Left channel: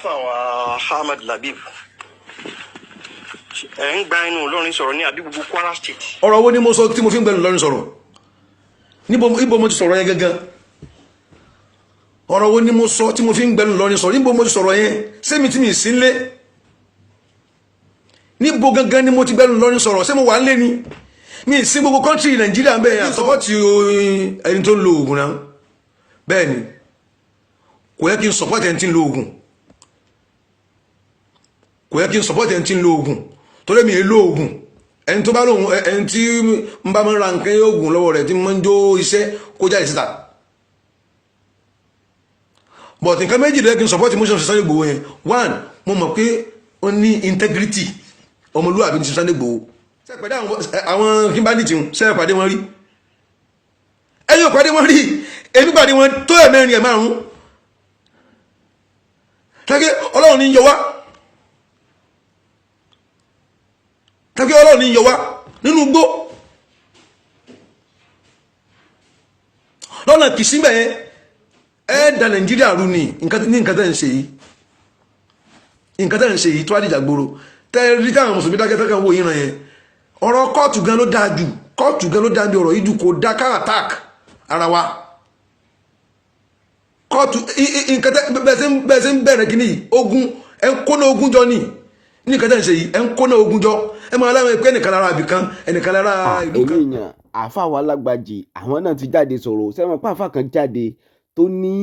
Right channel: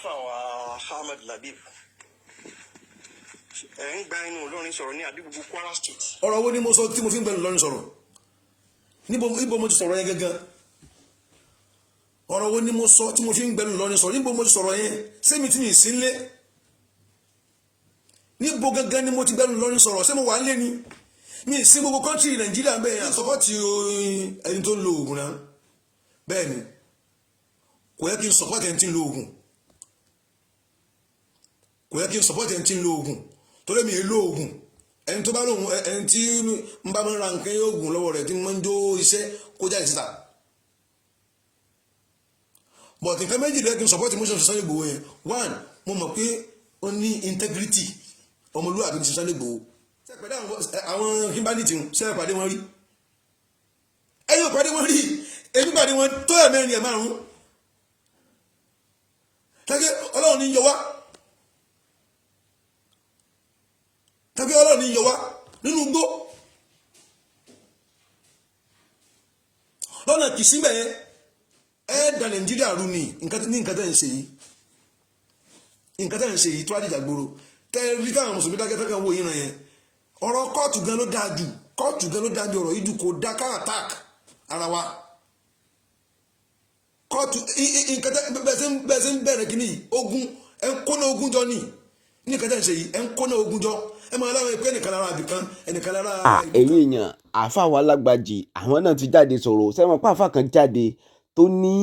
àfàwà Ahmad Labib ń gba inú Ìlọrin sọ̀rọ̀ ní àbí gbogbo Kwara State. ọ̀rọ̀ wo ni mo sọ tí mo fi ń gbẹnu Ìlọrin sọ̀rọ̀ níbo mo ti sọ̀rọ̀ yẹn gangan ọ̀rọ̀ wo ni mo sọ tí mo fi ń gbẹnu Ìlọrin sọ̀rọ̀ níbo mo ti sọ̀rọ̀ yẹn sẹ́mi tí mi sí nlé níbo gangan ni mo ti gbẹnu Ìlọrin sọ̀rọ̀ ṣé mo wà nlé ni mi sí gbogbo kọ́ńtì Nàìjíríà ń bẹ̀ yẹn àsọpọ̀tì ẹni tó ń lo oògùn náà bẹ́ẹ̀ ni kò yẹ kí n sọpọ̀tì ẹni tí ń lo oògùn kò yẹ kí n sọpọ̀tì ẹni tí ń lo oògùn torí mi lo oògùn ẹni tó bá lóhun ẹni tí ń bá mọ́ ra nǹkan oògùn lọ́wọ́ rẹ̀ tí mọ́ ń jó iṣẹ́ kó jáde síta but nǹkan méjì lẹ́kí n support motion Sunday Igboho yẹn one mo mọ̀ pé ó ní integrity ọmọlúwàbí ní Sunday Igboho sẹ́pẹ̀dé àwọn kí bá ní tìhun sẹ́pàdé wọn rí ẹ̀yìn òpàdé wọn rí èmi pàdé wọn tó ẹ̀mẹ́rin ẹ̀ márùn-ún tẹ́gẹ́ Ọlọ́run ní yọ wá tàbí Ọlọ́run ní yọ wá nínú gbó lọ́nà kìsígbẹ̀ yẹn ẹ́ẹ̀dà Nàìjíríà rú ní nǹkan tẹ́ ń ṣe yìí tó àdìjà gbòrò tẹ́rí táwọn mùsùlùmí dákẹ́tẹ́kẹ́ wo ìran yẹn ọ̀rọ̀ kóòtù gan ló dáa jù ọ̀rọ̀ yìí jù kò dá ká attack ara wa kóòtù nǹkan tẹ́ bẹ́ẹ̀ sí ń bẹ̀rẹ̀ kìíní ogun ẹ̀ ń kóná ogun jọ ní nǹkan tẹ́ ń ṣe yìí ẹ̀ ń kóná ogun jọ ẹ máa láwọn ẹgbẹ́ ẹnìkan lára àbìkan ẹnìkan lára ìlú kan. èyí èèyàn àáfà wa Lágbàjì àwọn náà ti jáde sọ̀rọ̀ sẹ́wọ̀n pàáfà kan jáde tó ní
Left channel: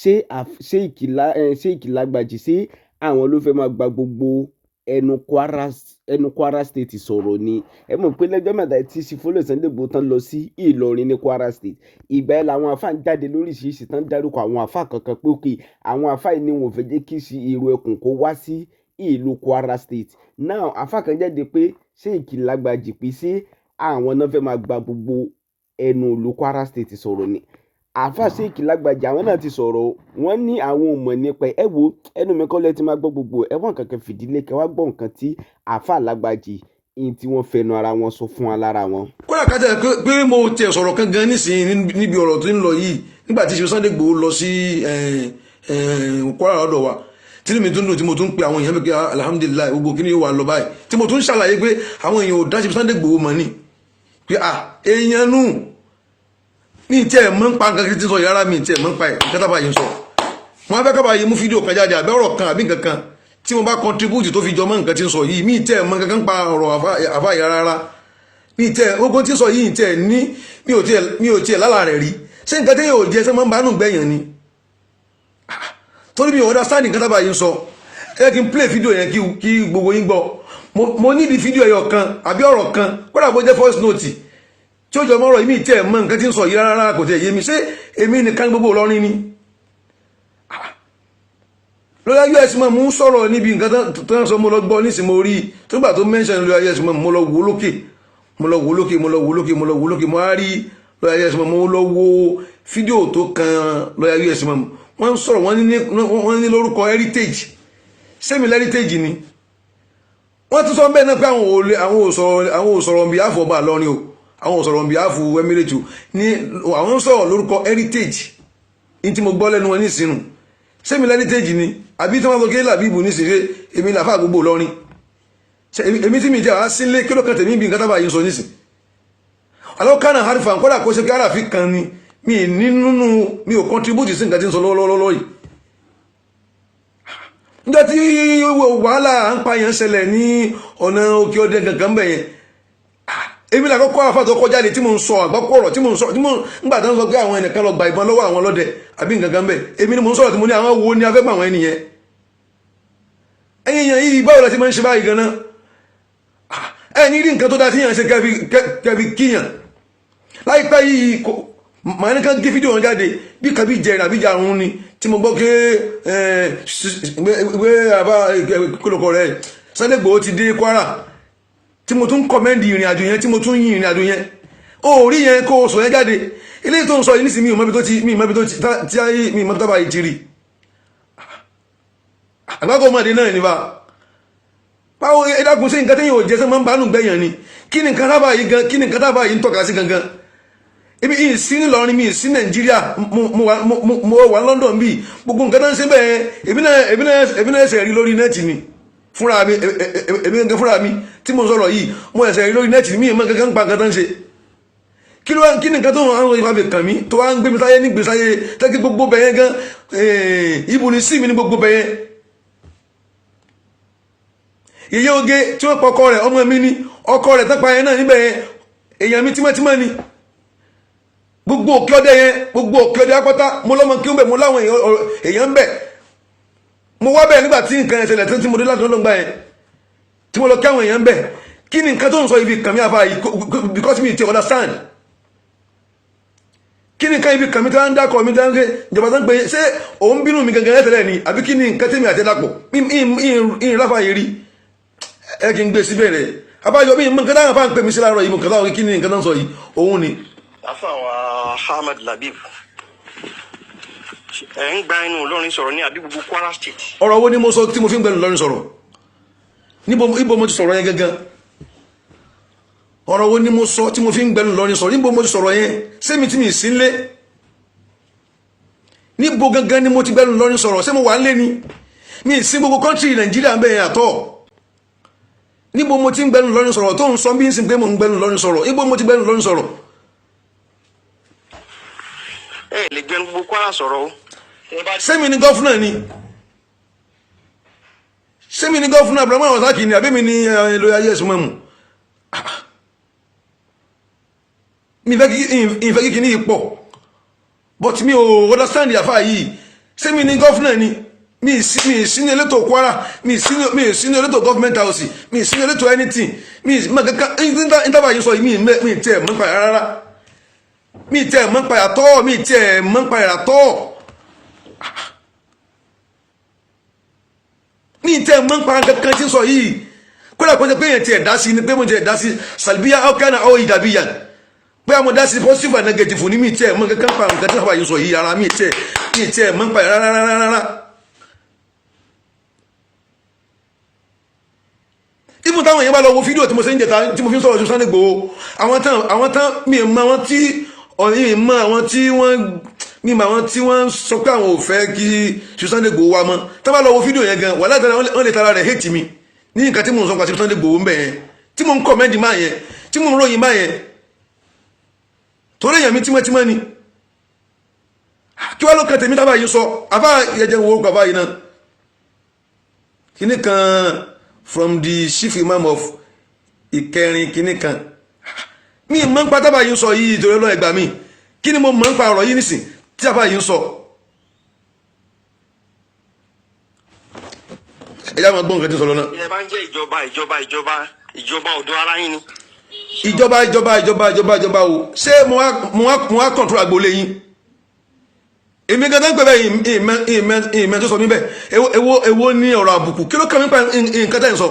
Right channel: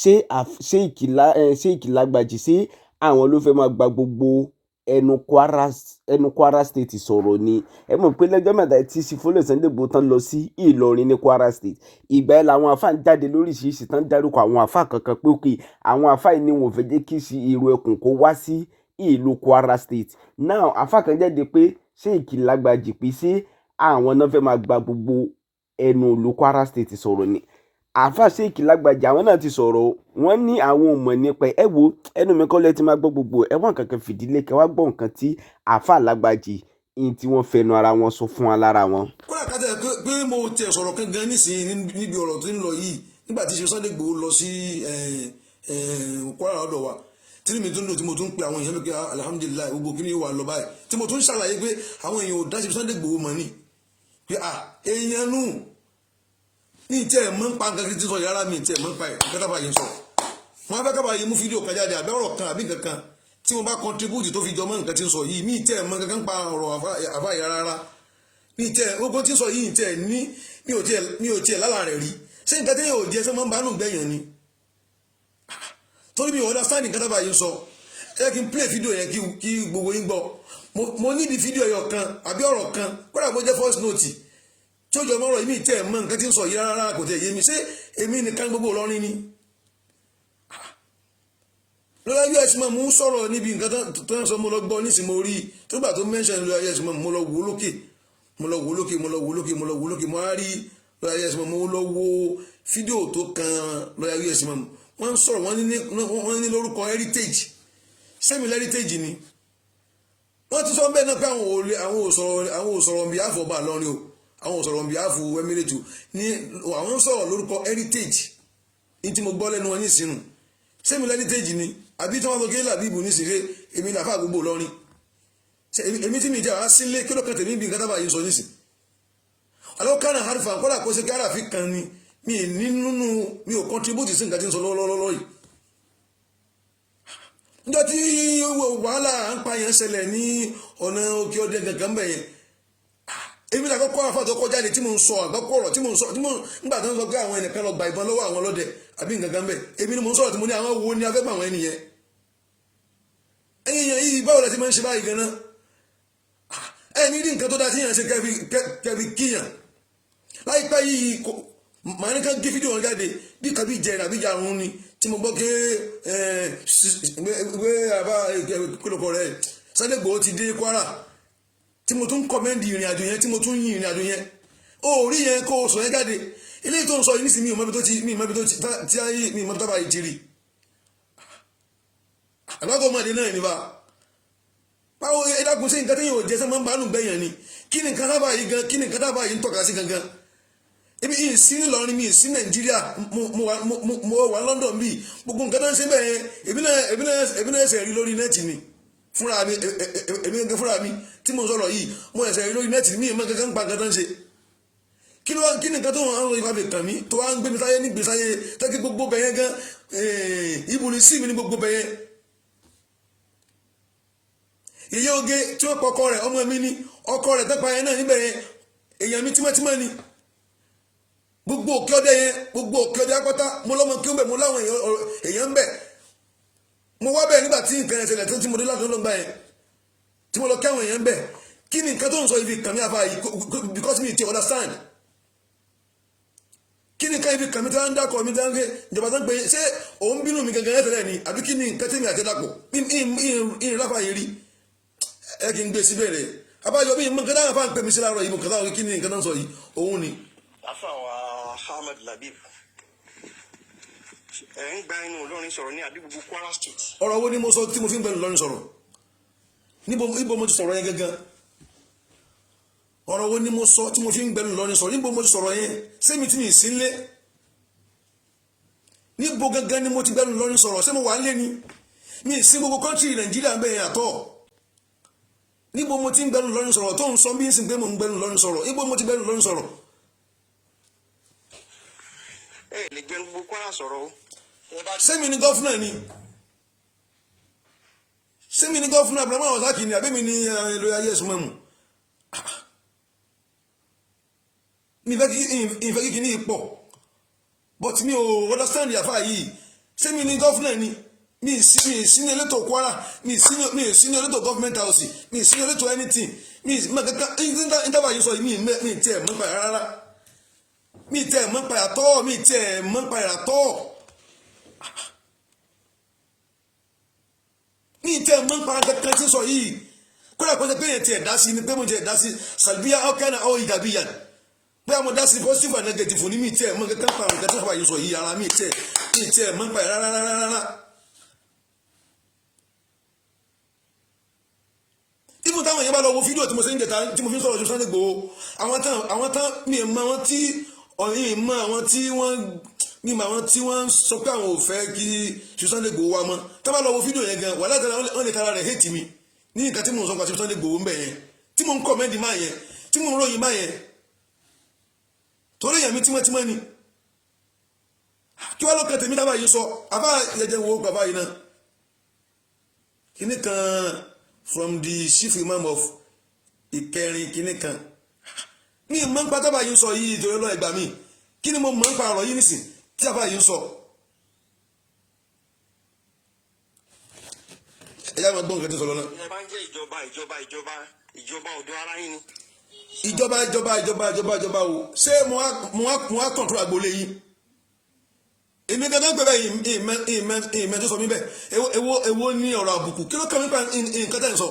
ṣé Lágbàjì ṣé àwọn ló fẹ́ máa gba gbogbo ẹnu Kwara State sọ̀rọ̀ ni ẹ mọ̀ pé lẹ́jọ́ mẹ́ta tí sífólè Sunday Igboho tán lọ sí Ìlọrin ní Kwara State ìgbà ẹ̀ làwọn àáfà ń jáde lóríṣiríṣi tán dárúkọ àwọn àáfà kankan pé òkè àwọn àáfà yìí ni wọn ò fẹ́ jẹ́ kí ìrù ẹkùn kó wá sí ìlú Kwara State now afa kan jáde pé Sheikh Lágbàjì pé sí àwọn náà fẹ́ máa gba gbogbo ẹnu ìlú Kwara State sọ̀rọ̀ ni afa Sheikh Lágbàjì àwọn náà ti sọ̀rọ̀ wọ́n ní àwọn ò mọ̀ nípa ẹ wo ẹnu mi kọ́ lẹ́ ti máa gbọ́ gbogbo ẹ̀wọ̀n kankan fìdílé kẹ́ wá gbọ́ nǹkan tí afa Lágbàjì in tí wọ́n fẹnu ara wọn sọ fún wa lára wọn. kódà kájà pé mo tiẹ̀ sọ̀rọ̀ kan gan nísìnyí níbi ọ̀rọ̀ tó ń lọ yìí nígbà tí Sunday Igboho lọ sí Kwara lọ́dọ̀ wa tí mi tún dùn tí mo tún pe àwọn èèyàn pé alhamdulillah gbogbo kí ni yóò wà lọ báyìí tí mo tún ṣàlàyé pé àwọn èèyàn ò dáṣe Sunday Igboho mọ̀ ní pé èèyàn nù ní tí ẹ̀ mọ́ ń pa nǹkan tí sọ yàrá mi tí ẹ̀ mọ́ ń pa ẹ̀ nǹkan tábà yìí ń sọ wọn fẹ́ kábà yìí mú fídíò kan jáde àbẹ́ ọ̀rọ̀ kan àbí nǹkan kan tí mo bá contribute tó fi jọ mọ́ nǹkan tí ń sọ yìí mí tí ẹ̀ mọ́ nǹkan pa ọ̀rọ̀ àfà yàrá rárá mí tí ẹ̀ ogun tí ń sọ yìí tí ẹ̀ ní mi ò tiẹ̀ lálà rẹ̀ rí ṣé nǹkan tí yóò jẹ́ sẹ́ mọ́ ń bá nù gbẹ̀yàn ni torí mi ò understand nǹkan tábà yìí ń sọ ẹ kí n play fídíò yẹn kí gbogbo yín gbọ́ mo níbi fídíò ẹyọ kan àbí ọ̀rọ̀ kan kódà bó jẹ́ voice note tí ó jọ mọ́ ọ̀rọ̀ yìí mi tẹ́ ẹ̀ mọ́ nǹkan tí ń sọ yìí rárá kò tẹ̀ yé mi ṣé èmi nìkan gbogbo Ìlọrin ni lọ́yà us mọ̀ mú sọ̀rọ̀ níbi nǹkan tó ń sọ mo lọ gbọ́ nísìnyí mo rí tó gbà tó mention lọ́yà us mọ̀ mo lọ wò lókè mo á rí lọ́yà us mọ̀ mo lọ wo fídíò tó kan lọ́yà us mọ̀ wọ́n ń sọ̀rọ̀ wọ́n ní lórúkọ heritage sẹ́mi heritage ni wọ́n tún sọ bẹ́ẹ̀ náà pé àwọn ò sọ̀rọ̀ on behalf ọba Ìlọrin o àwọn ò sọ̀rọ̀ on behalf Emirate ní àwọn ń sọ̀rọ̀ lórúkọ heritage ní tí mo gbọ́ lẹ́nu wọn ní ìsinú sẹ́mi heritage ni àbí tí wọ́n sọ kí Làbíbù ní ìsìnkú èmi làfà gbogbo Ìlọrin èmi tí mi jẹ́ àwọn sílé kí ló kàn tèmi bí nǹkan tábà yìí sọ nísìn alọ́kànnà harifa kọ́dà kó ṣe kí àràfi kan ni mi ò contribute sí nǹkan tí ń sọ lọ́wọ́lọ́wọ́ yìí nígbà tí wàhálà ń pa yẹn ṣẹlẹ̀ ní ọ̀nà òkè ọdẹ gangan bẹ̀ yẹn èmi là kọ́kọ́ àfà tó kọjá lé tí mo ń sọ àgbákò ọ̀rọ̀ tí mo ń sọ nígbà tí wọ́n sọ pé àwọn ẹnìkan lọ gba ìbọn lọ́wọ́ àwọn ọlọ́dẹ àbí gangan bẹ̀ èmi ni mo ń sọ̀rọ̀ tí mo ní àwọn wo ni a fẹ́ gbà àwọn ènìyàn ẹ̀yìn yìí báwo la ti máa ń ṣe báyìí gan-an ẹ̀yìn rí nǹkan tó dá sí yàn ṣe kẹfì kíyàn láìpẹ́ yìí màá ní ká gé fídíò wọn jáde bí kàbí jẹrin àbí jarun ni tí mo gbọ́ pé ìwé àbá kólókó rẹ̀ Sunday Igboho ti dé Kwara tí mo tún kọ́mẹ́ndì ìrìn àjò yẹn tí mo tún yin ìrìn àjò yẹn ó rí yẹn kó o sọ yẹn jáde eléyìí tó ń sọ yìí nísìnyí mi ò mọ́bi tó ti tí ayé mi mọ́bi tó bá yìí ti rí àgbákò ọmọdé náà ní bá báwo ẹ̀dàkùn sí nǹkan tí yóò jẹ́ sẹ́ máa ń bánú gbẹ̀yàn ni kí ni nǹkan tábà yìí ń tọ́ka sí gangan èmi yìí sí nílọrin mi sí nàìjíríà mo wà London bíi gbogbo nǹkan tó ń ṣe bẹ́ẹ̀ èmi náà ẹsẹ̀ rí lórí nẹ́ẹ̀tì ni fúnra mi èmi nǹkan fúnra mi tí mo sọ̀rọ̀ yìí mo ẹsẹ̀ rí lórí nẹ́ẹ̀tì ni mi ìmọ̀ kankan pa nǹkan tó ń ṣe kí ni nǹkan tó ń wá fi kàn mí tó wá ń gbé mi sáyé ní gbèsáyé tẹ́kí gbogbo bẹ̀yẹn gan ibu ni sí mi ní gbogbo bẹ̀yẹn ìyẹ́ oge tí wọ́n pọ̀ ọkọ rẹ̀ ọmọ mi ni ọkọ rẹ̀ tẹ́pa yẹn náà níbẹ̀ yẹn èèyàn mi tímọ́tímọ́ ni gbogbo òkè ọdẹ apáta mo lọ́mọ kí ó bẹ̀ mo láwọn èèyàn ń bẹ̀ mo wá bẹ̀ nígbà tí nǹkan ẹ̀ṣẹ̀lẹ̀ tí mo dé láti lọ́gbà yẹn tí mo lọ kí àwọn èèyàn ń bẹ̀ kí ni nǹkan tó ń sọ ibi kàmí àfa yìí because me ti understand kí ni nǹkan ibi kàmí tí wọ́n ń dákọ̀ mi tí wọ́n ń gbé ìjọba tó ń pè ṣé òun bínú mi gangan ẹ̀ṣẹ̀lẹ̀ ni àbí kí ni nǹkan tèmi àti ẹ̀dàpọ̀ ìrìn láfa yìí rí ẹ kí n gbé síbẹ̀ rẹ̀ abájọ bí nǹkan táwọn afá ń pè mí sí láàárọ̀ yìí mo kàn táwọn kí ni nǹkan tó ń sọ yìí òun ni. àfàwà Ahmad Labib ẹ̀ ń gba inú Ìlọrin sọ̀rọ̀ ní àbí gbogbo Kwara State. ọ̀rọ̀ wo ni mo sọ tí mo fi ń gbẹnu Ìlọrin sọ̀rọ̀ níbo mo ti sọ̀rọ̀ yẹn gangan ọ̀rọ̀ wo ni mo sọ tí mo fi ń gbẹnu Ìlọrin sọ̀rọ̀ níbo mo ti sọ̀rọ̀ yẹn sẹ́mi tí mi sí ń lé níbo gangan ni mo ti gbẹnu Ìlọrin sọ̀rọ̀ ṣé mo wà ń lé ni mi sí gbogbo kọ́ńtì Nàìjíríà ń bẹ̀ yẹn àtọ̀ níbo mo ti ń gbẹnu Ìlọrin sọ̀rọ̀ tó ń sọ bí ń sin pé mo ń gbẹnu Ìlọrin sọ̀rọ̀ níbo mo ti gbẹnu Ìlọrin sọ̀rọ̀. ẹ lè gbẹnu gbogbo Kwara sọ̀rọ̀ o. sẹ́mi ni gọ́fúnà ni sẹ́mi ni gọ́fúnà Abraham Wasaki ni àbẹ́mi ni lóye ayé ẹ̀sùn mẹ́mu mi ìfẹ́ kíkì ní ipò but mi ò understand àfáà yìí sẹ́mi ni gọ́fúnà ni mi sí ní elétò Kwara mi sí ní elétò government house mi sí ní elétò anything mi kankan ìtàbà yìí sọ yìí mi tẹ́ mọ́ pa rárá mi tẹ́ mọ́ pa àtọ́ mi tẹ́ mọ́ pa àtọ́ mi tẹ́ mọ́ pa kankan tí sọ yìí kódà kó jẹ́ pé yẹn tiẹ̀ dá sí ni pé mo tiẹ̀ dá sí salbiya ọ̀kánà ọ̀ ìdàbíyà pé àwọn dá sí positive and negative ní mi tẹ́ mọ́ kankan pa nǹkan tí wọ́n yìí sọ yìí ara mi tẹ́ mọ́ pa rárá. even táwọn èèyàn bá lọ wo fídíò tí mo ṣe ń jẹta tí mo fi ń sọ̀rọ̀ ju Sunday Igboho àwọn tán mi mọ àwọn tí ọ̀yìn mọ àwọn tí wọ́n sọ pé àwọn ò fẹ́ kí Sunday Igboho wá mọ́ tá bá lọ wo fídíò yẹn gan wà látara wọ́n lè tara rẹ̀ hate mi ní nǹkan tí mo ń sọ pàṣẹ Sunday Igboho ń bẹ̀ yẹn tí mo ń kọ̀mẹ́ndì máa yẹn tí mo ń ròyìn máa yẹn torí èèyàn mi tímọ́tímọ́ ni kí wá ló kan tèmi tábà yìí sọ àbá yẹjẹ wo bàbá yìí náà kíní kan from the chief imam of Ìkẹrin kíní kan mi mọ̀ ń pa tábà yìí sọ yìí ìtòrí ọlọ́ ẹgbà mi kí ni mo mọ̀ ń pa ọ̀rọ̀ yìí nìsín tí tábà yìí sọ ẹjá máa gbọ́ nǹkan tí ń sọ lọ́nà. ẹ bá ń jẹ́ ìjọba ọ̀dọ́ ara yín ni. ìjọba o ṣé mo wá kọ̀ǹtúrò àgbòlé yín èmi gan tán pé bẹ́ẹ̀ ìmẹ́ tó sọ mí bẹ́ẹ̀ èwo ní ọ̀rọ̀ àbùkù kí ló kàn mí pa nǹkan tẹ́ ń sọ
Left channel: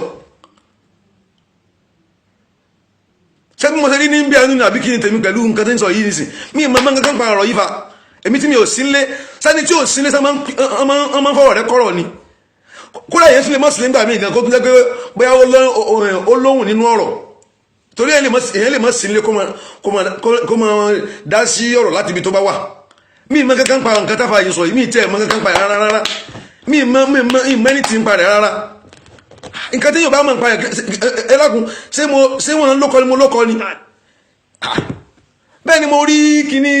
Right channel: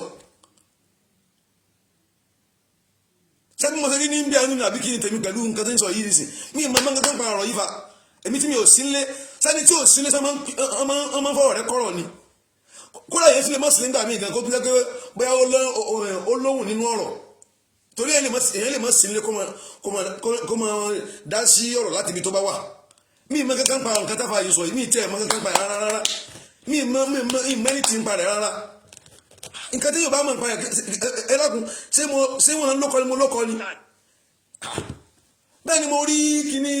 ṣé bí mo ṣe rí ní bí ẹnu àbí kí ni tèmi pẹ̀lú nǹkan tẹ́ ń sọ yìí nìsín mi ìmọ̀ máa ń kankan pa ọ̀rọ̀ yìí fa èmi tí mi ò sínlé sani tí ò sínlé sani máa ń fọwọ́ rẹ kọ́rọ̀ ni kódà yẹn sílé mọ́ sílé ńgbà mí gan kó tún jẹ́ pé bóyá ó lóhùn nínú ọ̀rọ̀ torí èyàn lè mọ́ sílé kó máa dá sí ọ̀rọ̀ láti ibi tó bá wà mi mọ kankan pa nǹkan táfà yìí sọ yìí mi tẹ́ mọ kankan pa rárá mi mọ ẹni tí ń pa rẹ̀ rárá nǹkan tí yóò bá mọ̀ pa ẹ lákun ṣé wọ́n lókọ ni mo lókọ ni bẹ́ẹ̀ ni mo rí kíní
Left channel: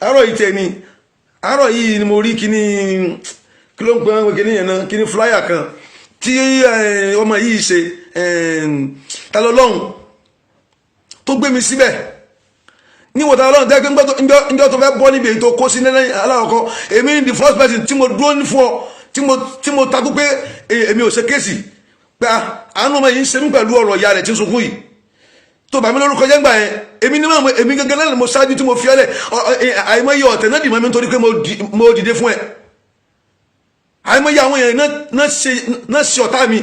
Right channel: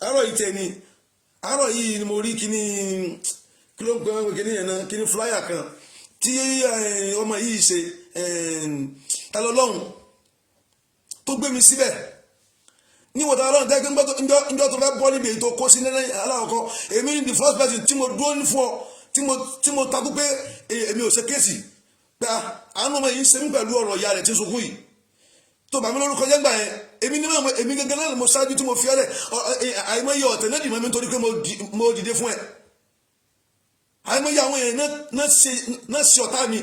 àárọ̀ yìí tẹ̀ ni àárọ̀ yìí ni mo rí kíní kí ló ń pè wọ́n kíní yẹn náà kíní flyer kan tí ọmọ yìí ṣe ta lọ́lọ́run tó gbé mi síbẹ̀ ní wọ́n ta lọ́run tẹ́ pé ńjọ́ tó fẹ́ bọ́ níbi èyí tó kó sí lẹ́lẹ́yìn aláwọ̀kọ́ èmi ní the first person tí mo dúró ní fún ọ tí mo takú pé èmi ò ṣe kéèsì pé àánú ọmọ yìí ń ṣe mí pẹ̀lú ọ̀rọ̀ ìyá rẹ̀ tí ń sunkún yìí tó bá mi lórúkọ jẹ́ gbà yẹn èmi gẹ́gẹ́ náà mo ṣáájú tí mo fi ọ́lẹ̀ àìmọye ọ̀tẹ̀ náà dì mọ́ mi nítorí pé mo dìde fún ẹ àìmọye àwọn èèyàn náà ṣe ọ̀tá mi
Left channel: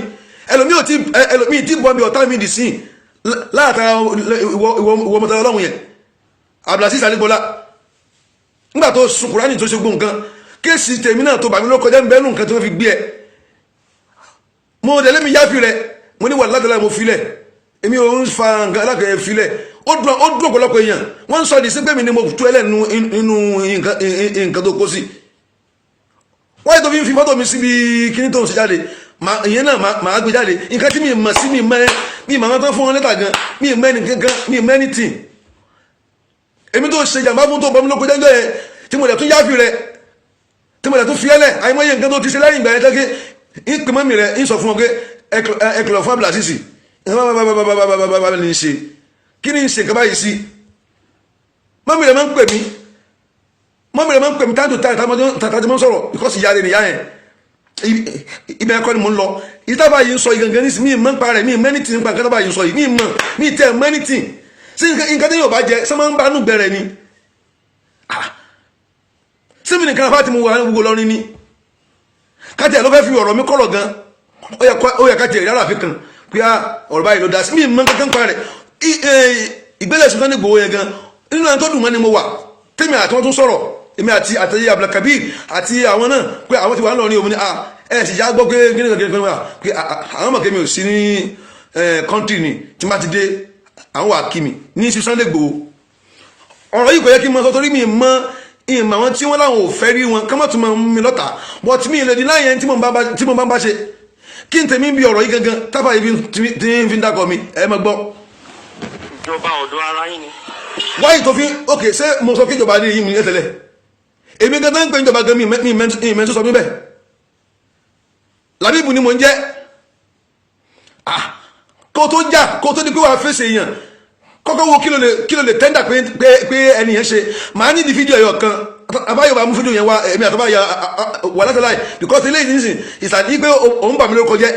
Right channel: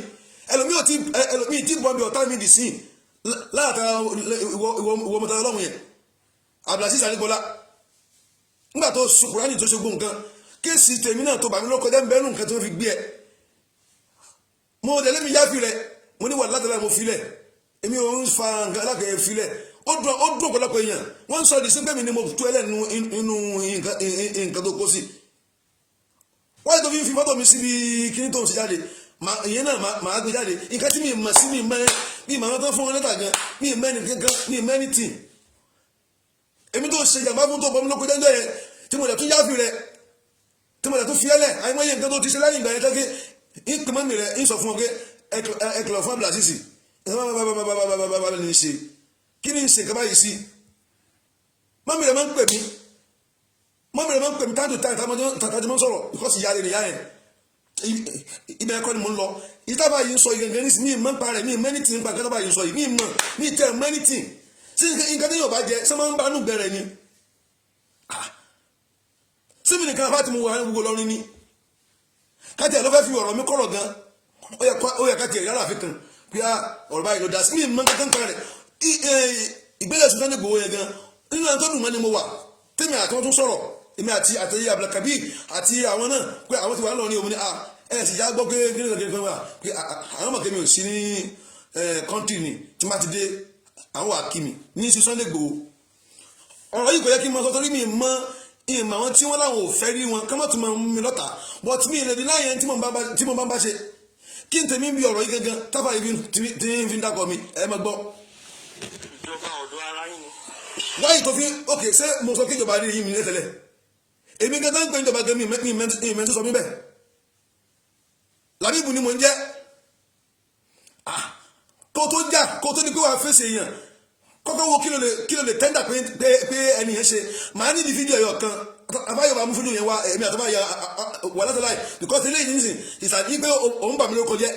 ẹlòmíì tí bọ́ mi ọ̀tá mi dì sí látara ìwọ ọmọdé ọlọ́run yẹn Abdulaziz Aligbola nígbà tó sun Kùránì tó ṣe gbó nǹkan kéèsì tèmi náà tó bá mi ló kọjá ń bẹ́ẹ̀ nù nǹkan tó fi gbé ẹ mo dẹ̀ lẹ́mi yáfi rẹ mo ní wà ládàlá mo filẹ̀ èmi ò ń fa nǹkan alákẹ̀ẹ́ filẹ̀ ó dùn ọ̀pọ̀lọpọ̀ èèyàn wọ́n ń sọ ìdí sí pé mi ni mo tú ẹlẹ́nu inú nǹkan tó kó sí wọ́n yẹ tó fi ń fi fọ́tò mi síbi kíní tó ń ṣe jáde ìyẹn náà màá gbé jáde nǹkan tí mi mọ̀ sí mi mọ̀ wọn tán fún wọn lẹ́tà gan mi mẹ́ni gangan mi mẹ́ni tì èmi tó ṣe jàmbá fún tó bọ́ mi lóko jẹ́jọ́ yẹn tí mo lẹ̀ tún yáfi rẹ̀ tí mo lẹ̀ tún fi ẹ́lẹ̀ àìmọye nǹkan tó ti ṣe lẹ́yìn ìgbà yẹn tẹ́kẹ́ ìpè mọ́mì rẹ̀ ń sọ fún ọ pé ẹkùlọ̀ fún abúlà sísì bàbá ní í ṣe kí ni ń ṣe kaba yìí sí mọ́mì rẹ̀ máa ń pè mí táàtò tààtà mọ́ sọ̀rọ̀ because ìyá rẹ̀ nìyá yẹn ibẹ̀ ẹ̀kọ́ ni mo ń lọ ìtàbà yìí ń sọ ìgangan ní sí mi mọ́ ń pa rẹ̀ mi mẹ́nìtì nípa nǹkan tábà yìí ń sọ yìí mi tẹ́ mẹ́nìtì sí nǹkan tí yóò bá jẹ sọ máa ń bá nù bẹ̀rẹ̀ ni síbi nìkan afá tí mo wà ní gbogbo lọ́rin ni káàtì ẹ̀ ló fẹ́ fi ọ̀rọ̀ mi kọ̀rọ̀ gan ó yẹ káàtì ẹ̀rí àràfin kan pé ọ̀rọ̀ báyìí ló dá sí mi mọ́ kankan pa rẹ̀ ìgbésẹ̀ Sunday Igboho yẹn gan nínú ẹni tó dùn mọ́ ni mo wà tèmi àti wọn tún sọ̀rọ̀ èmi àti àtẹ̀yẹ Abdulkabir àti àwọn náà pé àwọn ti wà lọ́rin òun ni ẹ̀ sì já gbọ́ pé pé àwọn mọ̀ kémi ò sí ní kọ́ńtì ni tí má ti dé àwọn wà kí mi ní sí Sunday Igboho ọ̀rọ̀ yìí kò yẹ kí n mọ sọ torí mi mọ ìmọ̀ àwọn tí wọ́n láwọn ò fẹ́ rí wọn kọ́mọ̀ tún mọ mi lọ́ta but mi ìlẹ̀dí láyẹn tí mo bá ń bá ṣe kí n tèmi bí ọ̀rọ̀ yìí gangan tábà yìí tí ń fi ń dákọ̀ mi ẹ mọ gbọ́. ìjọba ọ̀dọ̀ ara yín ni. wáyé tó fi ok ṣé mo sọ kí ìjọba ní yìí mi ní tẹ́lẹ̀ èmi gangan ń pè ìjọba gan mi ìmẹ́ntó sọ mi bẹ́ẹ̀ Làbíbù ni mo ń jẹ́ kó tó jà kó tó di pé wàá fèsì èèyàn kọ́kọ́ wo kí ló lè tẹ́ndà pé ẹni yẹn ṣe màá ní di fídíò ẹ̀yọ̀ kan àbáyọ̀ bá mú fídíò yẹn wá èmi àtọ́báyà wà látàláì because ilé ìdínsìn ìsàdí pé òun bà mí lórúkọ jẹ́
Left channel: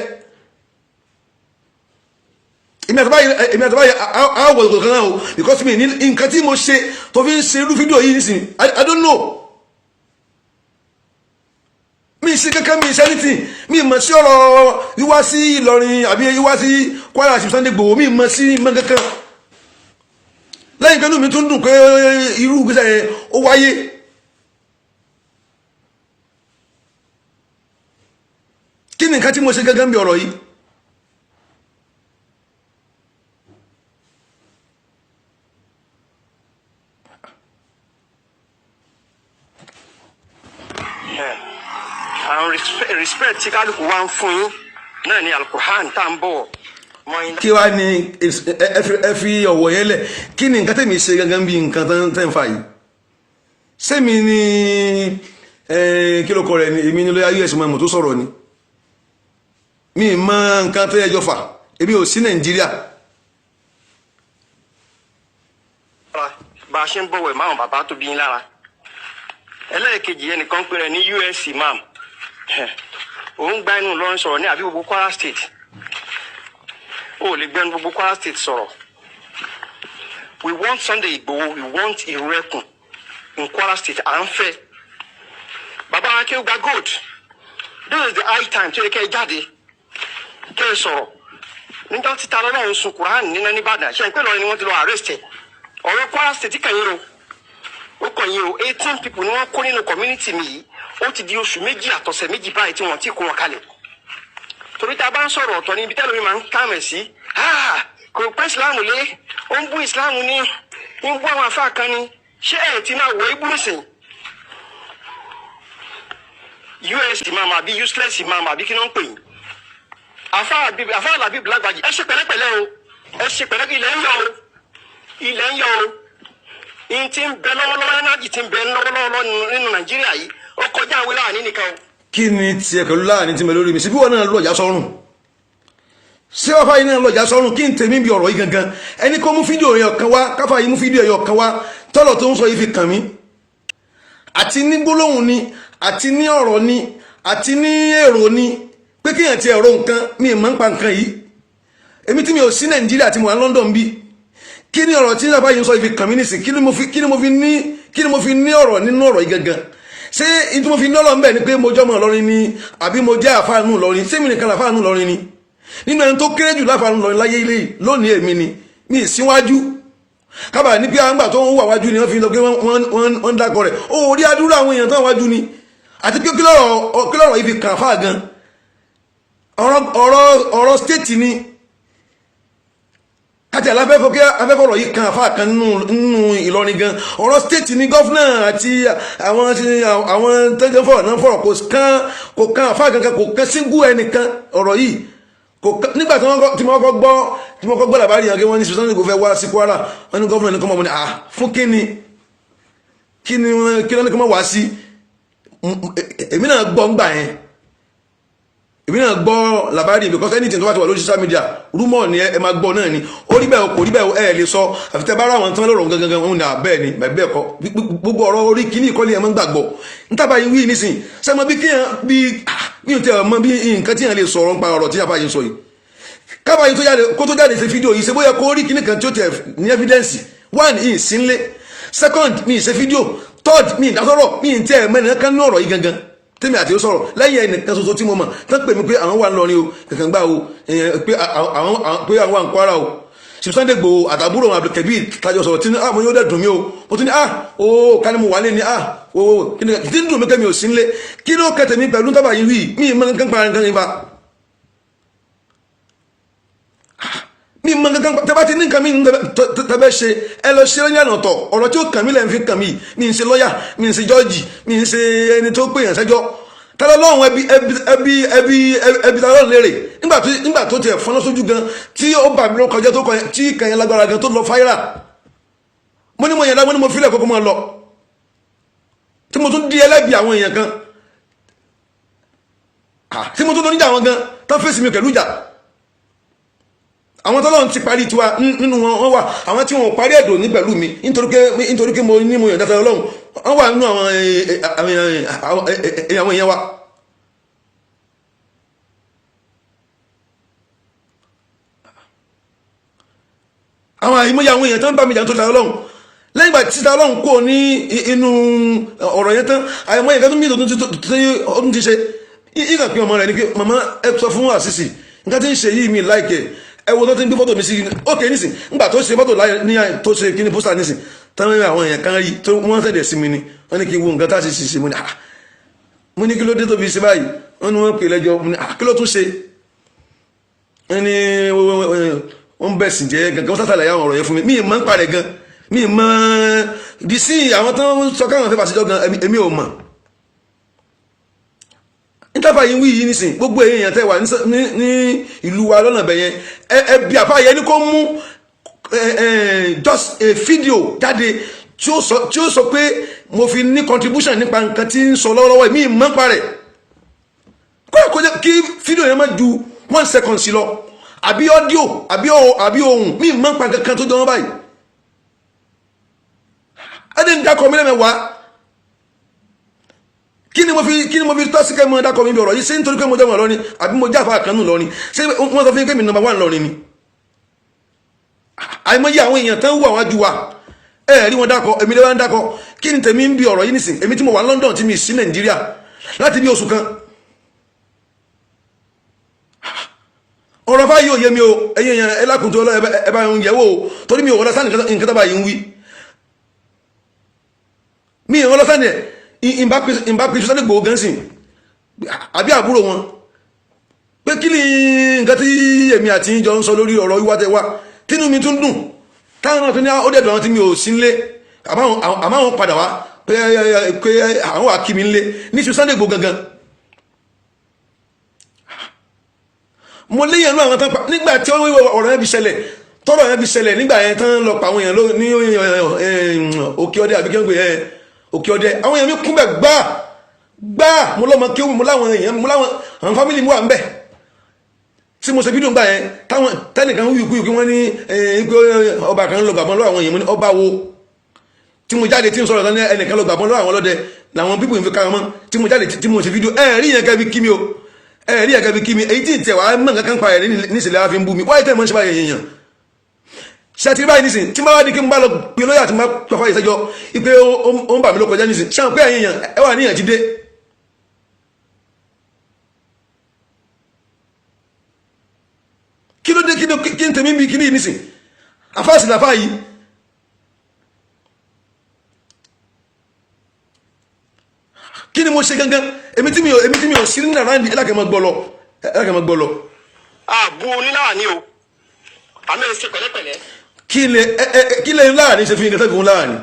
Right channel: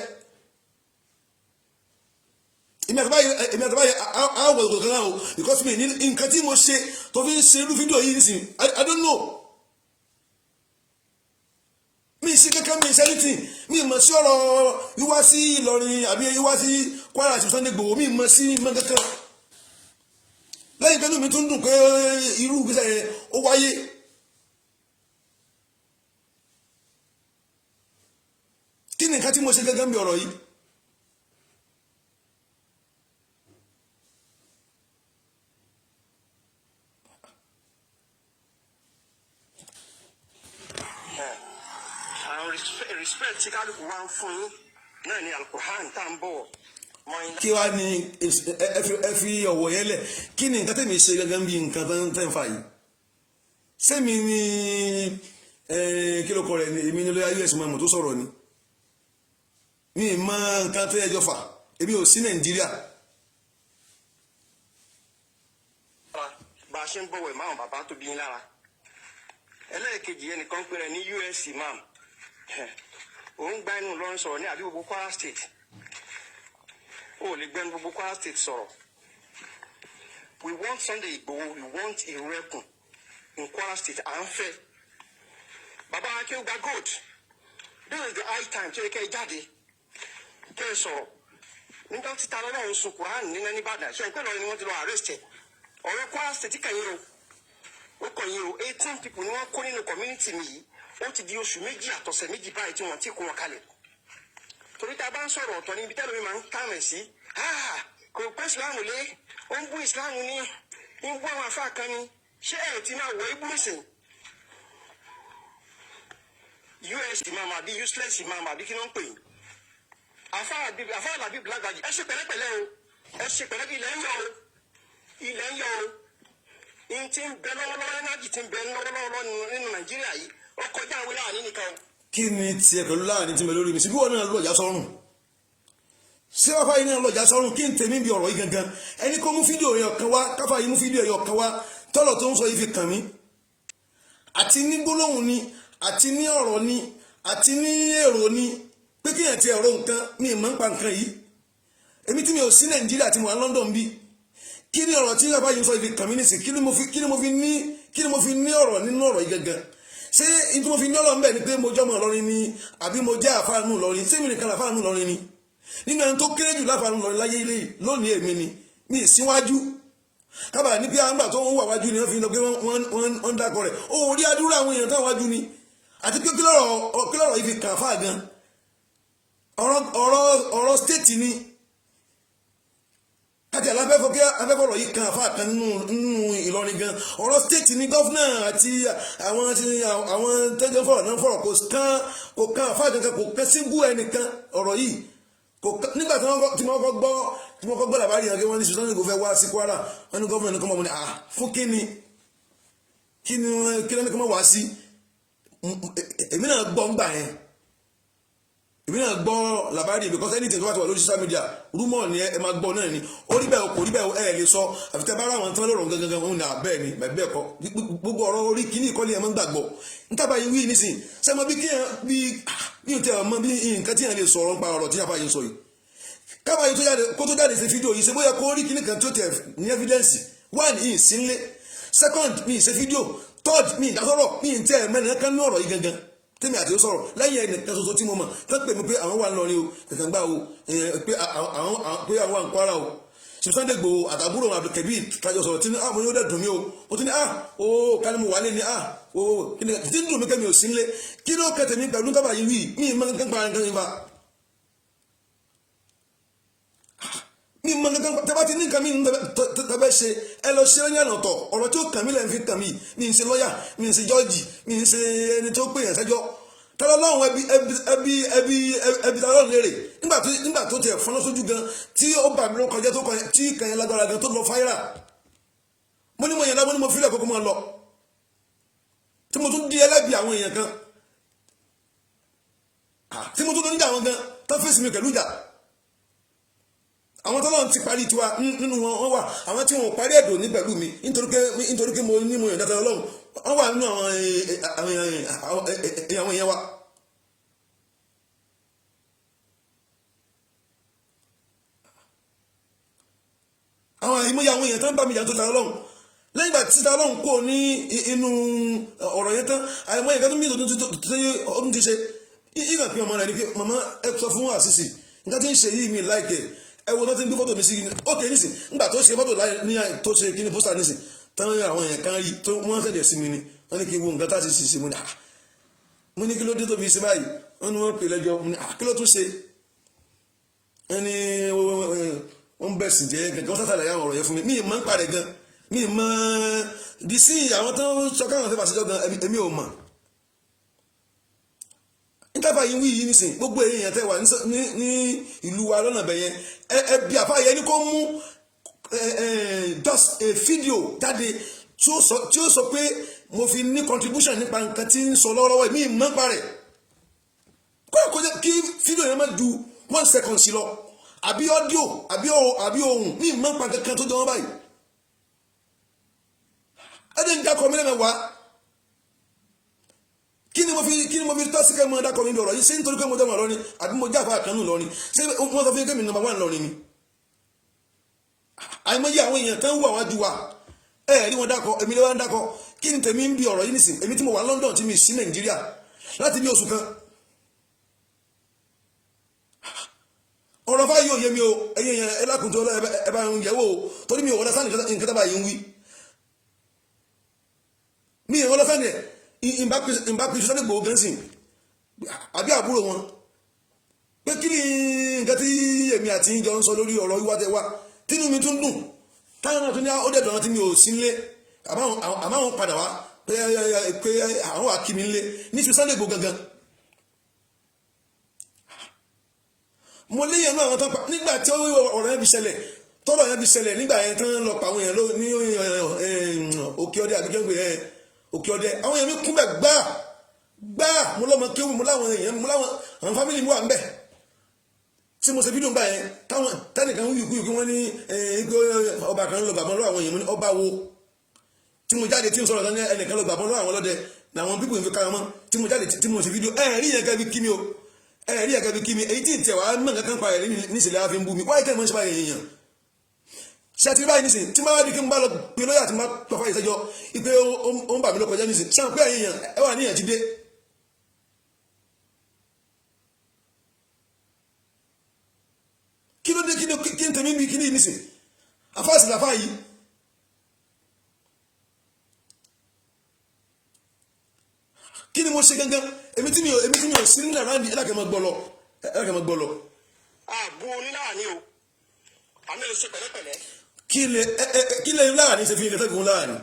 èmi àtọ́báyà àwọ̀ ìkọ̀kan náà o because mi ní nǹkan tí mo ṣe tó fi ń ṣe irú fídíò yìí nísìn I don't know mi sí kankan mi ṣe anything mi mọ̀ sí ọ̀rọ̀ wíwá sí Ìlọrin àbí wíwá sí Kwara sí Sunday Igboho mi mọ̀ sí mọ̀ kankan lẹ́yìn kan ní mi tún dùn pé irú gbèsè yẹn ó wáyé kí ni nǹkan tí mo ṣe gẹ́gẹ́ bí ọ̀rọ̀ yìí àwọn respect tí kálukú wá ń fún yín náà ni Al-Qur'an tá ń bọ̀ kí wá ní ẹ fi ọ̀wọ̀ yẹn lẹ̀ kí ni nǹkan tẹ̀mí ṣe gẹ́gẹ́ bí nǹkan tẹ̀ ń fà yìí sẹ́mi ni kí ló kọ rẹ̀ ni èmi ni lóyá us mọ̀ tó sọ̀rọ̀ ni mi mọ nǹkan tó yẹjọ fà èmi ò sí Nàìjíríà. bá a ṣe ń bọ̀wẹ̀ máwọn bàbá tó bí yín lára ẹlẹ́ẹ̀kejì ẹnìkan pé rẹ̀ ní US imam òun gba inú lọ́rùn sọ̀rọ̀ ní àbí gbogbo Kwara State ó lè gbẹ́nu gbogbo Kwara State sọ̀rọ̀ we want Sunday Igboho we want Ìrẹ́kùn in Kwara State à ń fẹ́ bàbá wa kí ó gba gold this is the high time tó yẹ kẹ́ ẹ jáde kẹ́ ẹ sọ̀rọ̀ nígbà tí ta lọ́lọ́run sun Quran nínú Ìbàdàn ṣe ń pè lọ́rin ni wọ́n ti lọ arrest ẹ̀ ọ̀rọ̀ Kwara State kàn yín o ó kàn yín o 18 people ni wọ́n kó nínú community mi yìí ó ti di oṣù méjì àtọ̀sẹ̀ méjì báyìí tí wọ́n ti kó wọn kalẹ̀ torí tá a bá ń sọ̀rọ̀ ọ̀tọ̀ níbi tẹ́lẹ̀ mi máa ń kàmẹ̀ sí kò pẹ́ ìsìláàmù lé ó ń bú ìsìláàmù ní ń bú àwọn afá kan ní ṣé ẹ̀ ti máa wọ ibú nìsín us imam àbí useless imam àbí kí ló ń pè yín afá Làbíbù Lágbàjì ẹ ṣe pẹ̀lẹ́pẹ̀lẹ́ o ẹ ṣe pẹ̀lẹ́pẹ̀lẹ́ ilẹ̀ ń yọ o ilẹ̀ ń yọ o in ti ń bẹ lọ́wọ́lọ́wọ́ ẹnájì ti ń bẹ lọ́wọ́lọ́wọ́ nínú Nàìjíríà yìí ó kọjá àwọn láàánú nìkan o. kí ni tiẹ̀ pẹ̀lú láàánú tí mo lórí mi síbí wọn náà lọ́jà sọ́run ṣé wàá yìí náà lọ́jà sọ́run kí n tèmi bí ọ̀rọ̀ yìí gangan ẹni kó mú fídíò yẹn kan wá káfà yìí mú fídíò yẹn kan wá tọ́lọ̀ tó ń sọ yìí fi kàn mí àti ní gbólóhùn ni àti ní ọ̀rọ̀ ni àti ní èrò ni pé kéèyàn ti ẹ̀rọ nǹkan mi ì máa ń pa nǹkan yìí èmi tí mi ò sí Nàìjíríà tí mo wà London bí kí ni ọ̀rọ̀ tí sábà yìí ń sọ yìí fi kàn mí nísìn kí ni mo fi ní ọ̀rọ̀ nínú ọ̀rọ̀ yìí gangan ṣé ìtú mo fi ní ọ̀rọ̀ ńbẹ̀ ni pé mo jọ́mọ̀ lọ́rin ni àbí mo jẹ́ àfáànù lọ́rin ṣé mi nìkan làfáànù lọ́rin ni nínú ẹni tó kéré jù láfáànù lọ́rin láyé ilé yìí lónìí èmi ni mi ì síwájú kábàá ní pé àgbà tó ń wà wájú ni wọ́n fi lọ pé wọ́n ń dákọ̀ rẹ̀ ó rí adúrú àwọn èèyàn tó wà wájú ni àti pé kí lọ́rọ̀ yìí fi kàn fáà gan ọ̀rọ̀ stéètì ni káti afẹ́fọ̀rọ̀ yìí kan àfa kan nínú Ìlọrin gan ọ̀rọ̀ stéètì ní gọ́fúnà àti àwọn tẹ́jọ́fọ̀rọ̀ náà fọ̀rọ̀ kò kan àfa kankan kò kan síngú ẹnìkan ọ̀rọ̀ yìí nígbà tí mo kọ́ gbọ́ làbárí yàn kí wọ́n ní Sunday Igboho fẹ́ wá sí Kwara wọ́n ní gọ́fúnà ní kọ́ mọ́ mo ní fún kí ni wọ́n ní kọ́ mọ́ wá sí èmi náà gbọ́ ń gbà yẹn èmi náà gbọ́ làbárí because anything tó bá ti wà lórí social media rumor ni ẹ máa gbọ́ náà ni ó rí bẹ́ẹ̀ kò rí bẹ́ẹ̀ ẹ lè sọ àfitẹ́ bá ráwọn tán lọ́rọ̀ gangan wọn ni bẹ́ẹ̀ ni bẹ́ẹ̀ kọ́ gbogbo ọ̀rọ̀ orí kìíní ìkọ́lé ẹ̀ máa ń gbàgbọ́ nítàbá yìí wí nísìn sẹ́mọ bí kíyàn bí mi ò tẹ́ ọmọ bí nǹkan tí yàn lè sọ̀rọ̀ nípa ọ̀rọ̀ tí yàrá yìí sọ yìí kábà yìí kó tó jáde ṣe fídíò yìí ṣe bóyá kó rí kíní kan tí ó tẹ̀ ní evidence one yìí sí nlé second mi ṣe fídíò third mi ìdásọ̀rọ̀ mi ì tẹ́ mẹ́rin kan ní ọ̀rọ̀ yìí gangan tèmi àti ó sọ̀rọ̀ lẹ́yìn ẹnìkan ṣoṣo tí mo mọ̀ tán pè mí pé àwọn wà ńlọrin o kankan gbà o pé àwọn wà ń Kwara o Sunday Igboho àtàbúrò wọn Abdulkabir tájọ sọ̀rọ̀ tí mo yóò dẹ̀ dùn mí o mo tún ní ká ní mo wà lé ní tí ń dùn mí kẹ́mi ò sí nílé kí ló kẹtẹ̀ mi pẹ̀lú tábà yìí rí mi ì mọ kankan pa nǹkan yìí fa mi ì mọ kankan tẹ́bá ti ní nǹkan mi tẹ́bẹ́ ṣe ẹ lọ ṣe lọ́yìn àná tọ̀ ọ̀rọ̀ tí ó kàn mí lẹ́yìn fi kàn mí mi ń ṣe lọ́yà mi ń ṣe jọ́ọ̀jì mi ń ṣe ẹni tó pè yàn sẹ́jọ́ tẹ́lẹ̀ lọ́hùn ẹbí tẹ́lẹ̀ lérè nígbà tó tiẹ̀ fọ́nà sójú gan tí ó bà mí ló kọjá tó kọ tí kẹyìn lágbára gan tó lọ fáírà mo ní mo yẹn dá mo ní mo fílẹ̀ kókó máa lọ tí mo tún di ẹlẹ́bi àwọn èèyàn kan tí mo tún lọ níjà àwọn gan tán fèsì mi pẹ̀lú ìjà àwọn tọ́lọ́run ti parí tiwa nínú wọn wà àwọn tí wọn parí ẹ̀dùn ní pẹ̀lú mi nítorí pé mo ní mo yàn dáta Ọlọ́run wọ́n wà nínú àwọn èèyàn wa àwọn àìmọye àwọn èèyàn tó ń bá mi jà tó ta Ọlọ́run lẹ́yìn ìgbà tí ta Ọlọ́run kò ní inú ọ̀rọ̀ yẹn tán àìmọye nǹkan tó mí ọdún ti ṣe ìgbà pé ọmọ rẹ̀ ní pé màmá ẹ sọ fún àṣìṣì nǹkan tí ń ṣe yìí mi láìkẹ́ ẹ wo tó ti ń gbé fọ́tò mi sí ókè nísìn nígbà tó ṣe fọ́tò ní tó ṣe kí ni pósítà nísìn táwọn àwọn èèyàn kan rí tó wọ́n tẹ̀lé sí mi ni wọ́n ní kí n wo nǹkan tá a ṣe ṣe mo ní kí ló dé tó fi ṣe báyìí wọ́n ní wọ́n pè lẹ́jọ́ mo ní kí ló tún ṣe wọ́n ní wọ́n bẹ̀ sì jẹ́ gangan wọ́n sátàlẹ̀ àwọn ọ̀rọ̀ yẹn fún mi mi ì mọ̀ ń parẹ̀ gan mi ì mọ̀ di sí àwọn tó ń sọ káwọn fẹ́ fàṣẹjọ́ gan èmi ò mọ̀ nítafà yìí wí yìí nísìn gbogbo èèyàn tẹ́ wà ní ìlú wa lọ́nà bẹ̀yẹn ẹbí àfáàyẹ ní kó mú just a video jáde tí ó sọ pé mo fi ní contribution nípa nǹkan tí ń sọ lọ́wọ́lọ́wọ́ mi mọ́ pa rẹ̀ kó jẹ́ kí fídíò yẹn má ju 1 second sí lọ àbí ọ́díò àbí ohùn mi mọ́ pa kankan tó jọ wọ́n báyìí adé ń dákọ̀ mílẹ̀ mẹ́wàá kí ni mo fi tọ́sí kẹ́ mọ́ dákọ̀ mi bí ọ̀rọ̀ yìí ṣé nítorí pé mo jẹ́ wọn lọ́rin àbí mo jáfa àkànnù lọ́rin ṣé wọ́n sọ fún kémi number 1 lọ́rin ni àìmọye àwọn èèyàn tán wù àwọn ajú wa rí wọn dákọ̀ èmi lè wá ń dákọ̀ kí ni tèmi ń bi ọ̀rọ̀ yìí nìsín èmi tí mo wà London tí mi sí Nàìjíríà láti bí oṣù kan ọ̀rọ̀ fáyé ò yé mi o ẹ̀yin èèyàn ẹlákùntó ẹ bá ń yẹ̀wò torí mi ò wọlé sáà nǹkan tó bá yìí ń wí mi ò wọlé sáà ìbá pèsè Sunday Igboho gan sìn àbí àbúrò wọn pé kí ni nǹkan tí èmi àti ìjọ ń sọ lórí ọ̀rọ̀ wíwá tẹwà tínú mi tún dùn táwọn náà tún ní ó dẹ̀dọ̀ àwọn tí mi ò sí nlé àmọ́ àwọn padà wá pé àwọn wà kí mi nlé ní ṣe Sunday Igboho gangan mo léyìn ẹnu àwọn tán pa nígbà tí ọ̀rọ̀ yẹn fi ṣẹlẹ̀ tọ́rọ̀ yẹn fi ṣẹlẹ̀ nígbà yẹn tán lọ pa àwọn èèyàn ní òkè ọdẹ àbí kẹ́ńgbé òkè ọdẹ àwọn èèyàn mi kún bẹ̀ gbáà mo lọ́mọ kéwù mo láwọn èèyàn mo láwọn àwọn fámìlì mi wà ń bẹ̀ tí mo ṣe fídíò ń gbà yẹn táwọn tẹ́nìkan wíwíkú wọ́n ní pé ọba kan lọ gbàgbọ́n lọ́wọ́ àwọn èèyàn mo ní ọba wo tí mo jáde tí mo sọ̀rọ̀ ẹnìkan lọ gbàgbọ́n lọ́wọ́ àwọn ọlọ́dẹ làwọn pípò ìfi kára mọ́ tí mo jáde tí mo ṣe fídíò ẹ̀rí yẹn kẹ́ fi kí mi o ẹ̀rí yẹn kẹ́ fi kí mi èyí tí ì tẹ̀ wá mọ̀ nǹkan kan pa ẹ̀rí níṣẹ̀lẹ̀ wá fi ń bú mi wáyé tẹ̀ mọ́ ṣe báyìí èèyàn ṣàtìrí báyìí nísìn tí máa wá ní kí n bá lọ pé lóyà tí máa pàfà ìṣẹ́jọ́ ipé ó ń bà mí ló kọjá nísìn ṣáà pé àyíyàn ẹwà níyàn ti dé kí ló dé kí n tèmi bí kí ní nísìn àfáàsì làfá yìí kí ni mo ṣe gangan èmi tí mi ò sí nínú àrándì ẹlákẹ́mọ́ gbọ́ lọ àbú oníláwà ní o àmì ẹ̀ ṣe pẹ̀lẹ́pẹ̀lẹ́. kí lè láàrin ṣe fi nǹkan tẹ́gùn láàrin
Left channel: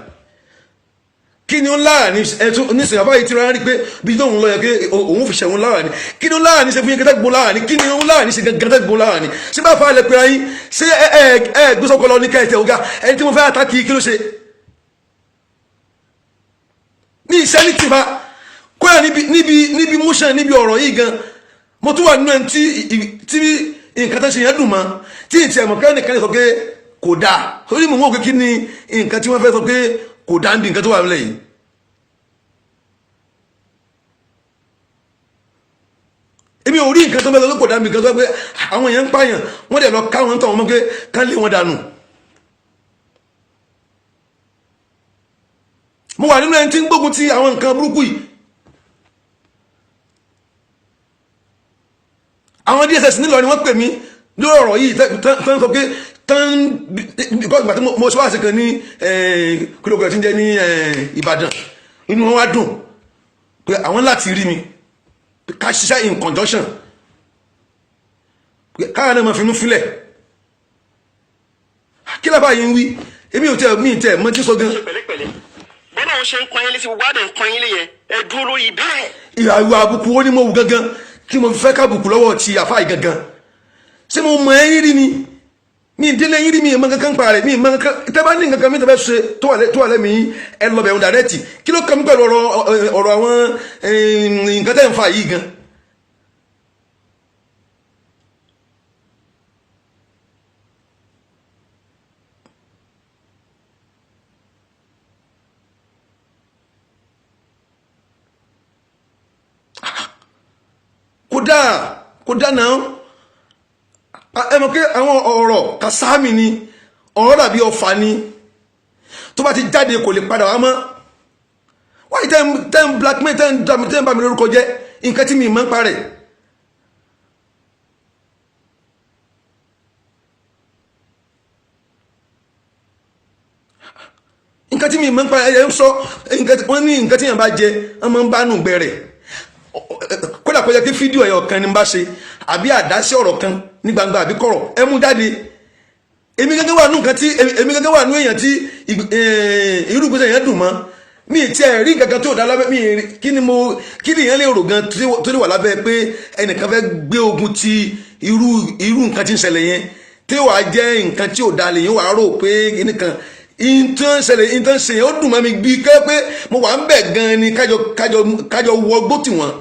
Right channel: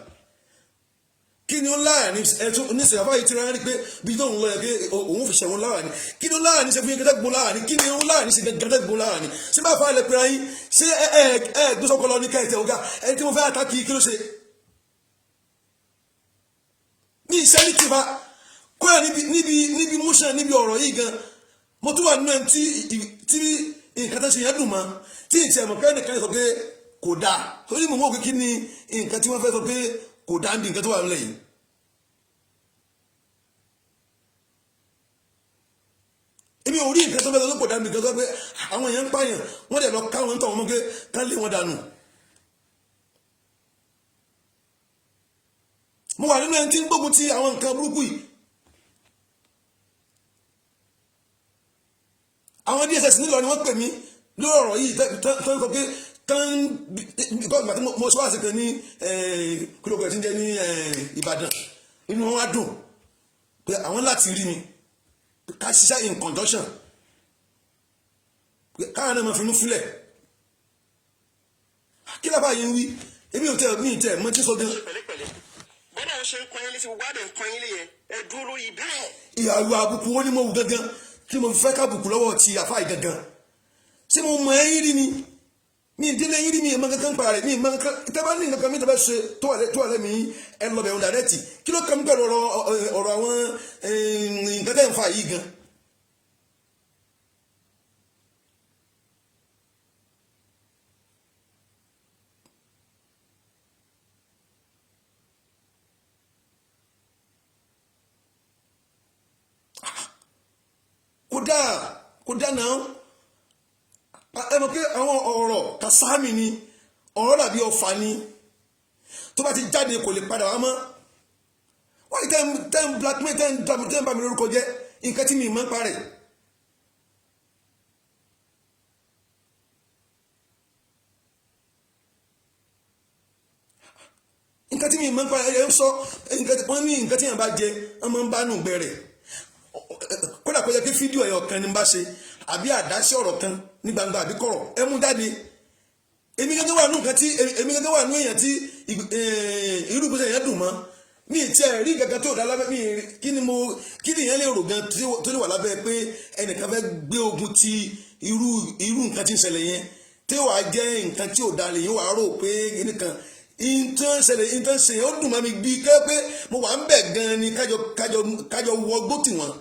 kí ni ó láàrin ẹ̀tún oníṣẹ́ àfáà yìí ti rárá rí pé bí tóun lọ yẹ pé òun fi ṣẹ̀wọ̀n láàrin kí ni ó láàrin ṣe fi nǹkan tẹ́gùn láàrin kí ni ó láàrin ṣe nǹkan tẹ́gùn láàrin ṣé bá fà lẹ pé ayín ṣé ẹ gbésọ́kọ lọ ní kẹ́ẹ̀tẹ̀ ọ̀gá ẹni tí mo fẹ́ àtàkì kí ló ṣe ní iṣẹ́ ní tìfa kóyà níbi motion níbi ọ̀rọ̀ yìí gan mo tún wà nínú ẹni tí nǹkan tó ṣe yẹn dùn mọ́ tí ìtì ẹ̀mọ̀ kẹ́ni kan sọ pé kò dáa torí mo mọ̀ pé kí ni nǹkan tí wọ́n fẹ́ sọ pé kò dáa níbi nǹkan tó wà nílẹ̀ yìí. èmi ò rí nǹkan tó fẹ́ sọ pé kò dáa níbi nǹkan tó pé àwọn èèyàn ń pààyàn wọ́n dẹ̀ lọ káwọn tó wọn mọ́ pé ká lé wọn dànù. mo wà nínú ẹni tí ń gbógun ti àwọn nǹkan burúkú yìí. àwọn DSS nílò ni wọ́n pè mí lórí ọ̀rọ̀ yìí tán sọ pé ìgbà tí mo ṣe wá sí kan ní kílógún tí ń jẹ́ ní Ìbàdàn inú wọn wá dùn pé àwọn láti rí mi ká ṣiṣẹ́ in conjunction káwọn náà máa fi inú fílẹ̀ kí lábàá yìí ń wí èmi ò tẹ mọ́ tí sọ gan. bẹ́ẹ̀ náà ṣe ń pọn yín létí gbogbo àdé ń pọn yín lé yẹn ẹ dúró lórí bẹ́ẹ̀. ìhàwọ̀ àbùkù ó ní mo wù gangan kí mo fẹ́ kábùkù lọ́wọ́ ti àfáà gangan ṣé mo mọ ẹyin rí ni mi ìdílé yín rí mi ìmọ̀ kankan pa rẹ̀ mi ìmọ̀ kankan tẹ́bá ní nǹkan mi tẹ́bá ṣe tó wà lẹ́mìí ẹ lọ bẹ̀rù dàrẹ́tì kí ló kàn mí pẹ̀lú ọ̀rọ̀ àwọn nǹkan tẹ́ ń fa yìí gan. kódà náà ẹ mọ̀ pé àwọn ọ̀rọ̀ kàsáàmì ni ọ̀rọ̀ dàbí ọfà ni tó bá ti jáde kò lè padà wá mọ́ wáyé tẹ́ ń blackmail tẹ́ ń bá mi lórúkọ jẹ́ nǹkan tí mi mọ́ ń parẹ́ nǹkan tí mi mọ́ ń parẹ́ ẹ̀ ń sọ wọ́n ní nǹkan tí yẹn bá jẹ wọ́n máa ń bá nù gbẹ̀rẹ̀ kódà kó jẹ́ kí fídíò ẹ̀yọ̀ kan ní bá ṣe àbí àdásí ọ̀rọ̀ kan ní gbangba àbí kọ̀rọ̀ ẹ mú jáde èmi gẹ́gẹ́ wà nù nǹkan tí èmi gẹ́gẹ́ wà nù èèyàn tí irú ìgbésẹ̀ yẹn dùn mọ́ mi ti ẹ̀ rí nǹkan tó dá lábẹ́ mi kí ni èèyàn lè rò gan tó lè wà lábẹ́ pé ẹnìkan fẹ́ gbé ogun ti irú nǹkan tí ń ṣẹlẹ̀ yẹn tí wàá jẹ́ nǹkan tí ò da lè yín wàá rò pé nìkan ìtàn ṣe yẹn ó dùn mọ́ mi bí kẹ́ pé mo wà ń bẹ̀ gan ni kájọ wọgbó tì wọ́n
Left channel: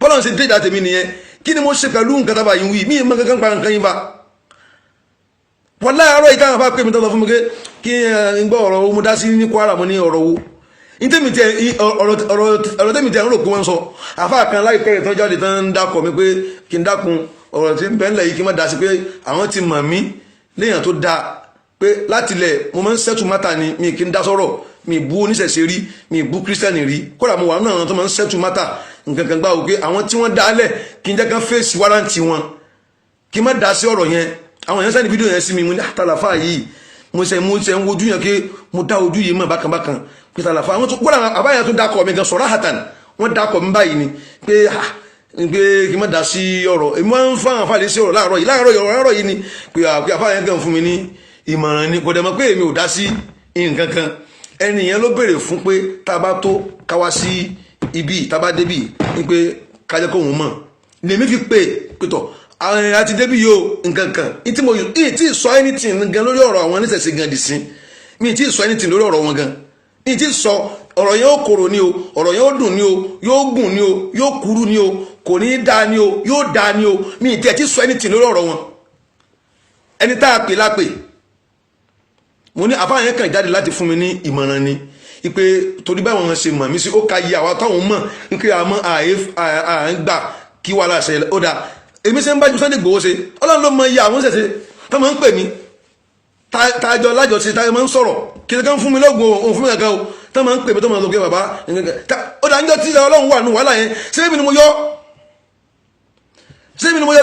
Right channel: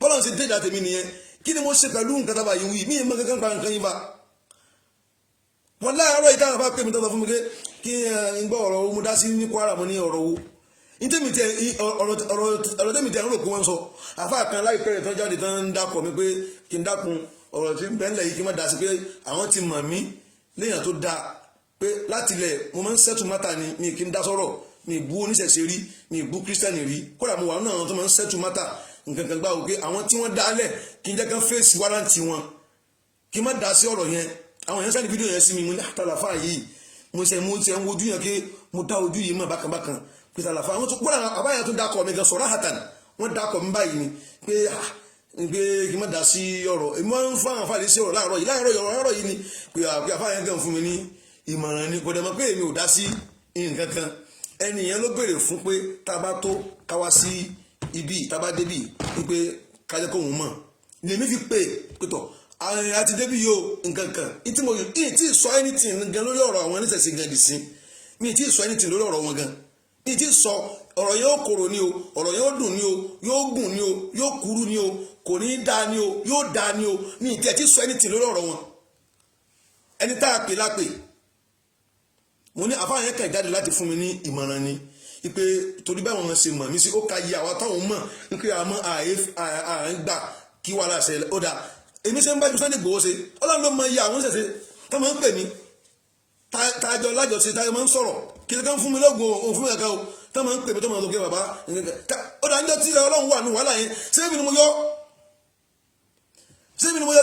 bọ́lá ń ṣe déjà tèmi nìyẹn kí ni mo ṣe pẹ̀lú nǹkan tábà yìí wí mí ìmọ̀ kankan pa nǹkan yín fa wọ́n láàárọ̀ ìtàn àbá pé mi tọ́tọ̀ fún mi pé kí n gbọ́ ọ̀rọ̀ mo dá sí ní Kwara mo ní ọ̀rọ̀ wo ọ̀rọ̀ tẹ́mi tẹ́ ń rò pé wọ́n sọ àfa kan láìpẹ́ rẹ̀ tó jáde tán ń dákọ̀ mi pé kí n dákun ọ̀rọ̀ tí ń bẹ́ ńlẹ̀ yìí kí n má dá sí pé àwọn ti mọ̀ mí léèyàn tó dáa pé látilẹ̀ mo máa ń settle matter ni mi kì í dá sọ́rọ̀ mi bú oníṣẹ̀ṣe rí mi bú kírísítẹ́nì rí kódà mo wà nínú àwọn tó máa ń settle matter nǹkan kan gbá wò pé àwọn tí wọ́n dálẹ̀ kí n jẹ́ kán fèsì wárántì wọn kí n má dá sí ọ̀rọ̀ yẹn àwọn èèyàn sẹ́ni fídíò yẹn sí mi mo ní àtàlàfà yìí mo ṣe ń wojú yẹn pé mo dá ojú yìí mọ̀ bákanbákan pé àtàlàfà àwọn tó kódà àbáyà tó dákọ̀ mi gan sọ̀rọ̀ àhàtàn wọ́n dákọ̀ mi báyìí ni pé kí n má dá sí ọ̀rọ̀ èmi máa ń fún àwọn àfàlẹ́ sí ọ̀rọ̀ láàárọ̀ yìí ni pé àfàlẹ́ gan fún mi ní ìmọ̀ràn ni kò dẹ̀ mọ̀ pé èmi ò dá sí nǹkan kan ẹni yẹn ló béèrè fún pé tá a bá tó káwá sí ibi tá a bá débì ní pé kájẹ́ kóhun mọ̀ lèmi fi pé tọ̀ àti débì yóò nǹkan kan ìtì sọ anything gan lórí ọ̀rọ̀ àwọn oníṣẹ̀ṣe gan dì sí mi ìtì sọ anything lórí ọ̀rọ̀ wọn gan ìtì sọ ọ̀rọ̀ yẹn ó korò ni o ọ̀rọ̀ yẹn ó dùn ni o yóò gùn ni o yóò kúrú ni o kò ní í dáa ni o yóò dáa ni o mi ìtì ẹ̀ ti sọ anything lórí ọ̀rọ̀ wọn ẹni tá a pè lápè mo ní àfáà yẹn kàn jáde láti fún mi ní ìmọ̀ràn ni ipe torí báwọn ṣe mọ̀ mí sí ó ka yí àwa táwọn mọ̀ ipe àmọ́ à ń gbà kí wàá láṣẹ ó dáa èmi ṣe ń bá ju Sunday Igboho ṣe Ọlọ́run ló mọ iye àwọn ṣẹ̀ṣẹ̀ tó máa ń pè mí tájọ lájọṣe tájọ máa ń sọ̀rọ̀ kí ni ká ń fún mi lọ́gbọ̀n òun fún mi kankan o tó máa ń pè mí tó máa ń sọ pé bàbá ó dáa níjọ́ tí Ọlọ́run wà nù wàhálà yẹn ṣé èmi ni mo yọ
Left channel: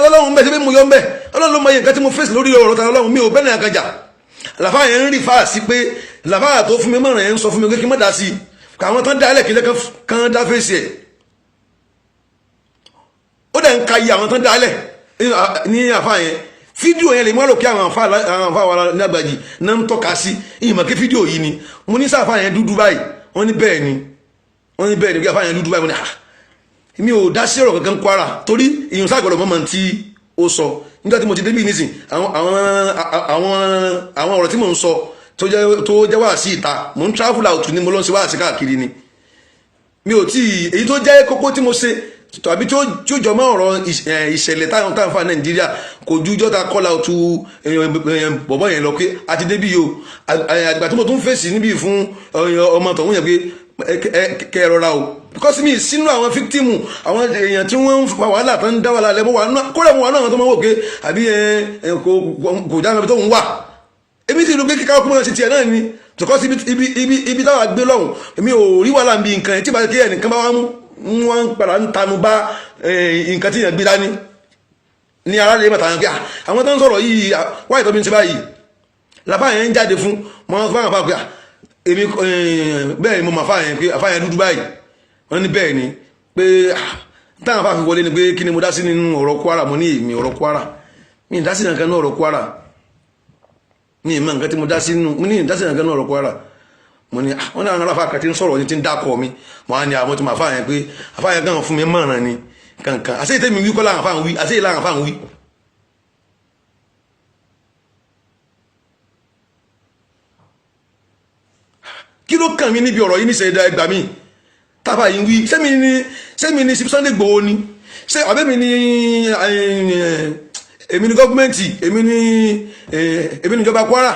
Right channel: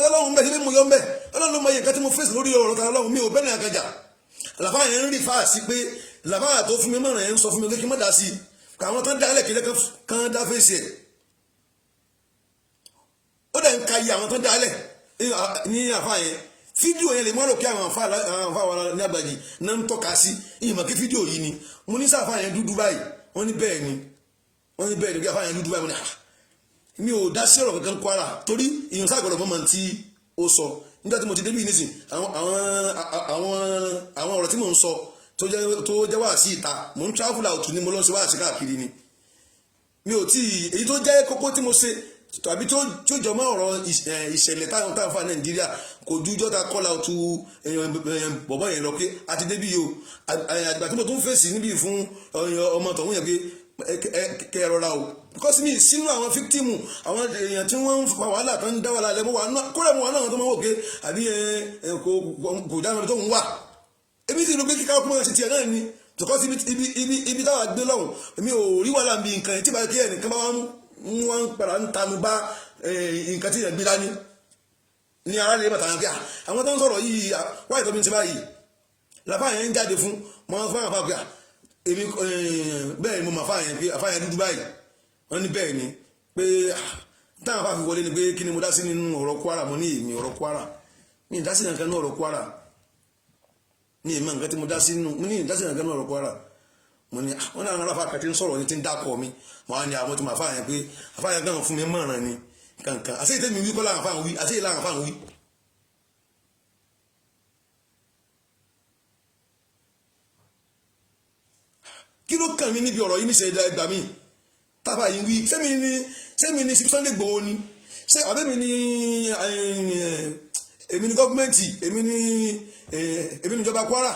Ọlọ́run ń bẹ̀ ṣé èmi ni mo yọ ń bẹ̀ Ọlọ́run ló mọ iye nǹkan tí mo fèsì lórí ọ̀rọ̀ tàwọn Ọlọ́run mi ò bẹ́ẹ̀ ní àkàjà làfáà yẹn ń rí fáà sí pé làfáà tó fún mi mọ̀ràn yẹn ń sọ fún mi pé kí n má dá sí i káwọn tán dá ẹlẹ́kìí lẹ́kàn kan dá fèsì ẹ̀ ó dẹ̀ ń ka iye àwọn tán dá ẹlẹ́ ní àfáà yẹn fídíò yẹn lè mú àlòkè àwọn àǹfà wa ní Àgbàjì náà ń tọ́ka sí ìmọ̀ kí fídíò yìí ni mo ní sáfà yẹn dúdú báyìí wọ́n ní bẹ́ẹ̀ ni bí àfà yẹn dúdú báyìí mo ní mi ò dá sí ọ̀rọ̀ kankan Kwara torí ìyọ̀n sáàgbọ̀dọ̀ mọ́mọ́ tí ó sọ nígbà tí mo ti débí nísìn àwọn ọ̀rọ̀ tí mò ń sọ tó jẹ́ wá sí ìta mò ń travel out ni mo lọ sí wá sí káàkiri ni mi ò tí èyí tó jẹ́ kókó tí mo ṣe tàbí tí ó jọ mọ́ ọ̀rọ̀ ìṣẹ̀lẹ̀ táwọn fa Nàìjíríà kò ju jọ́ta call out bọ̀bọ̀ yẹn lọ pé àti débí yìí o àgbà tí mo tún fèsì níbí fún ọmọ tọ̀hún yẹn pé kẹ́ ẹ rọra o because mi sínú àwọn fíktìmù àwọn èèyàn tí wọ́n ń fa wàhálà tó ń dá wàhálà lẹ́mọ́ wà kódà mo wà náà tó máa wò pé àbí kò já mi tó ń wà èmi sì rú pé kíkà ọkùnrin ṣe tiẹ̀ náà ni because ibi táwa gbé lọ́hùn èmi ò rí wàhálà bí nǹkan tí ìbáṣe kí ẹnìkan bá wọ́n ń padà ń tanu bá nǹkan tí yẹn gbé dání ní aráàlú mẹ́ta yẹn pé àwọn tó ń sọ̀rọ̀ yìí wáyé tó bí ń ṣe báyìí làbá yẹn ń jáde fún mọ́ fún àwọn àpapọ̀ èmi bẹ́ẹ̀ ni mo máa fáyẹn pé àfáyẹn dúdú báyìí wọ́n ní bẹ́ẹ̀ ni pé táwọn afáfi wọlé ni pé kí ni mo dá sí nínú ọ̀rọ̀ Kwara mo ní èmi ọ̀rọ̀ Kwara mi ì dá sí nǹkan náà ọ̀rọ̀ Kwara mi ì mọ nǹkan tí mo dá sí nínú mo ní ì dá sí nǹkan náà ọ̀rọ̀ Kwara mo ní wọ́n ní àwọn aláfa kan tí ń sọ̀rọ̀ ní ti ń dákọ̀ mi mo á ní àwọn tí mo àfáyẹn pé àfáyẹn kan fún mi mọ̀ràn ni kankan àṣẹ ìtẹ́mi wí kọ́ láwọn afáwọn wí àṣẹ ìlànà afáwọn wí. kí ló kàn mí níbi ọ̀rọ̀ yìí ní ìṣẹ̀dá ẹgbàá mi tábà yìí wí sẹ́mi ni Sunday Igboho ni ṣé àbẹ́mi ni èmi ni gọ́ọ̀mẹ́ntì èmi ni ìjọba Kwara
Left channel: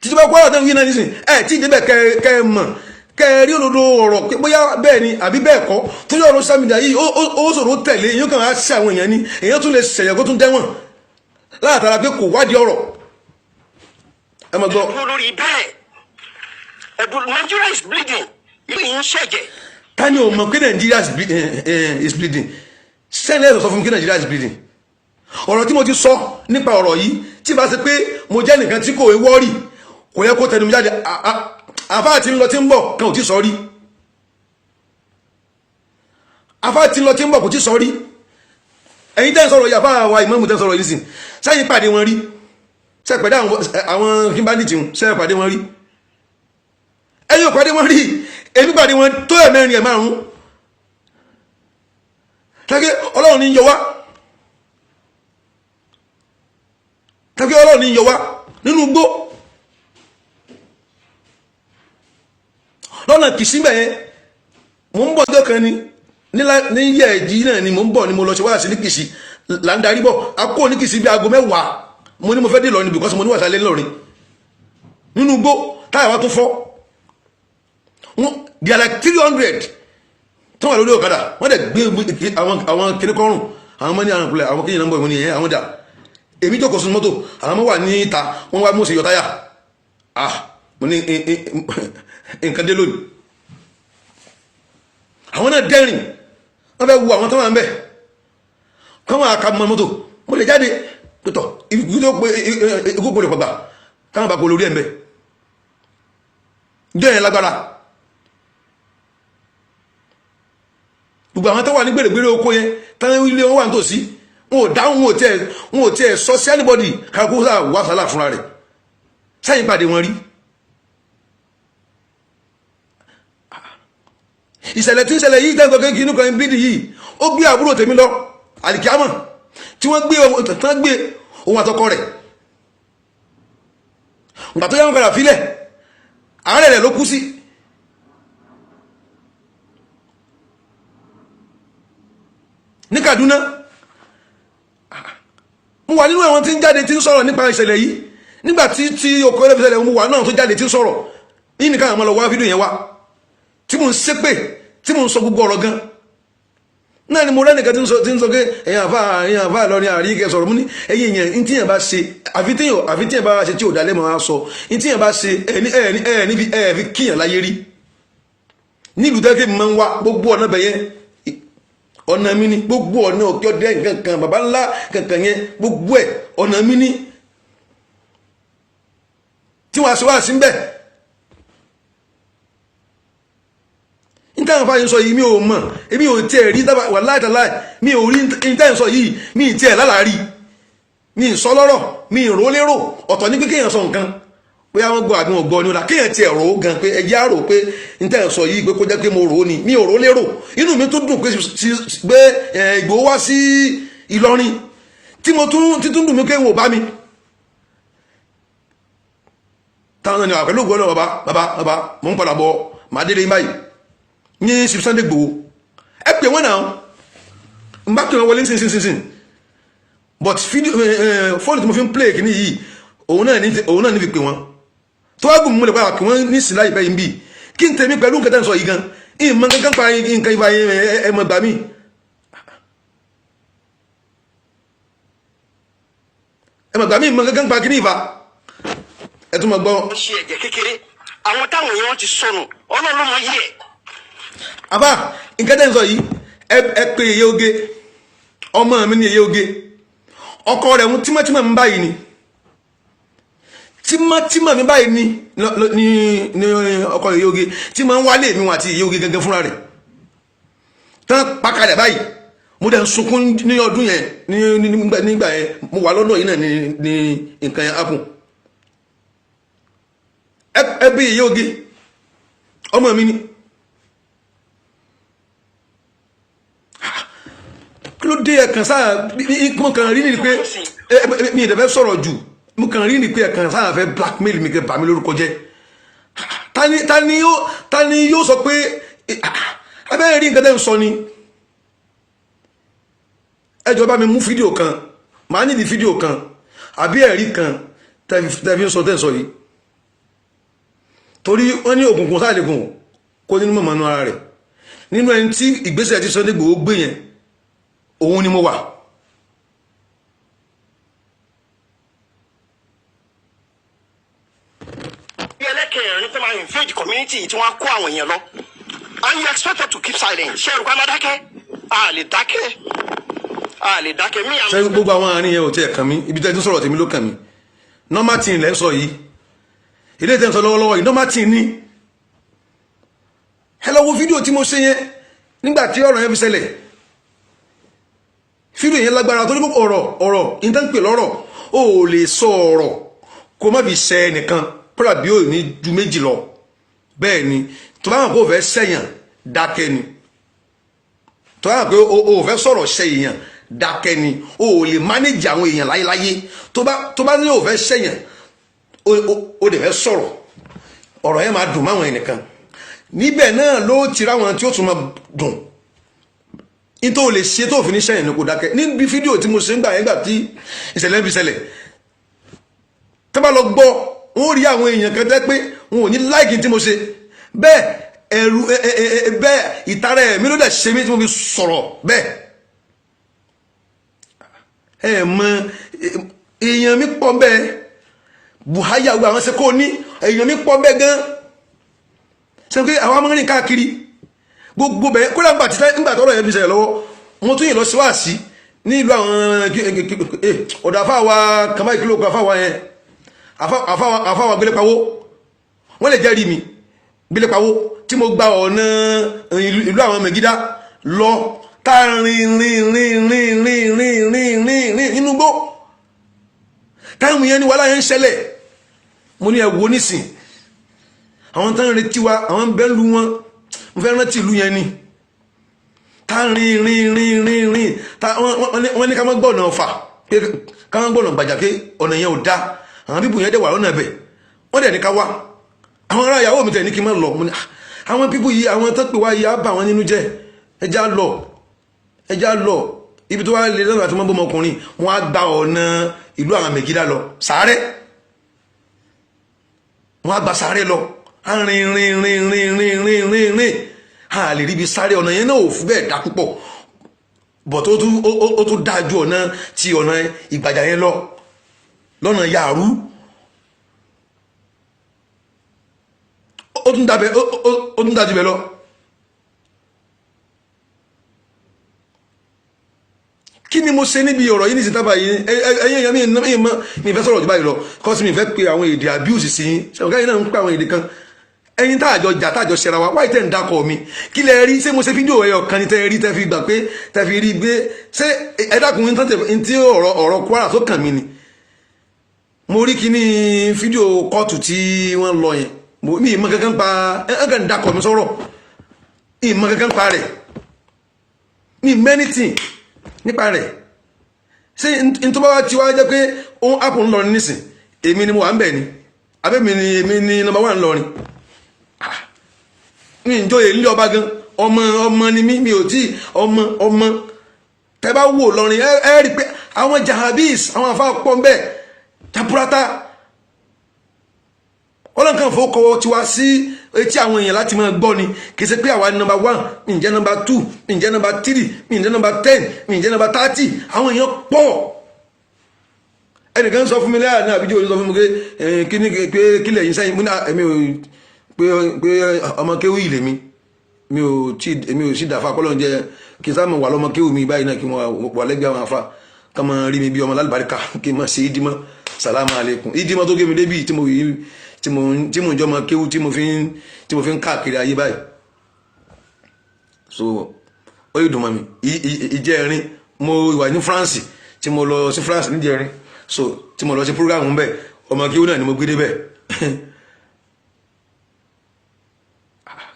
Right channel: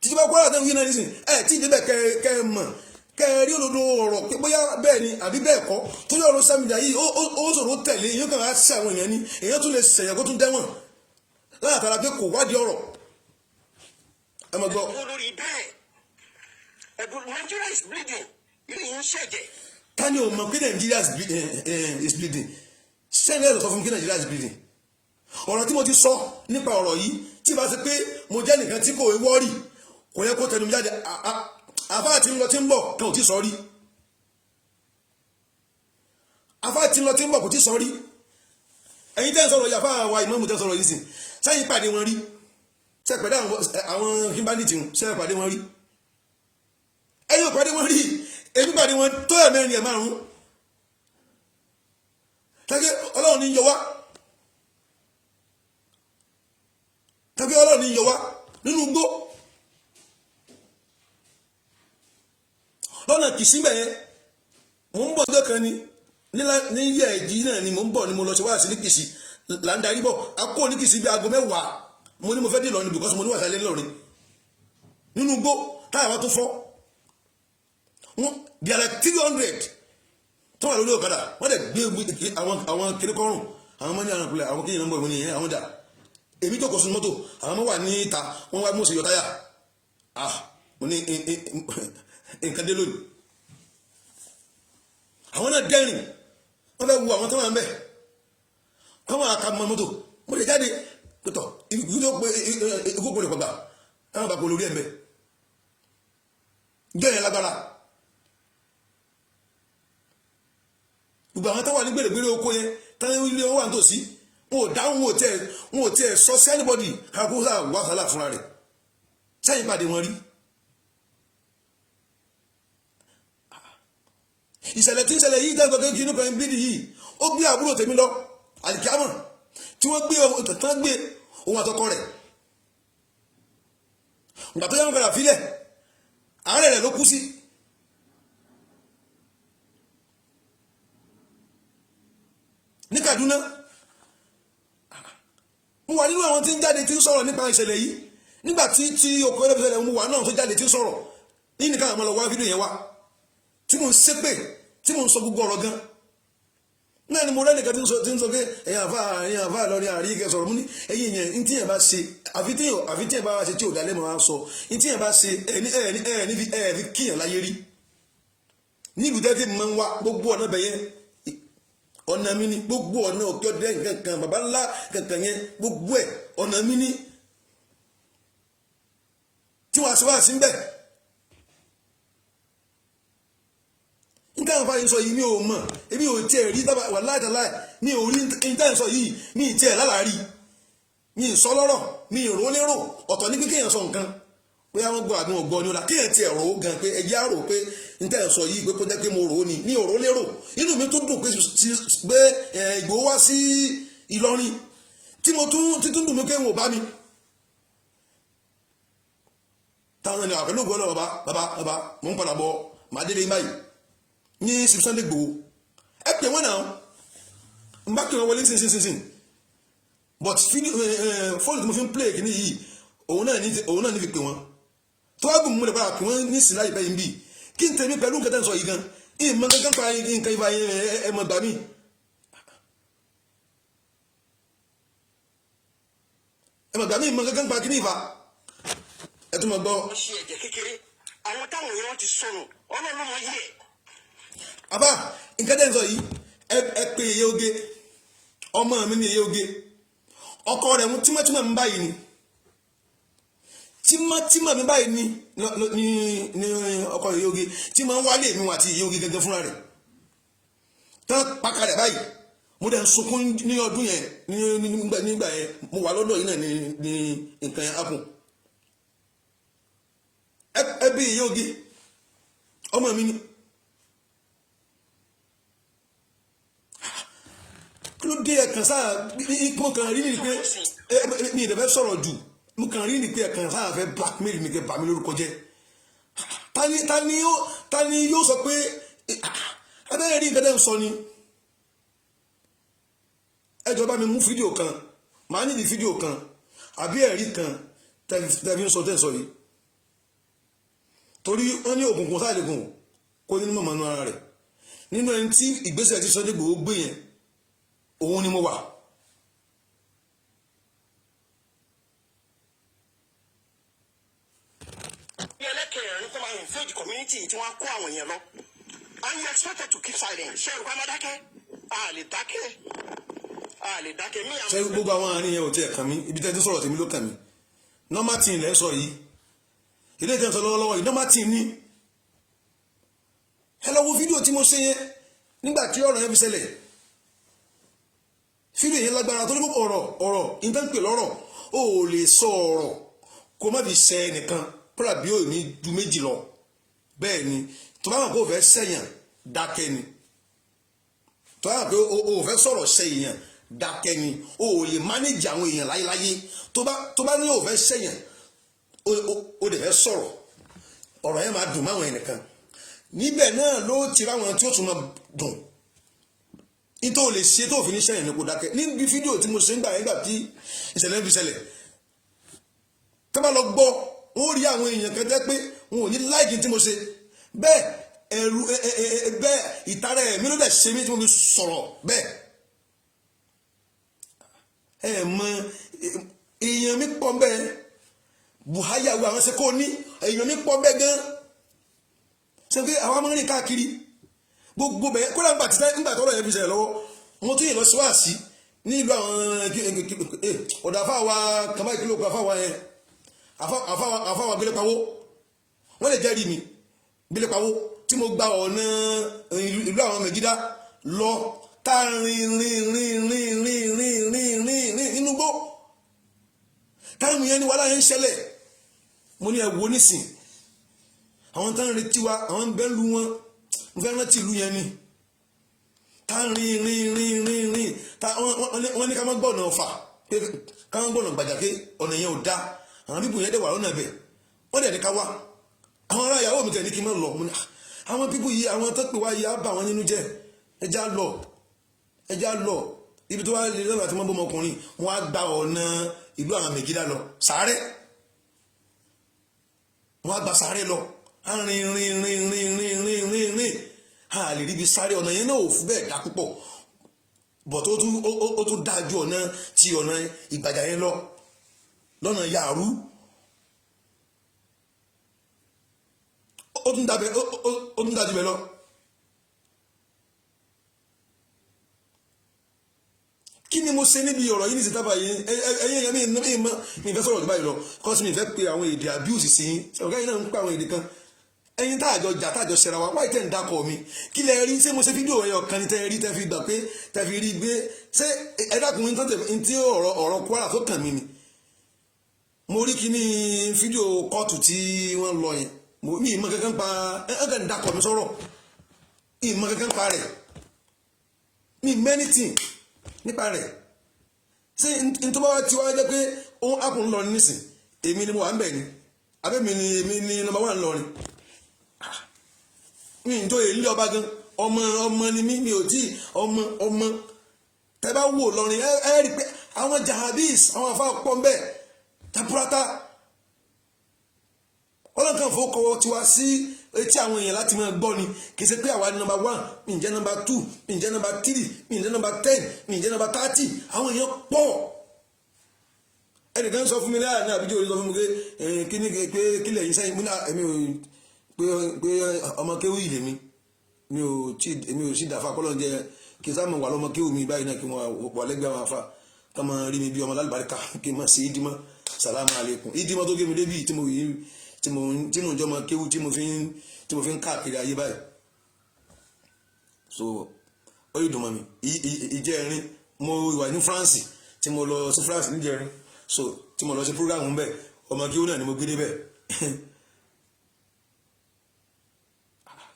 tíjọba Kwara tó ń wí náà nísìn tí ìdébẹ̀ kẹ́ ẹ mọ̀ kẹ́ ẹ rí olódó ọ̀rọ̀ pé bóyá bẹ́ẹ̀ ni àbí bẹ́ẹ̀ kọ́ tó yọ ọ̀rọ̀ social media yìí ó ṣòro tẹ̀lé èyí kan á ṣe àwọn èèyàn ni èyàn tún lè ṣẹ̀yẹ̀ kó tún dẹ́wọ̀n látara pé kò wádìí ọ̀rọ̀ ẹ mọ̀ gbọ́. lórí bẹ́ẹ̀ Nigeria is bleeding ìlú yìí ń ṣẹ̀jẹ̀. ta ni o mọ̀ pé Nigeria is bleeding sẹ́ni ẹ̀sọ̀ sọ fún mi pé Nigeria is bleeding ọ̀rọ̀ tí mo ti sọ nípa ọ̀rọ̀ yìí tí bá ṣe pé mo jẹ́ nìkan tí kò wọ́ọ̀rì kò yẹ kó tẹnu mi jáde àfáà tí ń lọ tí ń bọ̀ kan ò tí sọ rí àfáà tí ń lọ tí ń bọ̀ kò tí sọ rí ẹ̀yin tẹ́ ń sọ̀rọ̀ yìí àfáà wa ìmọ̀ọ́mù tẹ́ ń sọ̀rọ̀ yìí sìn sẹ́yìn pàdé wọn rí sẹ́yìn pàdé àwọn kíńbánìtì sẹ́yìn pàdé wọn rí ẹ̀yin ò pàdé wọn rí èmi pàdé wọn tó ẹ̀ mẹ́rin ẹ̀ márùn-ún tàbí Ọlọ́run ní yọ wá tàbí Ọlọ́run ní yọ wá nínú gbó lọ́nà Kìsí yẹn mò ń bọ̀ ọjọ́ kan ní yẹ̀ ẹ̀jì náà ni mò ń bọ̀ ni mo lọ ṣe wá sí ní Kìsí là ń darí bọ̀ a kó ní Kìsí bí aago 10 mo ní mo fẹ́ dé Ìlọrin because mo ní wàsálẹ̀ Ìlọrin nínú gbó táyà wá tó fọ́ they are like 300 tó wà lórí ọ̀kadà wọ́n dẹ̀ gbé àwọn kiri kọrùn àwọn ọmọ ní àwọn ìpìlẹ̀ àwọn kéyìn nọ́mbọ̀ ìwọ̀n ni àwọn dà èmi jókòó sínú mọ́tò àwọn ọmọ wà ní ìta wọ́n wá mú sí yọtáyà mo ní nǹkan dé lónìí àwọn náà dẹ́rìn wọ́n fẹ́ wo àwọn tó wà ń bẹ̀ kọ́ wọn àka mọ́ mọ́tò mo lè jáde pẹ̀tọ̀ ikú gbọ́dọ̀ pàgbà káwọn bá kó lórí ẹ̀ ń bẹ̀ dẹ́rìn lágbára gbogbo àwọn tó wà ní gbèrègbèrè oko yẹn táwọn ilé wọn wà nítòsí wọn ò dáhùn wọn ò tiẹ̀ sọ sí anybody kakó sáà wà sálà fúnra rẹ̀ sáyìn pàdé wọn rí ìṣẹ̀lẹ̀ tí ń ṣẹlẹ̀ yìí tẹ́ǹtọ́ kéèkì inú kan bídì yìí ó gbé àbúrò tèmi lọ àlìkíámọ̀ tí wọ́n gbé ohun àtọkọ rẹ̀ ìgbà tó yẹ wọn padà fílẹ̀ àárẹ̀ rẹ̀ ló kú sí ní Kaduna mo wà nínú àwọn tí ń jáde tí ń sọ̀rọ̀ nípa ìṣẹ̀lẹ̀ yìí nígbà tí okòó ẹlẹ́fẹ́ ṣẹlẹ̀ mo wà náà tó jáde tí ń sọ̀rọ̀ yìí nìkan àwọn ọmọ lọ wá fídíò yẹn wá tí mo ń ṣépè tí mo ń sọ gbogbo ọ̀rọ̀ gan náà ni mo rẹ́nìkan tí ń sọ pé èyàn àfà lọ́rin àríkẹ́ sọ̀rọ̀ mú ní ẹ̀yìn èyàn ní tíyàn bá ṣe àfi tíyàn bá ṣe tí ò dálé máa sọ ní tíyàn bá ṣe ẹ̀ẹ̀fi kíyàn láyé rí nílùú tẹ́kẹ́ mi máa ń wá gbogbo ọ̀nà bẹ̀yẹn ọ̀nà mi ni gbogbo ọ̀nà òkè ọdẹ nǹkan bàbá ńlá kankan yẹn gbogbo ẹ̀ ọ̀nà mi ni tí wọ́n aṣọ wá sí ń bẹ̀ níta àfáà yín sọ yìí mi ò mọ̀ èmi ò tiẹ̀ rí wà láìtàláì mi ò rí níta yín sọ yìí mi ì tiẹ̀ lálàárí mi ì sọ lọ́rọ̀ mi ì rò lérò ọ̀tọ̀ ní pé kéèyàn sọ nǹkan pé àwọn gbọ́ àbí wọn gbọ́ ni ó la kéèyàn tiẹ̀ rò ó gan pé ẹjẹ́ àrò pé n tẹ́ ẹ̀ sọ yìí pé kó jẹ́ pé mo rò ó ni mi ò rò lérò inú mi tó dùn pé Ìgbòho wá sí Ìlọrin tí mo tún dùn mí pé wọn ò bá mi táwọn ènìyàn àpẹẹlú ògbọ́n náà bàbá mo ń padà bọ̀ màá délé báyìí ní Sunday Igboho ẹ pè wọ́n náà n bá pè wọ́n wọlé nísinsìnyí but fóònù tí mo fi ń play kìíní yìí òun náà ní fi pè wọ́n tó wá gùn mú lè padà pè wọ́n ní sílá ìbẹ́ yìí bí kí n tèmi pẹ̀lú nǹkan tẹ́ ń sọ yìí gan ìmọ̀ kankan pa nǹkan ìfà ẹ̀mọ̀ gbà mí ẹ̀mọ̀ gbà mí ìmọ̀ kankan pa kíní ìfà ẹ tún mọ̀ gbọ́. ó ṣe ẹ̀jẹ̀ kékeré àwọn táwọn èèyàn ti sọnù ọlọ́run ló mọ yí ẹ̀. àbá nǹkan tẹ́ ń sọ yìí ẹ pé Yèyé Oge ọmọ mi ní Yèyé Oge ọkọ rẹ̀ mú tímọ́tímọ́ mi báyìí ni tímọ́tímọ́ mi báyìí ní ọkọ Yèyé Oge tí máa ń wálé mi wọn àti Yèyé Oge gangan fúnra rẹ̀ tán pakalẹ̀ báyìí mo dẹ̀ ń sunkún ní ọdún yẹn nígbà yẹn mo wà lọ́dọ̀ yìí náà ní nǹkan yẹn happen ẹ bí Yèyé Oge ọmọ mi ni kí ló dé ẹ̀kan sáà mo kàn rí ni pé mi ì dẹ̀fẹ́ sọ̀rọ̀ jù mo kàn rí ni pé ẹ̀kan sáà fẹ́ blackmail mi kẹ́ bà mí lórúkọ jẹ́ ta ni yóò sọ pé abẹ́rẹ́ rí nǹkan tẹ́ ń sọ ni ẹ jọ̀ọ́ bá mi mú fídíò kan màá nídìí fídíò kan àbí ẹ̀rí kan tẹ́ fi ń sọ tẹ́ ń sọ yìí torí wọ́n ní òkùnkùn sáàlẹ̀kùn kó nínú mọ̀mọ́nú ara rẹ̀ nínú ẹni tí ìgbésẹ̀ tí Sunday Igboho gbé yẹn òun ni mo wà. bí ẹlẹ́kẹ̀rin tó máa invade community tí wọ́n á kó àwọn èèyàn lọ and you expect us to keep silent ṣé ẹ̀rù ká má dákẹ́ a lè dákẹ́ mí. ṣé gbogbo àwọn àárín yẹn ò tiẹ̀ kàn mí ibi tẹ́ ti sọ̀rọ̀ tèmi ló kàn mí normal thing lẹ́ ń sọ yìí ilé ìtẹ́ ń sọ lọ́wọ́lọ́wọ́ yìí normal thing ni ẹ lọ wo fídíò tí mo ṣe yẹn nígbà tí ọ̀rọ̀ yẹn fi ṣẹlẹ̀ fídíò yẹn lágbára torí ọ̀rọ̀ ìtànpè lọ́rọ̀ ó lè sọ ọ̀rọ̀ kó má fi ṣẹ ẹnìkan kódà bí ó ní ju méjì lọ bẹ́ẹ̀ ni tó bá hàn pé ó fẹ́ ṣẹ̀yàn dákẹ́ ni tó bá hàn pé ó fẹ́ sọ̀rọ̀ ṣẹ èèyàn dákẹ́ ni ó lè mánéjì àwọn èèyàn láyéláyé tó bá ní ó fẹ́ ṣẹ̀yàn ó dẹ̀ fẹ́ sọ̀rọ̀ ọ̀rọ̀ yẹn máa dùn máwọn ẹnìkan níbẹ̀ náà ló ti ráwọn tí ó tún máa dùn nítorí o lè ṣe tó fi ní sẹ́yìn ní kò dákẹ́ níbi fídíò tí mo ṣe ń gbà yẹn gbà tí ìṣẹ̀lẹ̀ ń fi ṣẹlẹ̀ tó bá lọ gbọ́ wọ́n rí àwọn èèyàn kan tẹ́ pé wọn ò ní láìkí tí mo ṣe bẹ́ẹ̀ ẹ̀rù bẹ́ẹ̀ ìtara ẹ̀mí ló dẹ̀ ṣe mí tí mo fi sọ̀rọ̀ bẹ́ẹ̀ ẹ̀ mọ èèyàn mi pọ̀ bẹ́ẹ̀ Buhari àwọn àwọn ṣe kó ní èèyàn mi pọ̀ bẹ́ẹ̀ gan ṣe pé àwọn amúrin káàkiri gbogbo bẹ́ẹ̀ kó lágbà tí nígbà tọ́rọ̀ yẹn fi ṣẹlẹ̀ lọ́wọ́ mo tún yìn lọ sí wáàsí ní ìlú àwọn ọ̀dọ̀ àfáwà kàmá ìkìlọ̀ kan àfáwà yẹn àfáwà gbélépawó wọ́n lè jẹ́rìí mi gbélépawó tí mo gba ọ̀nà ìlú àwọn Mẹ̀gídá lọ tá rìn nínú gbó táwọn yẹn ní wàhálà yẹn ń ṣẹlẹ̀ mo ní ẹ̀wò nísìn àwọn tán retí wa àwọn bẹ́ẹ̀ lu wọn mo fẹ́ rántí ìlú yẹn ni tá rìn wọ́n ní ká má gbọ́nà Ọ̀fà ká má gbọ́nà Gbàjà pé ọ̀nà yẹn ò dá àwọn pípù yẹn dẹ̀ wà lọ́nà ẹ̀bẹ̀ wọ́n dẹ̀ ní ká wá àwọn ará ìyàwó mi tẹ̀ ní kí n má lọ mo ní àwọn pípù yìí àwọn tó pè wá yìí á bà wọ́n nínú jẹ́ ẹjá lọ ibi tó wá lè lọ́nà àti mọ́ bọ́mọkùnrin wọ́n á gba ọ̀nà ìlú àwọn Mẹ̀gídá lọ Sàárẹ̀ wọ́n á gba Sàárẹ̀ lọ rìn a lè ríbi sáré ọ̀nà yẹn náà ò fún bẹ́ẹ̀ dá púpọ̀ bọ̀ tó tún dájú ọ̀nà tí ọ̀nà Ìgbàjà yẹn lọ lọ́nà Yàrú ó tún dájú bẹ́ẹ̀ lọ kí ni mo ṣe níbi ọ̀rọ̀ yìí ní ìsìntàbà yìí ẹ̀yìn èèyàn mi ìfẹ́ sọ̀rọ̀ jù báyìí lọ kọ́sí mi ìfẹ́ pe àwọn èdè abuse sí yín ṣe ọ̀gá yìí náà ń pe àwọn èdè kan ẹ̀yin táàjọ jà táàjọ ṣẹra wa wáyé tẹ̀ ń dákọ̀ mi kí lẹ rí ṣé mo ṣe fídíò ẹyọ kan ní tẹ́ rí tẹ́ fi gbà pé tẹ́ fi rí gbé ṣé ẹ dákun ní tí ọ̀rọ̀ Kwara tó kàn mí ni mo rí kíní fídíò kóòtù tí wọ́n lọ yẹn mi ìmọ̀ kankan pa ẹ̀ǹkan ń dákọ̀ mi sọ̀rọ̀ ìmọ̀ kankan pa rẹ̀ mi mẹ́nìtì nípa rẹ̀ ṣé ntọ́ba tí wàá jẹ́ pé ó ápù ń lọrin nísìn èmi ni mo wà ń bẹ̀ ni abẹ́mi ni èmi ni nọ́mbà 1 lọrin ní ìjọyè ilé ọba gan ọmọ ni mi ò tí ọmọ tẹ bá wò lọrin ẹ rí pé àwọn jahabis àwọn àfa pọ̀ ń bẹ̀ tapurata ọlọ́nkan fowókọwọ́ ti wá sí etí àwọn èèyàn láti máa gbọ́ ni kì í ṣe pé àwa ni nọ́mbà 1 mi ǹjẹ́ nọ́mbà 2 mi ǹjẹ́ nọ́mbà 3 mi ǹjẹ́ nọ́mbà 10 mi ǹjẹ́ nọ́mbà 30 àwọn èèyàn pọ̀ ẹnìkan sọ fún mi lẹ́yà ní àbíjọ́ òní sọ fún mi pé kílẹ̀ yìí sẹ́yìn múná èmi ò pé ọmọ kéwì ilé mi ò sí dàfa kọ́lọ́ jẹ́ kí n sáàmù wà lọ́mọ kéwì mi báyìí náà kí wọ́n wà lẹ́gbẹ̀ẹ́ àwọn afa ká máa rí mi bí ọmọ lálùbáríkà kí n máa ṣe ìdímọ́ sàlámù alaykum ìdímọ́ tó gé mi débi tí mo jọ ọmọ kéwì tí mo fi ń káàkiri ayé báyìí so ó yìí dùn mọ́ mi ìjẹ́rin mo wà ní France tí mo lọ sí France níjẹ́rin so tí mo lọ sí program ń bẹ ọmọ kéwì náà ni mo gbé débẹ̀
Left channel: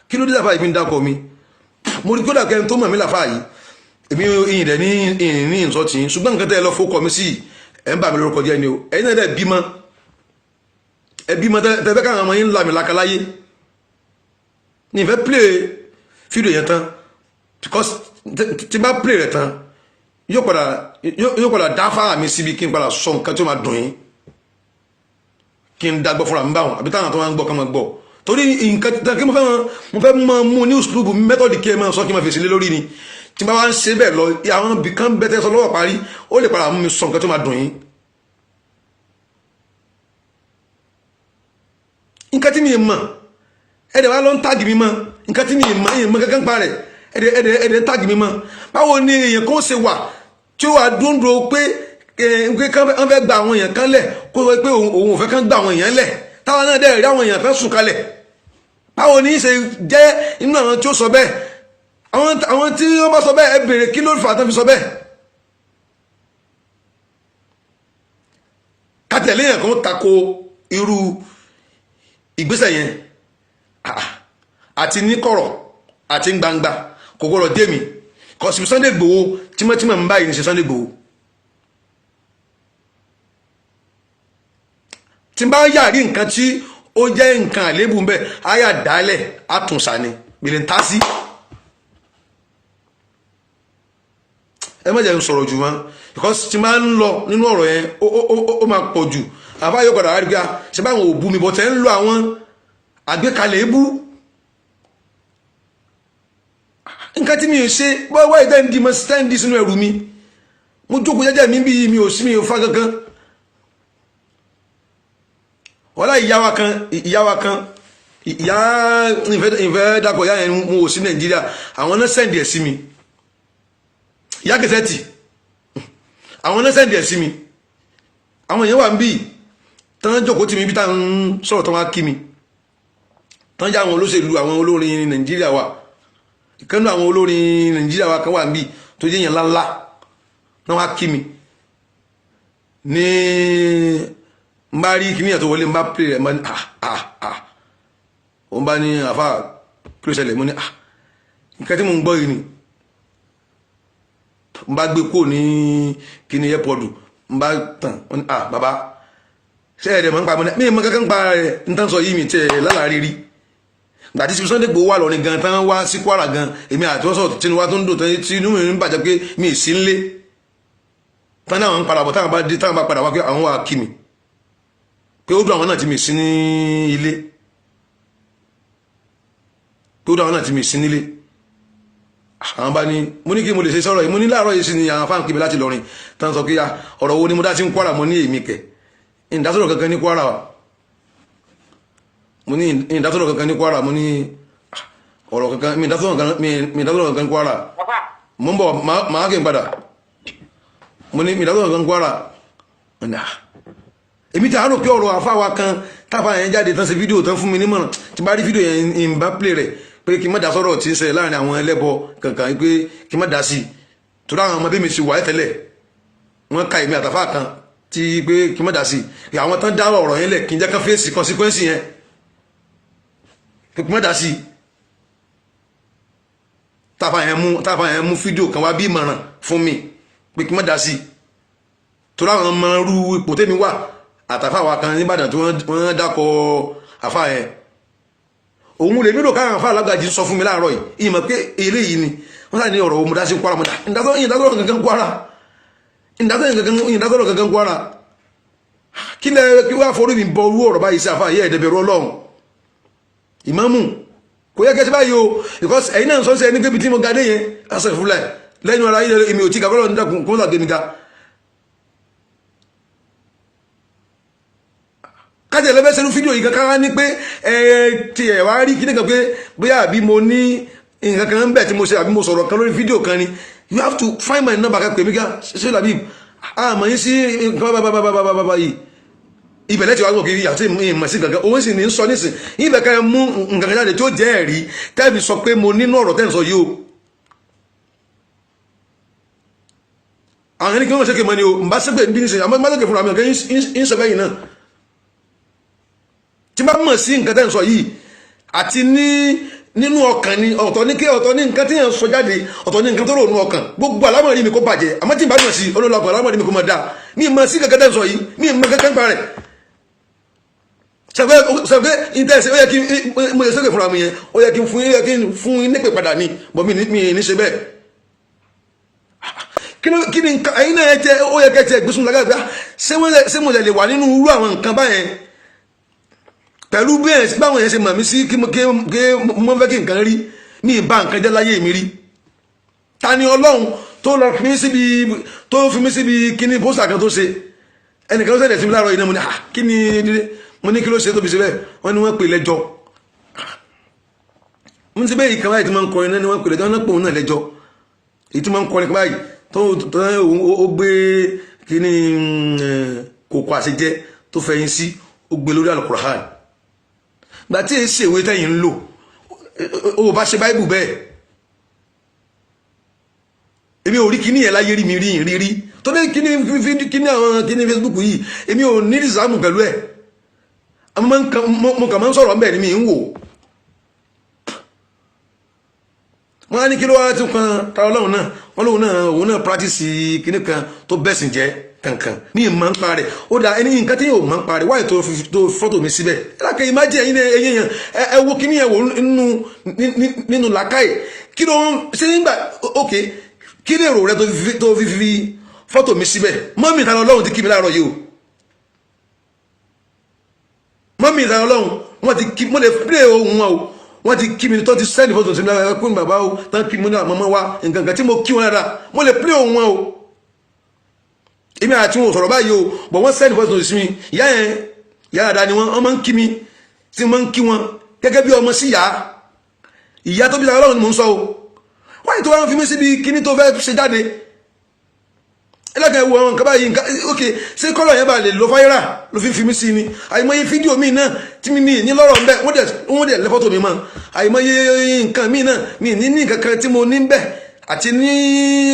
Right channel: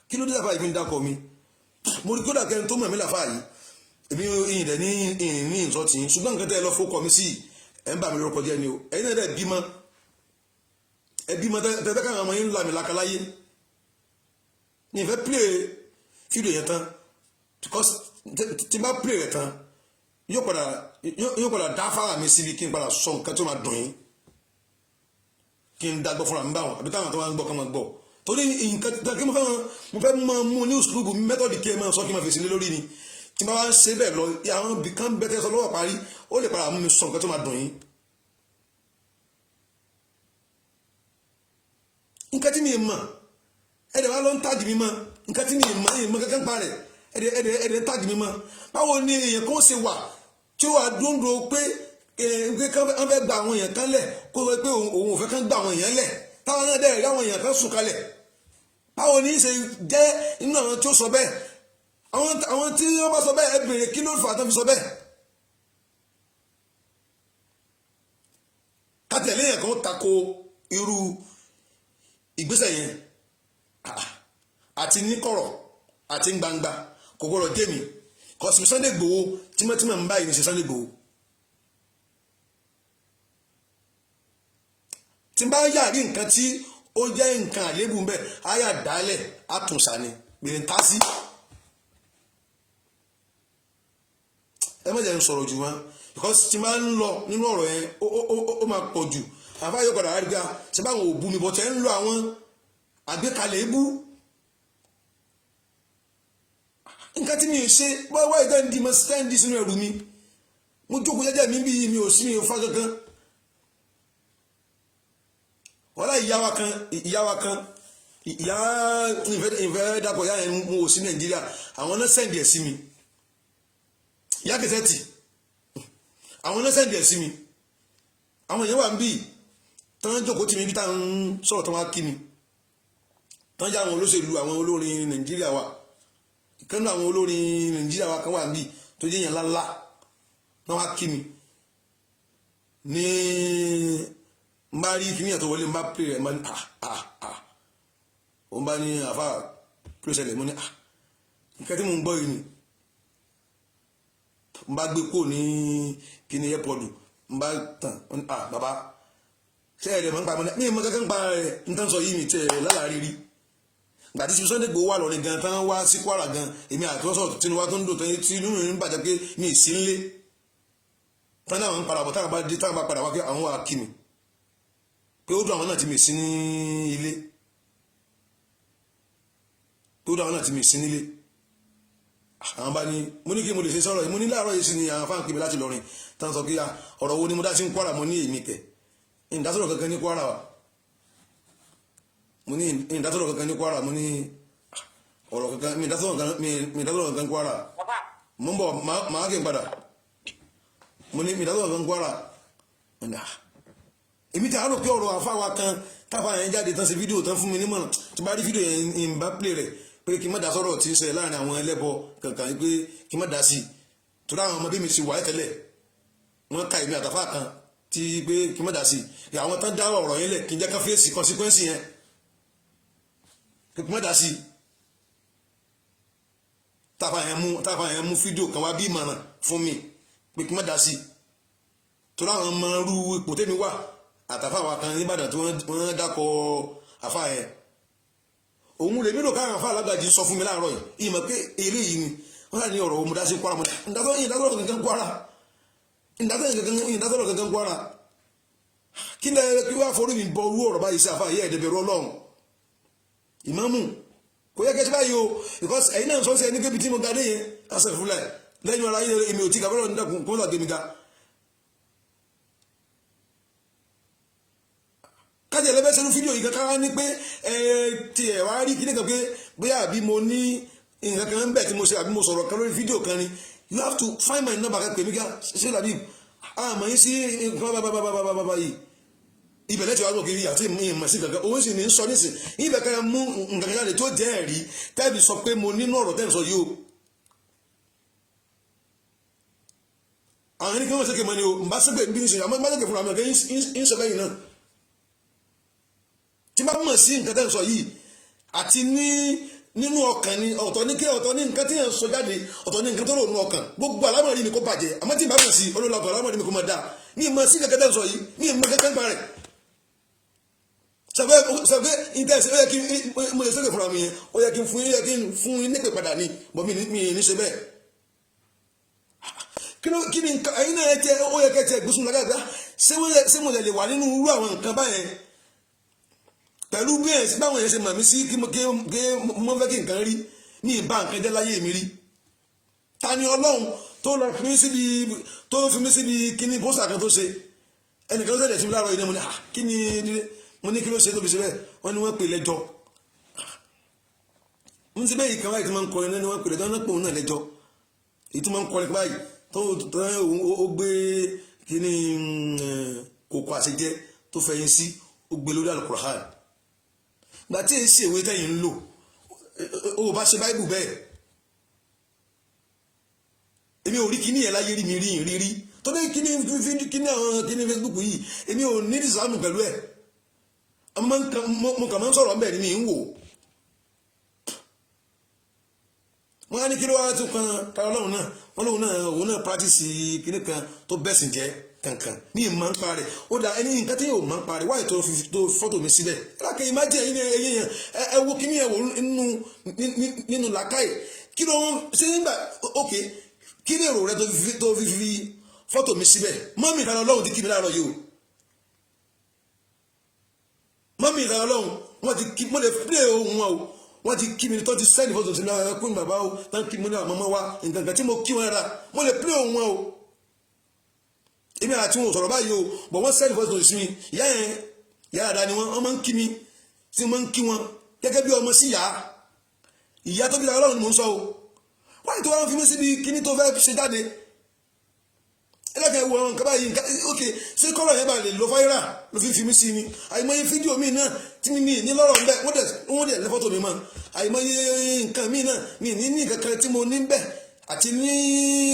kí ló dé láfáà yìí fi ń dákọ̀ mi mo rí kódà kẹrin tó mọ̀ mí láfáà yìí èmi ìyìn rẹ̀ ní ìsọtì ṣùgbọ́n nǹkan tẹ́ ẹ lọ fókọ̀ mi sí ẹ̀ ń bà mí lórúkọ jẹ́ ni o ẹ̀yin náà dẹ̀ bímọ ẹ bímọ tẹ́fẹ́ káwọn ọmọ yín ń la mi lákaláyé ní ìfẹ́ play fídíò yẹn tán because tí bá play rẹ̀ tán yóò padà dá fáà mi síbi kí n padà sọ nǹkan tí ó máa dùn yín kí n dágbọ́ fúnra mi báwọn àbí táwọn tó máa ń gbọ́ kán máa gbọ́ torí nǹkan kí mo fẹ́ máa mú ní uslubu mẹ́tọ̀dì kí ẹ máa sọ kí n máa fèsì lé lórí ni tí n bá wá ń ṣe bẹ́ẹ̀ lọ àwọn ibì kan bẹ́tẹ̀ sọ lọ́wọ́ parí ó lè padà mú mi sọ nǹkan tó máa dùn yín nǹkan tí mi mọ̀ ẹ̀dẹ̀ wá lọ ń tàgì mi mọ̀ nǹkan tí mi mọ̀ kankan pa rẹ̀ ẹ̀dẹ̀ ń tàgì mi mọ̀ báwo ni èèyàn kan ṣe wà tí ó wà dúndùn pé kán fẹ́ gba àwọn èèyàn kan lẹ̀ kó sọ pé òun ò fẹ́ kán gba àwọn èèyàn lẹ̀ táwọn náà dẹ̀ rí àwọn èèyàn kan sùn kalẹ̀ báwo ni ṣe jẹ́ inú àwọn tí ó sọ bẹ́ẹ̀ àwọn tí wọ́n bá sọ bẹ́ẹ̀ ẹ bèrè kí ló fà á tán fi sọ bẹ́ẹ̀ kátẹ̀lé yẹn kan tako irú ìgbésẹ̀ yẹn àti ní kọ̀rọ̀ àti gbangba kò gbọ́dọ̀ dé mi kò sí Sunday Igboho tímọ́tímọ́ ń báyìí ní ṣe Sunday Igboho tí n bá yàrí nǹkan tí ó jẹ́ nǹkan àlébù ń bẹ̀ àyà dálẹ̀ àtúnṣà ni gbèlè ń tá sí ẹ má jẹ́ ń sọ̀rọ̀ jù wọn because tí n bá ń lọ nínú ọ̀rọ̀ yẹn ó máa pọ̀ jù àbá yóò padà wá rí gbá ṣe báwọn òbú mi bọ̀ tẹ́ ń lo àwọn àgbékalẹ̀ ebú nǹkan tí mi ò ṣe wáyé tẹ́ǹdì mọ́ tẹ́ǹdì sínú ẹrù mi mo jókòó jẹ́jẹ́ mi bí mi ò sí mi ò fa kankan wọ́n láì ìyá wa kan ìyá ìfẹ́ dàpọ̀ ìyá yẹn mo ò sí Nàìjíríà àwọn náà sẹ́ǹdì ẹ̀ sí mi ìyá kẹsẹ́tì àwọn náà sẹ́ǹdì ẹ̀ sí mi àwọn èèyàn wà ń bí tán jókòó tì mí bí táwọn sọ̀rọ̀ tán wá kí mi tán já àwọn olóṣèlú àwọn olórin Nàìjíríà wa ìkànnì àwọn olórin Nàìjíríà wa kan wà ń bí tó jẹ́ yẹn ńláńlá náà wá kí mi ní n bá rí kìnìyàn tó wọlé n bá pè rẹ̀ n bá ní òun bá ní àfà kírésẹ̀lẹ̀ mo ní nǹkan tí mo ń gbọ́ yìí ni n bá gbé kó ní kíní airport n bá tàn bàbá ṣe ẹ̀rẹ̀ mọ́ ń pa mọ́ ní mọ́ kankan pa rẹ̀ n tán sọ yìí mi tẹ̀ lálàárí rí gbàtí tí Sunday Igboho wà lọ́rin gan tán wá sí Kwara gan èmi àti wọ́n sọ̀rọ̀ tí wọ́n tó ń dò tán tí inú mi ń bàjẹ́ pé mi ì sí nlé tán náà ń padà bọ̀ táwọn bá dé táwọn bá padà wá pé àwọn wà kí mi pé ó dùn àwọn náà tí mi sí ní ilé pé ó dùn àwọn náà tí mi sí nílé àwọn bá ní mo ní kí mo lè ṣe sọ̀rọ̀ yìí mo ní láàárọ̀ yìí sí ni àwọn fáwọn kébé láti lọrin tán sọ pé ọ̀rọ̀ wo ni mo dá sí Kwara mo ní èmi kẹ̀ ìdásọ̀rọ̀ kankan ní Kwara mo ní ìdásọ̀rọ̀ kankan ní Kwara mo ní ọ̀rọ̀ kankan mi ìdásọ̀rọ̀ kankan ní Kwara mo ń bọ̀ máa kí n padà mo ní ìdásọ̀rọ̀ kankan ní Kwara èmi tí a rò pé ọ̀rọ̀ àfáwa kan táfà yẹn jáde tán ṣe fídíò tán fún mi nímọ̀ràn tí bá rí fídíò yẹn ń bá play rẹ̀ pé kí n má dá sọ́rọ̀ tí ń ṣẹlẹ̀ láàrin àwọn ẹlẹ́bọ kankan pé kí n má dá sí i torí àwọn ọmọdé mi ṣe wà tẹ́lẹ̀ wọ́n ka èmi àtàfà kan tí pé kí n má dá sí i àwọn tán dá ọ̀rọ̀ yẹn lẹ̀ kí n jẹ́ ká fèsì consequence yẹn kí n má dá sí i táfà yẹn mú fídíò kan wá bí ìmọ̀ràn fún mi pé kí n má dá sí i torí àwọn ọmọ irú ipò tèmi wà àtàfà wa kan níbàdàn tí wọ́n dákọ̀ àfà yẹn òun lè nílò káwọn àfà alágbàjì sọ fún mi láàárọ̀ yìí ìmọ̀ pé eléyìí ni wọ́n sáà ní ọ̀rọ̀ òmùdá sí Kwara mọ́dá ìdásọ́rọ̀ kankan Kwara ìdásọ́rọ̀ kankan Kwara kí lẹ kí wá forí mi bọ orú ọ̀rọ̀ báyìí sí àfà yẹ ẹ̀dẹ̀bẹ̀rù Ọlọ́run ìmámù kò yẹ kẹsí báyìí o because ẹ̀yin náà sọ sí ẹni pé tí mo ga dé yẹn lásán ìfúnlẹ̀ lẹ́yìn ara yìí èmi ò tí kàbọ́lọ̀ nídàkùn kó làgbé mi ga kájẹ̀ lẹ́bẹ̀ sẹ́nu fídíò yìí kankan ní pé ti ẹ̀ wá rí kíní kan pé bóyá àbí mo ní nǹkan kan ń bẹ̀ tí mo ṣe àbí mo sọ̀rọ̀ kan lórí fídíò kan ni you have to find my number ká pè mí ká ṣe làbí àmọ́ yín sí nǹkan bábábábábá yìí ibẹ̀lẹ̀ tí wàá gbọ́ kiri àti ìmọ̀ sí gangan òun sì ní sọ nísìn ibẹ̀ ká mú nǹkan kan jáde tí ó jẹ́ ẹ̀rí tẹ́ẹ̀bì sọ pé mo nínú ọ̀rọ̀ tẹ́ẹ̀ sọ yìí o àwọn ẹni kí wọ́n ṣe kéèmọ́ ni o mbà sẹ́gbẹ̀ bí ní sẹ́yìn àmọ́ má lókè fúnra mi ọ̀gá ń sọ bẹ́yìn náà tí bá mọ̀ sí nǹkan tẹ́ẹ̀ sọ yìí àti nínú ọkàn ni ọ̀tọ̀ ní nǹkan tí yẹn sọ jáde ọ̀tọ̀ ní nǹkan tó rò nínú ọkàn gbogbo alámọ̀rí mi kó bàjẹ́ àmọ́ tí n bá mọ̀ sí olólùkọ́ alámọ̀rí mi kó mọ̀ dáa mi mọ̀ sí nǹkan tẹ́ẹ̀ sọ yìí mi mọ̀ kankan pa rẹ̀ sẹ́fẹ́ ìtẹ́sẹ̀ ó yẹ kí mo yẹ sẹ́kẹ̀ fúnra mi yẹn ó yẹ kí n fún yín nípè padà ní bọ́ mi ní ṣe bẹ́ẹ̀ kí ni nǹkan ẹ̀yin náà jẹ́ ó yẹ kẹ́ tiẹ̀ gbésùn lágbàgbà ṣé mo lè wà nínú irú àwọn nǹkan báyẹn pẹ̀lú bẹ́ẹ̀ báwọn yẹn ṣe mọ̀ mí sí kí mo fẹ́ kí nǹkan rí mi ì bá nǹkan jẹ́ láyé mi rí ta ni Ọlọ́run tó lọ fi mí síbi kíní pósítà kan tó ṣe ẹnìkan ló ṣẹlẹ̀ sí mi láàárọ̀ yìí náà mo ní kí ni mo ní kí ló ṣe tó fi ṣe bẹ́ẹ̀ wọ́n ní wọ́n pè lẹ́jọ́ mo ti bẹ́ẹ̀ ìkàwé tí wọ́n ń kọrin náà ni wọ́n pè lẹ́jọ́ wọ́n náà pè òun náà lẹ́jọ́ èyí tí wọ́n ń kọrin báyìí tó ó gbé kíní kòkó àṣejẹ tó fẹ̀yìn sí ó gbé lórí Al-Qur'an gbà tí èsì ìwé tẹ́yìn ń lò ó bá ṣe báìbù bẹ́ẹ̀ èmi ò rí kíní yẹn láyé rí mi rí tó dé kíní àwọn kíní Facebook yìí èmi ò ní ìsàmù pẹ̀lú ẹ̀ mo kàn máa ń sọ̀rọ̀ ńbẹ̀ ni mi ń wò wọ́n á ní kí ló wá tún kan ta Ọlọ́run náà wọ́n lóun náà òun náà practice kíní kan tó bẹ́sìn jẹ́ kankan ní ìmọ̀ ń pa rẹ̀ ó dá ẹni nǹkan tí yóò mọ̀ ń pa rẹ̀ wáyé tó fọ́tò mi síbẹ̀ lákè ìmájì ẹ̀yin èèyàn ẹ wo kíní yẹn wò nínú làákàyè kí ló ń ṣe nígbà ok kí ni èrò rẹ tó fi fọ́tò mi síbẹ̀ mọ́mì ìtàn Ọlọ́run ti kí mi láàárọ̀ yìí o mọ́mì ìtàn Ọlọ́run wọ́n ti kí mo lè play ohun wọn o wọ́n ti kí mi tó ti sẹ́ni fọ́tò sí mi lára pé bàbá o tán kí mi ní àmọ́mọ́ wa nǹkan kan tí mo kí wọn rárá mo lè play ohun wọn o èmi àti wọn ò sọ̀rọ̀ báyìí o bọ̀ wọ́n sẹ́ni fọ́tò sí mi ìyá yẹn ìyá àdá ni wọ́n máa ń kí mi tí wọ́n ń kí wọn gẹ́gẹ́ bí ọmọ sí ìyá tó bí sára Ọlọ́run ni mò ń sọ o wáyé tó wá ń fi mí síbi kíní tó fẹ́ ṣe jáde ẹlẹ́kẹ̀ẹ́ wo àwọn nǹkan báyìí nǹkan ok ṣé kọ́lọ̀ yẹn bá lè lo fáyírà ló fi mí sí ni àìmọye fídíò míì náà tí mi ní lọ́rọ̀ ń bẹ́ wọ́n dẹ̀ lẹ́ fọ́tò mi mọ́ àìmọye nǹkan míì náà mi ní nǹkan kan tí mo ní bẹ́ẹ̀ àti ní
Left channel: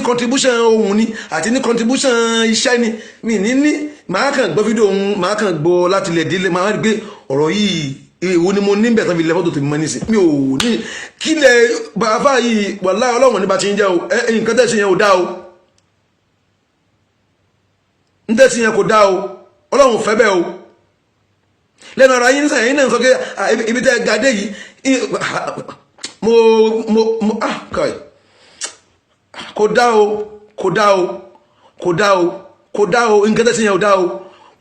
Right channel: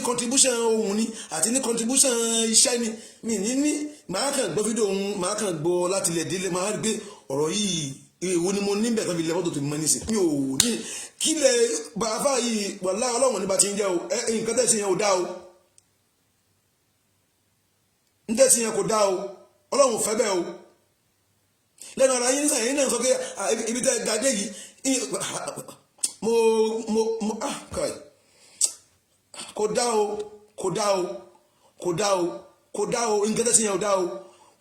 contribution ohun ni àti ní contribution iṣẹ́ ni mi ní màá kàn gbọ́ fídíò ohun màá kàn gbọ́ láti lẹ̀ délé màá rí pé ọ̀rọ̀ yìí èwo ni mo ní bẹ́ẹ̀ tán fi lẹ́ fọ́tò tèmi mọ́ nísìn mi ò ní kílẹ̀ bàbá yìí wàláhì Ọlọ́run ní bá ti ń jẹ́ o nǹkan tẹ̀sí yẹn ò dá o ntẹ́sí yẹn kò dá o Ọlọ́run fẹ́ bẹ́ẹ̀ o lẹ́nu ara yín sẹ́yìn náà sọ pé ibi tẹ́ gàdé yìí kò dá o nǹkan tẹ́sí yẹn ò dá o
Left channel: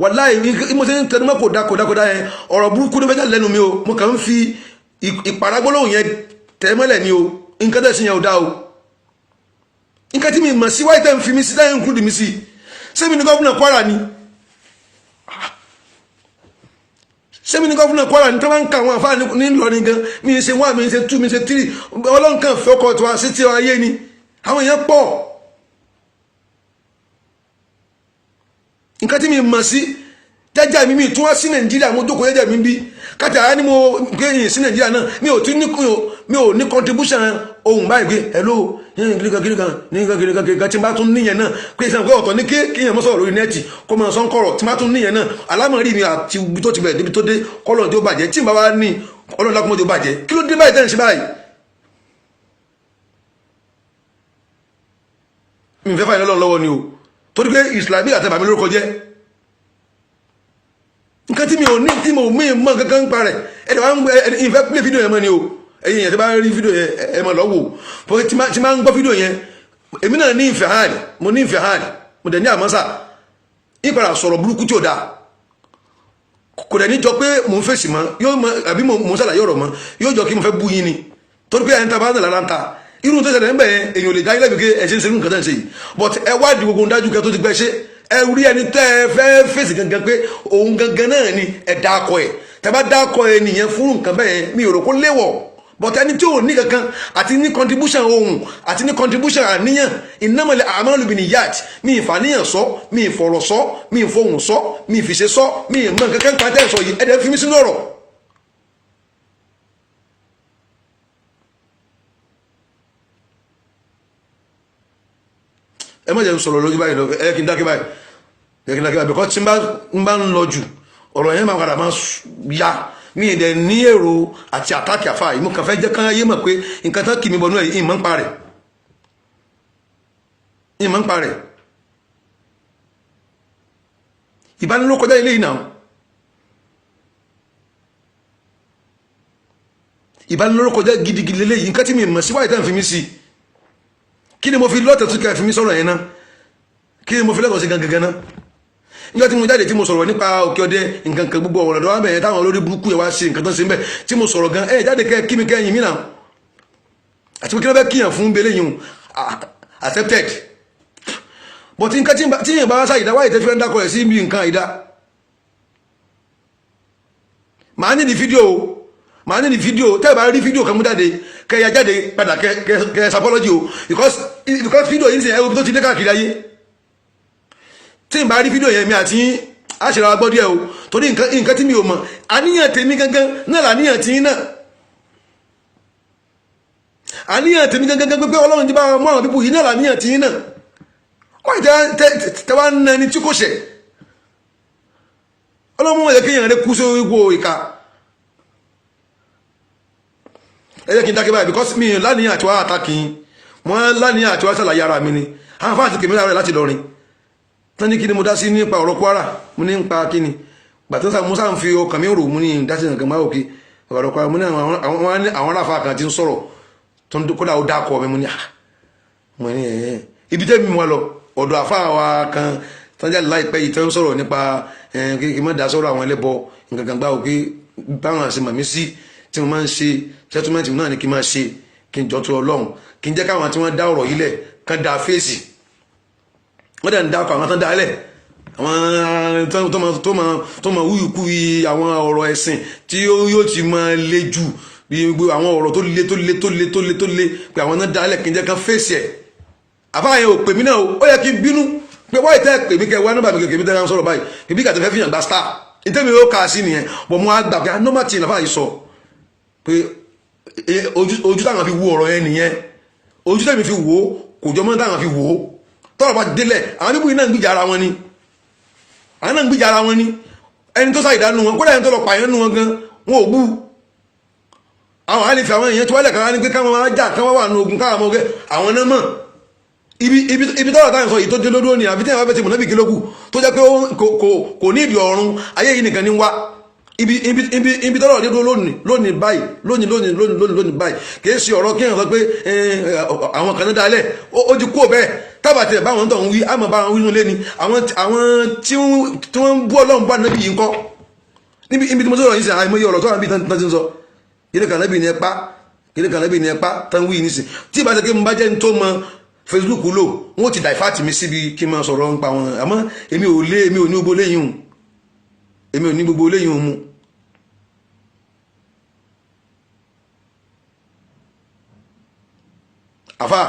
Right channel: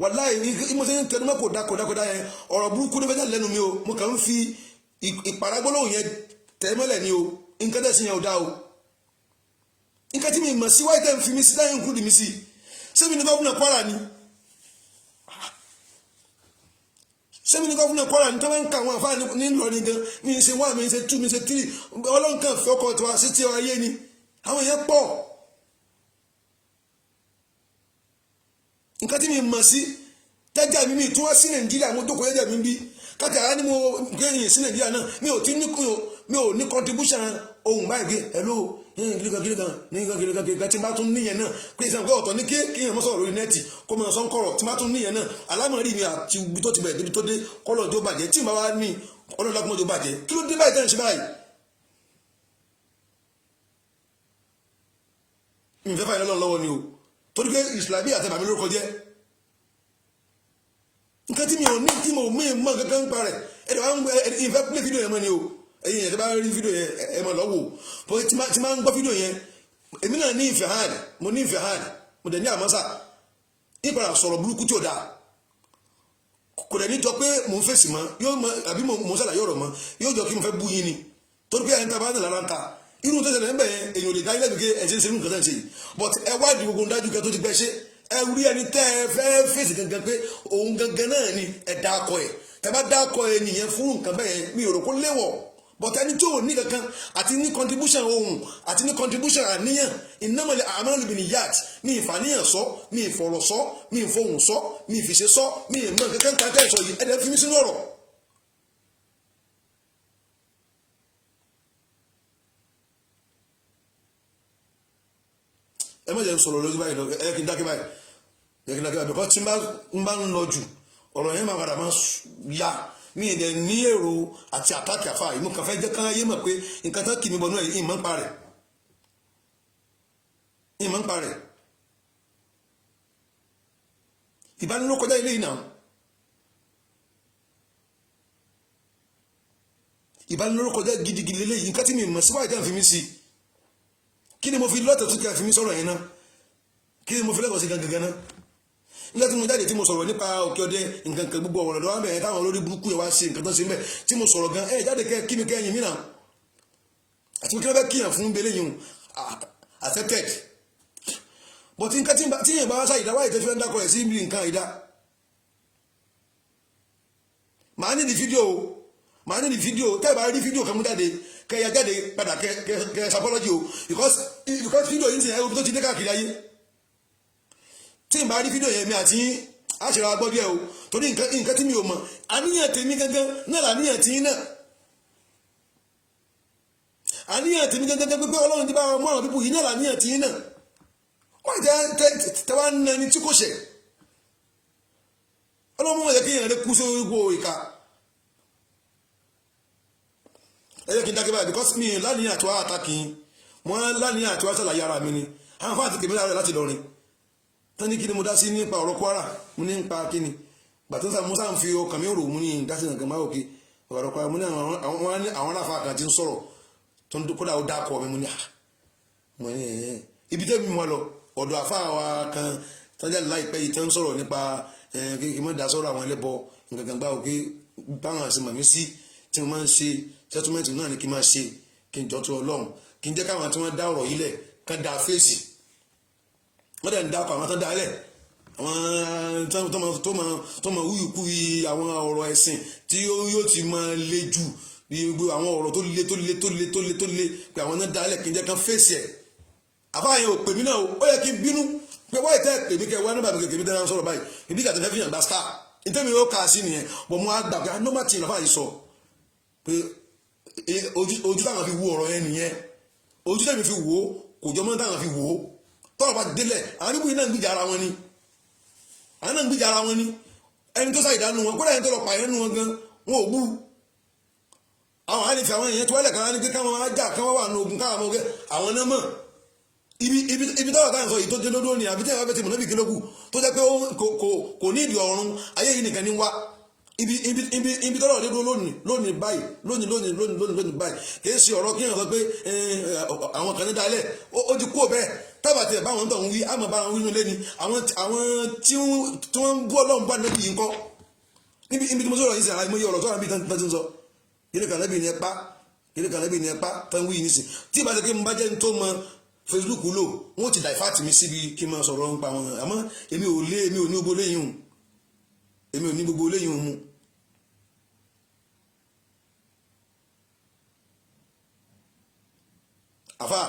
wàláhì mo ti ń tẹnumọ́ kò dá yẹn ọ̀rọ̀ burúkú ló fẹ́ jáde lẹ́nu mi o mo kàn ń fi ìpàrágbólóhùn yẹn tẹ́ mọ́lẹ̀ ni o nǹkan tẹ́sí yẹn ò dá o nǹkan tí mi mọ̀ sí wáyé tẹ́ ń fi mi sí láyé ń kúrò mi sí sẹ́mi ní gọ́fúnà Kwara ni sẹ́mi ní gọ́fúnà Kwara ni tó bá ń ka àwọn àfáà ní Ìlọrin gan mi ṣe 1 mi ṣe 2 mi ṣe 3 Ọlọ́run kan fẹ́ ọkọ̀ tó wá sí tí ayé ni àwọn èèyàn pọ̀ nǹkan tí mi mọ̀ sí jẹ́jẹ́ mi tún wá sí Nàìjíríà mo jókòó jẹ́jẹ́ mi bí kájà á ní mo gbé sí Nàìjíríà náà mi ò ní contribution ohun báyìí pé hello kìnìkan tí n bá tún níyẹn náà pé ìsàn pé ọ̀tọ̀ ní kéèyàn mọ́sọ̀rọ̀ lórí nẹ́ẹ̀tì kó máa sọ́n kọ̀rọ̀ tí n bá tún níyẹn náà alámọ̀rí mi àti ibi tó ti bẹ̀rẹ̀ débi tó dé kọ́lọ̀ tí ó bàjẹ́ tí n bá wá ní ọlọ́run lákùnmọ́ tí ó bàjẹ́ kí ló dé báyìí tẹ́ ń ṣe báyìí. mi fẹ́ fàyẹ̀ lọ́wọ́ lọ́wọ́ ni o torí pé ìsìlámì àtẹ̀bà mi lórúkọ jẹ́ nǹkan tí mi ò ní tí mo mọ̀ kankan ń parẹ̀ ẹ̀dẹ̀ wá ń gbé ìfẹ́ play fídíò yẹn mọ́ ni o ẹ̀yin yẹn tí bá rí fídíò yẹn ẹ máa lọ wò fún tí máa ń gbọ́ fídíò yẹn èmi náà ní ìfẹ́ hàn mo ní ìfẹ́ hàn mo dẹ̀ ní àmọ́sà ìpadà sọ̀rọ̀ burúkú tí ò dáa kò dẹ̀ ní jọ pé mò ń fèsì mọ́ yóò mọ àbí mò ń ṣàlàyé ọ̀rọ̀ mọ́ yóò jọ kí mo fẹ́ bú yín ni torí pé ẹni tá a bá ń lára ń ta irú tó ṣẹlẹ̀ ń bẹ̀ yẹn èèyàn ò lè dá ilé ìgbé ẹ̀ṣẹ̀ ń ṣe irú nǹkan tẹ̀ ń ṣe yìí but ẹ wádìí gbogbo dájú kẹ tó ti gbẹ ṣe ẹ rí ẹni tẹ́ ẹ fẹ́ fèsì gangan pé òun gangan náà ni ẹ dákọ ẹ tẹ́ bá dákọ ẹ nìyẹn fún nǹkan bẹ́ẹ̀ mi ò rò kó léwọ̀ but ẹni tí ò ní kankan àti ní contribution ohun àti ní contribution àníyàn ìnámọ̀lẹ̀ àmọ́lù bìnnìyàt mi ìfàníyàn sọ mi ìfọ̀rọ̀ sọ mi ìfohùn sọ mi ìfìṣe sọ mi ìmọ̀ kankan pàtẹ́ sọ yìí ẹ̀dẹ̀ fi mí sínú ọ̀rọ̀. ẹ má jẹ́ ń sọ̀rọ̀ lójú báyìí lọ ẹ kí n dákẹ́ báyìí bẹ́ẹ̀ tí n bá ń lọ jù ọ̀rọ̀ yẹn máa padà máa ya mi ì dẹ̀ ní èrò àti àtàkì àfa yìí mo kàn fẹ́ jẹ́ kán yé mọ̀ pé nǹkan tán kì mí bọ̀nú ẹ̀ ìmọ̀ ń parẹ̀ ìbánilókọjá ilé ìnáwó ìbánilókọjá gidigidi lélẹ́yìí nǹkan tí mi mọ̀ síwáyé tán fi mí sí kí ni mo fi lọ́tẹ̀ tó kẹ́ fi mí sọ̀rọ̀ yẹn náà kí ni mo fi lọ́tọ̀ sí gangan náà nígbà tí mo jáde tí mo sọ̀rọ̀ nípa òkè ọdẹ nǹkan kan gbogbo ọ̀rọ̀ lọ́wọ́ bẹ̀yẹn táwọn olórí burúkú yẹn wá sí nǹkan tó ń ṣe ń bẹ̀ tí mo sọ̀rọ̀ gan jáde kẹ́ kí mi kẹ́ yìn mí náà àti pé kí ló fẹ́ kíyàn fún bẹ́lẹ̀ yìí accepted but nǹkan tí yẹn bá wá sáyìí dáwọ́ ìtẹ́fẹ́ ń dákọ̀ ẹ̀ sí ibi nǹkan àìdá màá ní ní fídíò tẹ́ ẹ bá rí fídíò kan mú jáde kẹ́ ya jáde padà kẹ́ sapọ́lọ́jì o because fídíò yìí ń sìn ẹ́ omi tó ti dé káàkiri ayé tí n bá rí fídíò yẹn mi àti àṣírí wa gbọ́ díẹ̀ o torí nǹkan tí mi ò mọ̀ àníyàn tèmi gangan náà làníyàn tí náà àníyàn tèmi gangan pé ọlọ́run ti bá mọ́ àwọn pípò yìí náà làníyàn tí náà wọ́n tẹ́ wá ń nẹni tí kò ṣẹ̀ ọlọ́run wọ́n yẹ kéèyàn rẹ kú sí ipò ìka ẹ jẹ́ kí n dákẹ́ báyìí because mi láníyàn àti wá àtàkì wọ́n láníyàn àti wá sàlàyé ara mi ni àwọn fáàtì kèmí láti lọrin tán ní kí ni mo dá sí nípa ọ̀rọ̀ Kwara mo ní nípa kí ni gbàtọ́ sá mo sáà ń fi ọkàn mi rò mo ní dásí nǹkan máa òkè ọ̀rọ̀ Kwara mo ní àwọn aráfa kan ti ń sọ̀rọ̀ tó ń kódà ó dákọ̀ mi mo ní mo ní ibi tẹ́mi mo lọ ọ̀dọ̀ àfa wa kan tán jáde láìpẹ́ yìí tán ń sọ̀rọ̀ nípa kí n má dá sọ̀rọ̀ àwọn ẹlẹ́bọ nǹkan kan gbá òkè báwọn àṣẹ màmí sí tí mo máa ń ṣe settlement náà ni kí n máa ṣe kí n jọ tó Ọlọ́run kí n jẹ́ káwọn tí wọ́n dá ọ̀rọ̀ yìí lẹ̀ kán dá fèsì wọ́n dẹ̀ ń dákọ̀ àwọn tán dálẹ̀ àwọn tó máa wúyùkú àwọn ọ̀rọ̀ ẹ̀sìn tí yóò ti máa le jù bí àwọn ọ̀rọ̀ tó le pé àwọn náà dálẹ̀ kí n jẹ́ kán fèsì ẹ̀ àfáàyàn ò pè mí náà ó yẹ kí n bínú pé wọ́n ìtẹ́ pè mí kẹ́ wá nọ́mbà mi kẹ́ mi tẹ́lẹ̀ sọ̀rọ̀ báyìí kí bí kàtẹ́ fẹ́ fìyàn gba star ìtẹ́mi ó kà á sí nìyẹn bọ̀ mo á gbà pé anọ́mà tí ìlàfà yìí sọ pé ojú táwọn fi wo ọ̀rọ̀ yẹn nìyẹn ojú tẹ́mi fi wò ó kò jọ mọ́ táwọn fi wò ó tọ́rọ̀ bá délẹ̀ àwọn níbo iná ń gbìjà ara wọn ni àwọn náà ń gbìjà ara wọn ni ẹni tó sáà ìdánù wọn kódà ẹni tó lọ pààyàn nù wọn gan wọn ò bú àwọn àlefi àwọn èèyàn tí wọ́n lẹ̀ káwọn ní pé káwọn máa jà káwọn wà nù ogun káwọn mọ̀ gẹ́ àwọn náà mọ̀ ibi tọ́rọ̀ táwọn sọ yìí tó dé lódó ni àbí tí wọ́n bá fẹ́ ti mọ̀ nábì kílógù tó jẹ́ pé kò ní ìdí ọ̀run ayé yìí nìkan ní wá ibi tọ́rọ̀ dé lónìí báyìí báyìí kìí ṣe ọ̀rọ̀ kí èèyàn sọ pé àwọn kan náà dálẹ̀ ó ti kú bẹ́ẹ̀ tábàtì ẹ̀ báwọn tó ń wí àmọ́ báwọn wí nílé ni àwọn tí wọ́n ń bú ọlọ́run bá nábì yìí ń kọ́ níbi tí mo sọ̀rọ̀ yìí sí àìmọye ọ̀rọ̀ tó wà níbi tán ti ń sọ kìlẹ̀ kan nábì ní ẹ̀pá tán wí nísìn tí ìbá ṣe kí mo bá jẹ́ ní tó mọ Facebook lò wọ́n ti dàìfàtì mi síbi kí n máa sọ̀rọ̀ nípa wọn àmọ́ èmi ò ní gbogbo léyìn mu àfà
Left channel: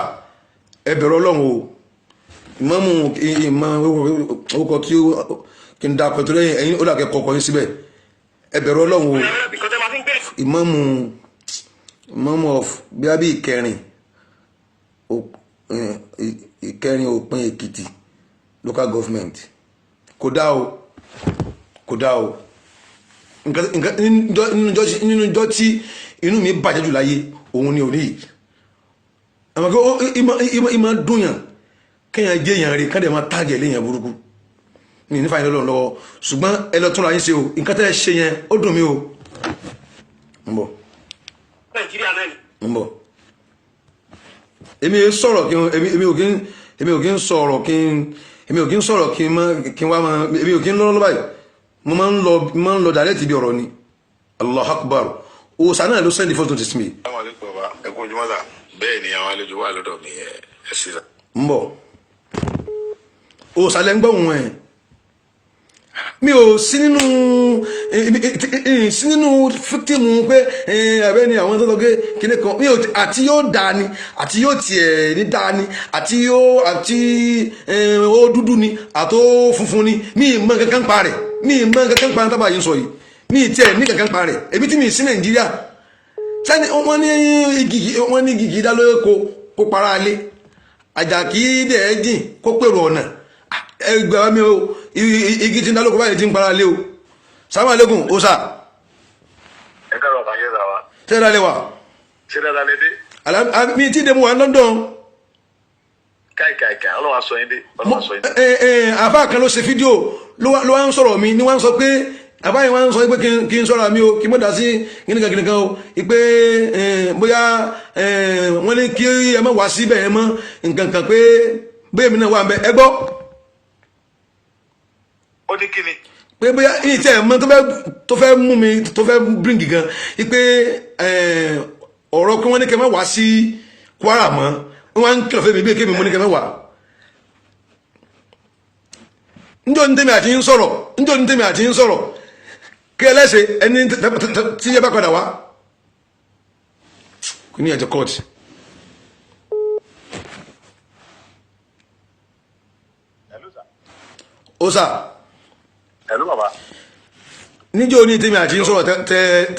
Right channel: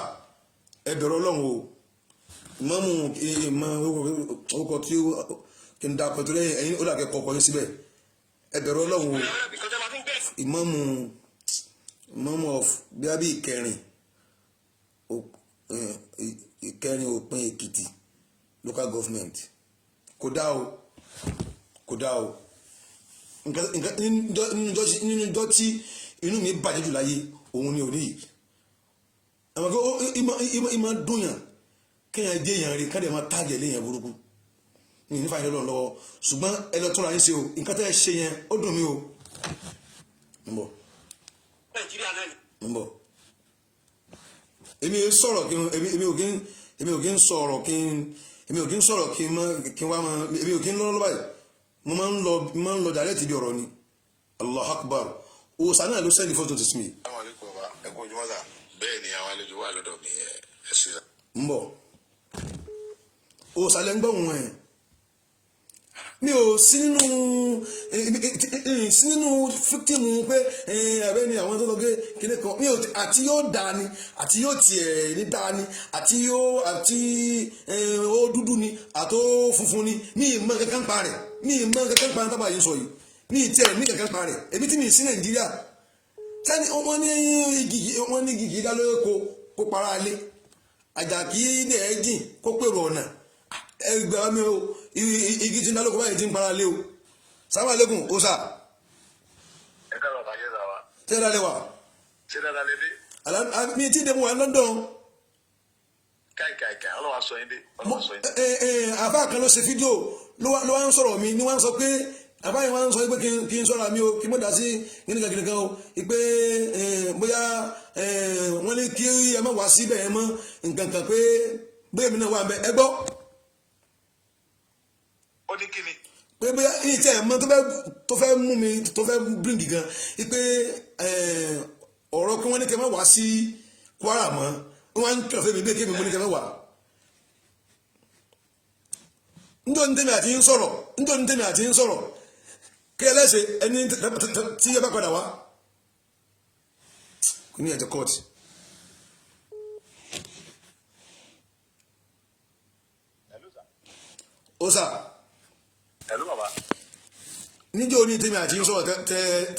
ẹ bẹ̀rù Ọlọ́run o ìmọ̀mù ìmọ̀ orúkọ tí kí n dá pẹ̀tù lẹ́yìn ẹ̀yin ó dàkẹ́ kọ̀ọ̀kan yín síbẹ̀ ẹ bẹ̀rù Ọlọ́run o ìmáàmù of bí ìkẹrin òpin Èkìtì local government kò dá o nínú ìjọ tí inú mi bàjẹ́ jù láyé òun ni òní yìí àmọ́ kí ìmọ̀ dùnyàn kéèyàn jẹ́ èèyàn rí kádẹ̀ máa tàgẹ̀ léèyàn burúkú ní nífà yín lọ́wọ́ ṣùgbọ́n ẹ lọ tún ra yín ṣe o nǹkan tẹ́ ẹ ṣe yẹn ó dùn mí o ń bọ̀ èmi ò kí ń sọ̀rọ̀ kí n wá máa èmi ò kí ń lọ́rọ́ báyìí mo máa ń lọ direct bí ọ̀rọ̀ ni Allah akbar òòsàn náà ló sẹ́ndì fọ́tò ti sinmi. ẹkún ojúmọ́ sà bẹ́ẹ̀ ni àwọn àlejò wà lọ́dọ̀ mi ẹ sí la. ń bọ̀ òòsàn lẹ́ ń gbọ́ wọn ẹ̀ mi ò sí nínú fíktìmù pé ẹ̀bẹ́ ni àwọn tó tọ́gé kíní kan mi ò àti yóò dáa ni àti yóò tiẹ̀ ní dáa ni àti ó dúdú ni àti ó funfun ni mi ì mọ kankan pa rẹ̀ mi ì mọ kankan pa tábà yìí sọ yìí mi ì tiẹ̀ ní kankan pa rẹ̀ ebi tí mi sí Nàìjíríà sani wọ́n ní igi dá lóye kó para lé àjàkí dẹ̀ jìn kó pèrò ọ̀nà ẹgbẹ́ mi o igi tí ń dálókò báyìí tí ń para lé o salamu alaikum o sa. ẹ káàárọ̀ bàjẹ́ sà wa. ṣé dáa lè wà. ṣé dáadáa lè dé. mi ti dé mu wà London. káìkàìkà ọlọ́wà sọ yín dé. àfa kan ló ṣe fídíò ló wá ń sọ̀rọ̀ mi ni wá ń sọ pé àfa yẹn wá ń sọ pé kí n sọ̀rọ̀ mi o kí n mọ̀ dá sí gíníkan o pé bóyá wọ́n ní kí ẹ má wá síbẹ̀ yẹn mọ́ nǹkan kan pé bóyá mi náà wà ń bẹ ẹ gbọ́. ó ní kíni. pé bóyá yìí tí ẹ mọ tó fẹ́ mú mi tó fẹ́ bring gan pé ọ̀rọ̀ pé wọ́n ní kẹ́ má wá sí Kwara mọ́ wọ́n á ń kìlọ̀ fún mi bí kémi mo ní kẹ́ má wá. njọ́ ní tèmi àti ń sọ̀rọ̀ kí ẹlẹ́sẹ̀ ẹni tí yẹ bá padà wá kò ní ẹ̀jẹ̀ kọ́ọ̀tì. ó sà. Hello bàbá. níjọ́ ní tèmi àti ń sọ̀rọ̀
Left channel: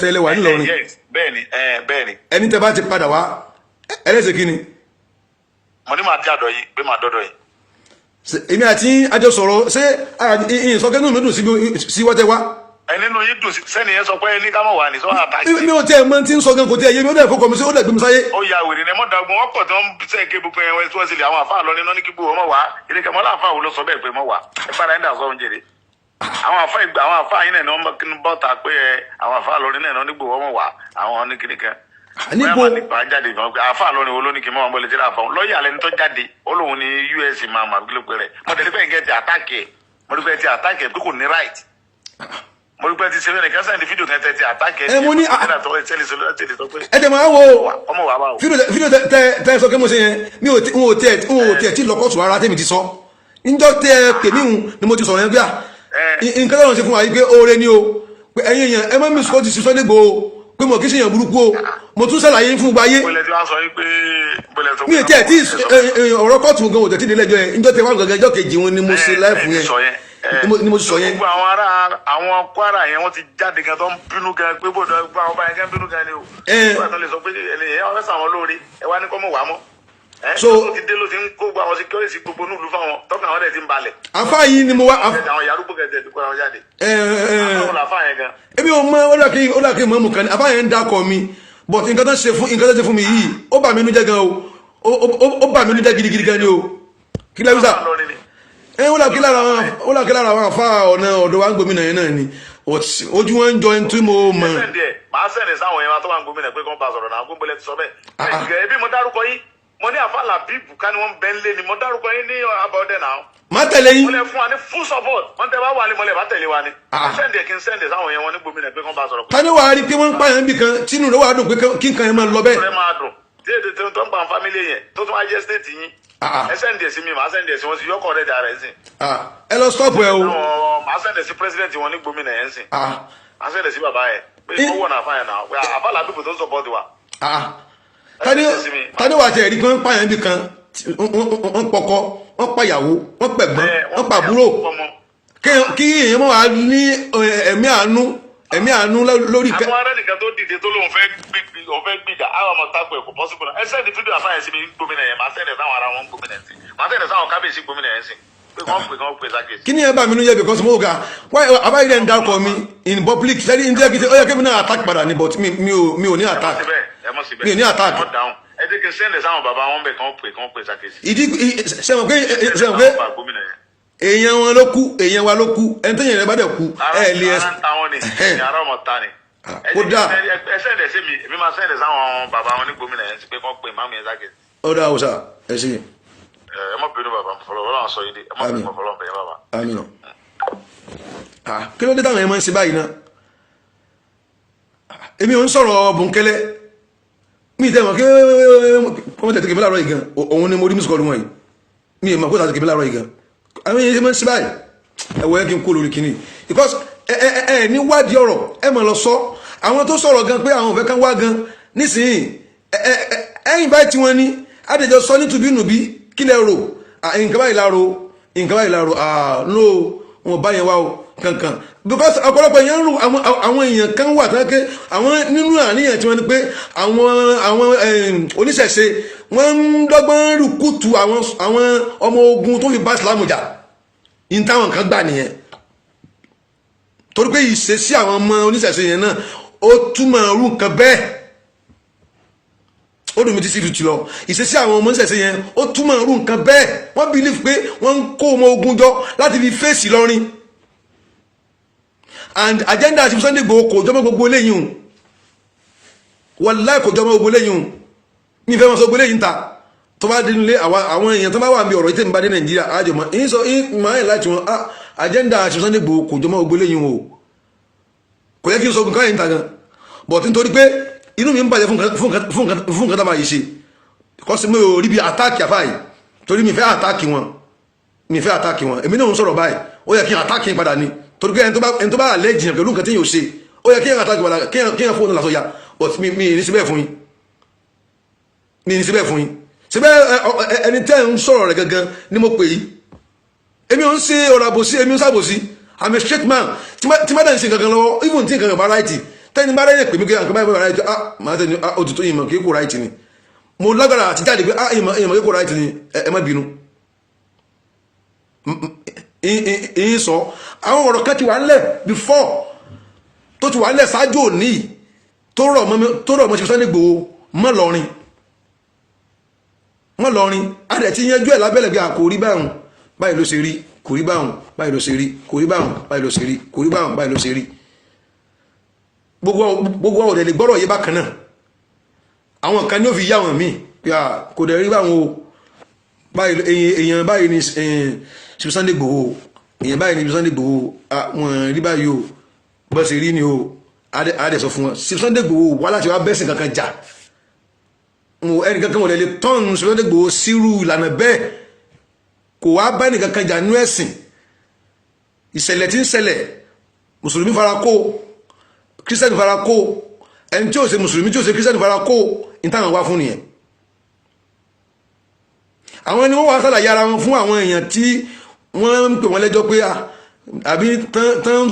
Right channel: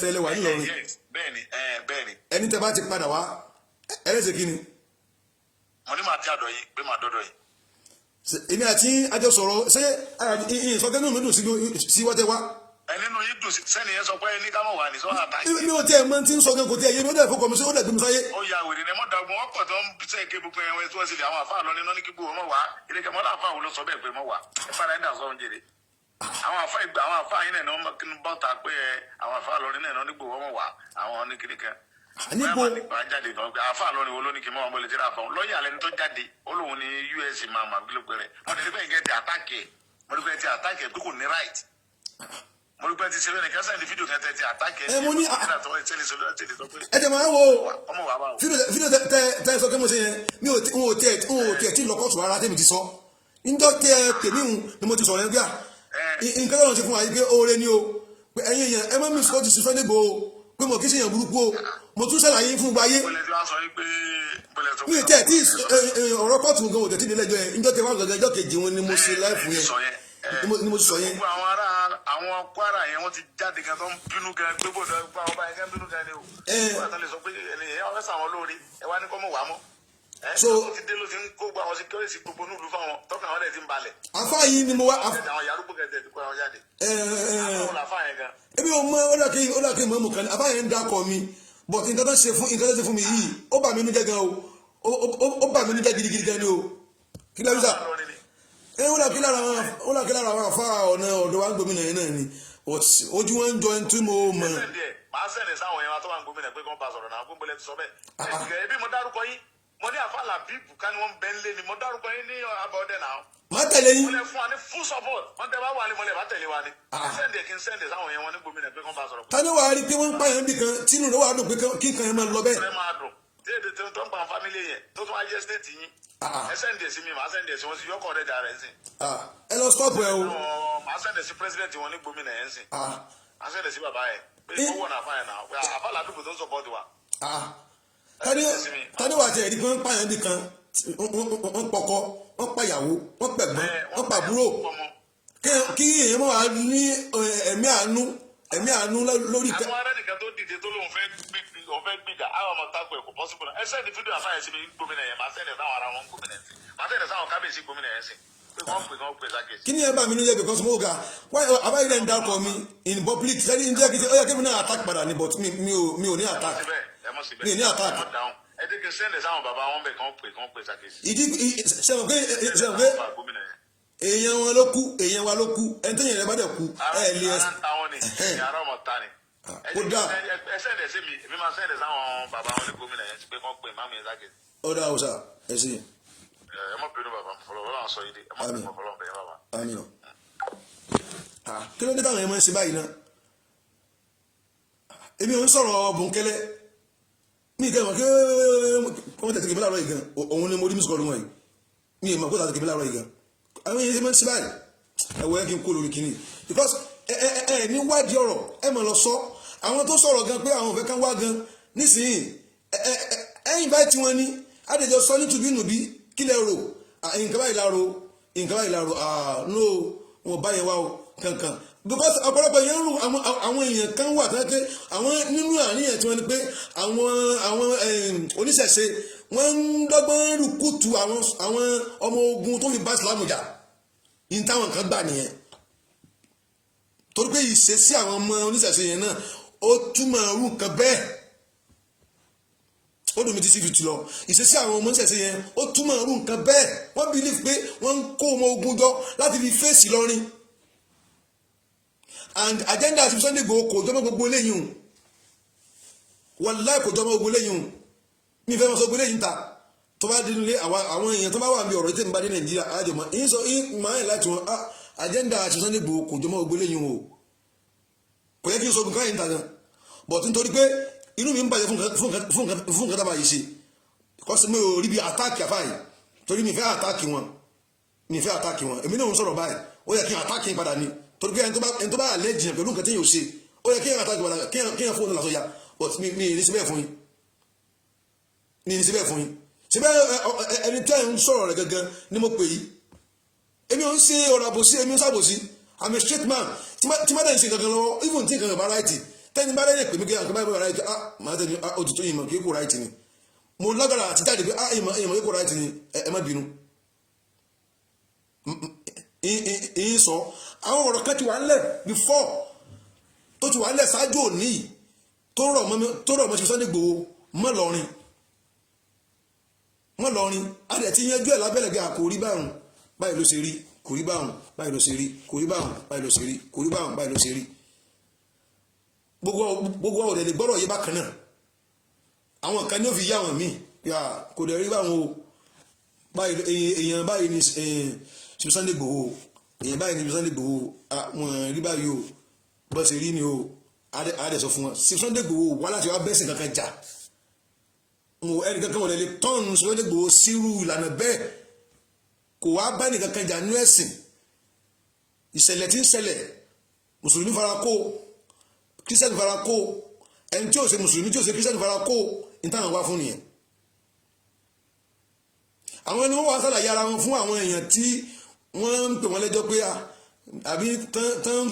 tẹ́lẹ̀ wà nílọrin. bẹ́ẹ̀ni. ẹni tẹ́ bá ti padà wá ẹlẹ́sẹ̀ kí ni. mo ní màá dé àdọ̀ yìí pé màá dọ́dọ̀ yìí. èmi àti àjọ sọ̀rọ̀ ṣé ìsọkẹ́nu mi dùn sí wọ́tẹ́ wá. nínú yín dùn sẹ́ni yẹn sọ pé ní ká mọ̀ wá ní sọ́wọ́n àtàkì. mi ò tẹ́ ẹ mọ tí ń sọ gan kò tẹ́ ẹ yé mi ó dẹ̀ fọkàn mi sí ó dẹ̀ gbé mi sáyé. ó ya wèrè ní mọ́dàgbọ́n wọ́n pọ̀ tó ń sẹ́ ké gbogbo ẹ̀wọ̀n tí wọ́n sì lè àwọn àfáà lọ nínú ní kíkó ọmọ wa ìrìnkà mọ́lá àfáà wo ló sọ bẹ́ẹ̀ pé mọ́ wa ẹ padà ń dà sọ́run jèrè. àwọn àfáà yín náà wọ́n bọ́ta pé àwọn àfáà lọ nínú nígbò ọmọ wa àwọn ní kíníkan. níbo àfáà lọ ni wo ló ní kí mọ́ wọn bọ́ lè jẹ́ àfáà lọ́ọ̀yà lẹni tó jáde ó lóun ní US máa mà kíló pé rẹ̀ mo rí pé ti ṣeré nìkan sẹ́ni fídíò kan tẹ́tí àtàkì ẹ̀ mo ní ẹ tẹ máa wo fídíò tẹ sọ pé mo ṣe yẹn mi ò tiẹ̀ tí lọ́kọ̀tù ara tèmi ti sọ níjọ́ tẹ kèmí hùn ni mo ti sọ̀rọ̀ yẹn gbà nǹkan lọ́run ṣe fún wa yìí pé oore ni o pé ẹ̀yin èèyàn ẹ má mi sọ ti sísọ dégbò o pé mo kì í ṣe èèyàn burúkú o mo tún ṣàlàyé fún gbáyé mi ò tiẹ̀ tí ọ̀rọ̀ kọ́ọ̀tù gan ò tẹ̀ tí nílẹ̀jọ́ yẹn níjọ́ tẹ wá gàgà ẹjọ́ kejì wọn ni mo ṣe láìfù yẹn ni mo sọ yẹn. gbogbo àwọn Kwara yẹn wọ́n ti jáde gan tó ń bínú gan pé bòdò gbogbo àwọn báyẹn gan bínú gan ni o. nígbà tó lè sọ pé ẹlẹ́yìn wọn fẹ́ sàwọn lóore ẹ wá ní kọ́ mọ̀ wá mọ́. so ló ti dé ló ti ń kó gbogbo àwọn security gbogbo nílùú fáwọn tọ́kàn àwọn dẹ̀ ti ń balẹ̀. àfa yìí ni mo wá. àwọn yàrúgbó kẹsẹ̀ ti kó àwọn jáde. ebi o mọ ó dà kí n mọ̀ mú kan àfa yẹn ń dakọ̀ mi but nǹkan tó ṣe fún mi yìí ó bà mí inú jẹ́ gan o ó bà mí inú jẹ́ gidigidi gan ni o kí lẹ́yìn sá ó là kí lára àwọn àfa ọ̀nà ọ̀dọ̀ wa ń gbòmìnà yẹn náà ni ojú wọn ń jọ ẹni tí mo mọ̀. màá sẹ́ni sáwọn yẹn tó wà ń gbòmìnà pé kí wọ́n bá sọ̀rọ̀ náà gbogbo ẹ̀ ti sọ bẹ́ẹ̀. ẹbí mo dárúkọ yín mo ní àfa làbíbù ká ni wọ́n bẹ́ ń lé ni mo dárúkọ yín ní abọ́dẹ náà. má tẹ̀lé yín. mo lè fún wa ní full support wọ́n tẹ bá wà ní mo lè bá tẹ̀lé wa ni. sẹ́ndì kí n sẹ́ndì sáwọn yẹn wọn ní gbòmìnà pé kí wọ́n bá sọ̀rọ̀. tani wàá rí pé wọ́n ń pààyàn bì kan tínú rẹ̀ wàá dùn pé kí nǹkan yẹn máa lọ bẹ́ẹ̀. tí èdè tó ń pa fámílì yẹn tó tún wá jẹ́ stéètì yín ẹ sẹ́ndì ẹ̀ sí mi màá sẹ́ndì ẹ̀ sí wọn sí yọkọ̀ rẹ̀ jà rẹ̀ sí. ẹ lọ stop ẹ o. màá sẹ́ndì ẹ̀ sí president wọn ní gómìnà yẹn sí. màá sẹ́ndì ẹ̀ sí bàbá yẹn pé kó wọ̀ náà fáyẹn náà àfa làbíbù tó support wa. tani wàá tẹ̀ ẹ̀rí pé wọ́n pààyàn bí kan wọ́n pọkọ wọ́n pàyàwó wọ́n pẹ̀gbọ́n wọ́n pàbúrò kí èèyàn mọ̀ wá ní ẹ̀mí àánú lórí àwọn ará nìkan tó dìde tó lóun fẹ́ gbìjà àwọn ọmọ tako ẹ̀kọ́ pọ́sibú náà ẹsẹ̀ ní fídíò àfáàyè sí mi gómìnà yẹn máa sẹ́ndẹ̀ sáwọn ará wọn gómìnà sí máa sẹ́ndẹ̀ sáwọn kábíyèsí gómìnà yẹn sí pé wọ́n pè sákèsí. kí ni ẹ bá mi nú yẹ because mo ga àbáyé rẹ̀ ń dárúkọ mi in public ṣẹ́ni ní jẹ́ kí ó yẹ kí mi náà attack padà ni but mi ò ní attack mi ò ní attack. ẹ jẹ́ kí n sẹ́ndẹ̀ sáwọn bàbá wọn bẹ̀ kàn pè sákèsí. ìdí sẹ́wọ̀n pé èèyàn wọn ló kú èèyàn wa ló kú ẹni tó yẹn rẹ bá dẹ̀ kú ẹ lè ẹ. ara ọmọ ta ni. ó dà ẹ sẹ́ndẹ̀ sí mi èmi máa sẹ́ndẹ̀ sáwọn bàbá wọn ní gómìnà yẹn sí pé kàn pè máàmù yẹn sákèsí. ó dà ó sà ẹ ṣe. ẹ má bínú bàbá Ọlọ́run sọ yìí dé ẹ má bínú Ọlọ́run bẹ̀yẹ bàbá. àmín. kí ló dé táwọn yẹn máa ń ṣe báyìí náà èmi ò ń sọ̀rọ̀ bùnkẹ́lẹ́ mi tẹ́ mọ̀ kí wọ́n tẹ̀ tẹ̀kẹ́ mi láàárọ̀ yìí gan òun ni mo rí mísí kọlu wọn yìí mi ì mọ̀ kó tà tẹ̀kẹ́ mi láàárọ̀ yìí gan àwọn yẹn máa ń ṣe báyìí ẹ̀wọ̀ yẹn kí n kó lórí kínní because ẹ ní wádìí ọ̀rọ̀ ẹ mọ̀ lọ sọ àwọn tó sọ̀rọ̀ gan pé àwọn ò fẹ́ kán wá gan nísìnyí ẹ̀yìn báyìí tí wọ́n ní àdèjọ sọ ní tùbínùbí kí lẹ rò nǹkan báyìí láàrò no wọn bá yẹn wá o kankan because ọ̀pọ̀lọpọ̀ yẹn ń rò àwọn èèyàn kan wà tán ké àwọn nínú àníyàn tí wọ́n ní pé àwọn oníṣẹ̀ṣe wọ́n ń dọ́gbọ́n rúkútù àwọn ọmọ ogun tó fi bá Islam jà ní táwọn kan gbà nìyẹn torí pé ìṣesí àwọn ọmọ oníṣẹ̀ṣe yẹn náà ó túmọ̀ rú nǹkan bẹ́ẹ̀ ó dùn mí ti síbi tìlọ ìṣesí àwọn ọmọ oníṣẹ̀ṣe yẹn ó túmọ̀ rú nǹkan bẹ́ẹ̀ wọ́n believe pé wọ́n ń kó ọmọ ogun jọ láti fi fèsì lọ́rin and agenda àti Sunday Igboho kò jọmọ́ gbogbo eléyìí hùn wallahi kò jọmọ́ gbogbo eléyìí hùn mi fẹ́ wọn sọ gbogbo eléyìí ń ta tó bá dénú lé àwọn èèyàn tó bá wà ní ọ̀rọ̀ ìtẹ́ ìbá dé Nàìjíríà àjọmọ́ èyí sọ ìmọ̀ láti wọn agenda àti Sunday Igboho kò jọmọ́ gbogbo eléyìí hùn o kò yẹ kí n sọ nǹkan yìí ń ta gan but nítorí pé inú mi ń bàjẹ́ fún nǹkan tá máa yìí ṣe kọ́sí mi ò rí bí àtáàkì àfáàyè torí mi fẹ́ àtáàkì wọn èmi náà ń sọ̀rọ̀ báyìí ó yẹ kí n àtáàkì padà ni torí pé ẹni tó bá àlẹ́ jìyàn pẹ̀lú nǹkan tí yóò ṣe ó yẹ kí n àtáàkì padà kí n fóònù lásọ ya but mi ní síbẹ̀ fún yín síbẹ̀ ẹni tẹ́ ń sọ̀rọ̀ rẹ̀ gangan ni mo pè yí èmi ò ń ṣe ọ̀rọ̀ àbòsí èmi ò ń ṣàbòsí I'm a straight man tí má dẹ̀ ń ṣe gangan lọ́wọ́ even tí nǹkan bá ráìtì tẹ́ni bá rẹ̀ pè mí kí nǹkan bá ráìtì máa tẹ́ni òtútù ìmọ̀ kí kò ráìtì ni mo lágbára àti jáde pé ìmọ̀ kí kò ráìtì ni ẹ má bínú ìyín sọ àwọn ọ̀rọ̀ kan ti wà nílẹ̀ before tó ti wà nílẹ̀ ṣáájú òní tó rọ̀ mọ́ ṣe Sunday Igboho mọ́ lọ́rin adẹ̀ ti yanjú ẹ̀ lábẹ́lẹ̀ bí kò rí báyìí ló ṣe rí kò rí báwọn báyìí ló ṣe rí kò rí báwọn báyìí ló ṣe rí kò rí báwọn báyìí ló ṣe rí gbogbo àwọn òdẹ̀lẹ̀ gbọ́rọ̀ yé bákan náà àwọn kan ní ó fi yá wọn míì kò dẹ̀ rí báwọn o èèyàn báyìí ni ṣe Sunday Igboho èèyàn báyìí ni Sunday Igboho wọn rí báyìí o bọ́ ṣe rí ni o adẹ̀ sọ fún wọn ṣe Sunday Igboho wá láti wá bẹ́sìn kankan jà ẹnì kankan wọlé lè tọ́nù ṣe Sunday Igboho sírú ìlànà bẹ́ẹ̀ kò wá bá ẹnì kankan jà nú ẹ̀sìn ìṣẹ̀lẹ̀ tí ń ṣẹlẹ̀ mùsùlùmí fara kó kírísítẹ́nì fara kó ẹni tí ó ṣe mùsùlùmí tí ó ṣe kírísítẹ́nì fara kó ìtàwọn wá fún nìyẹn àwọn ẹni wọ́n wá sàlàyé ara wọn fún àwọn èèyàn tí wọ́n ń pè wọ́n lẹ́jọ́ pé àbí tán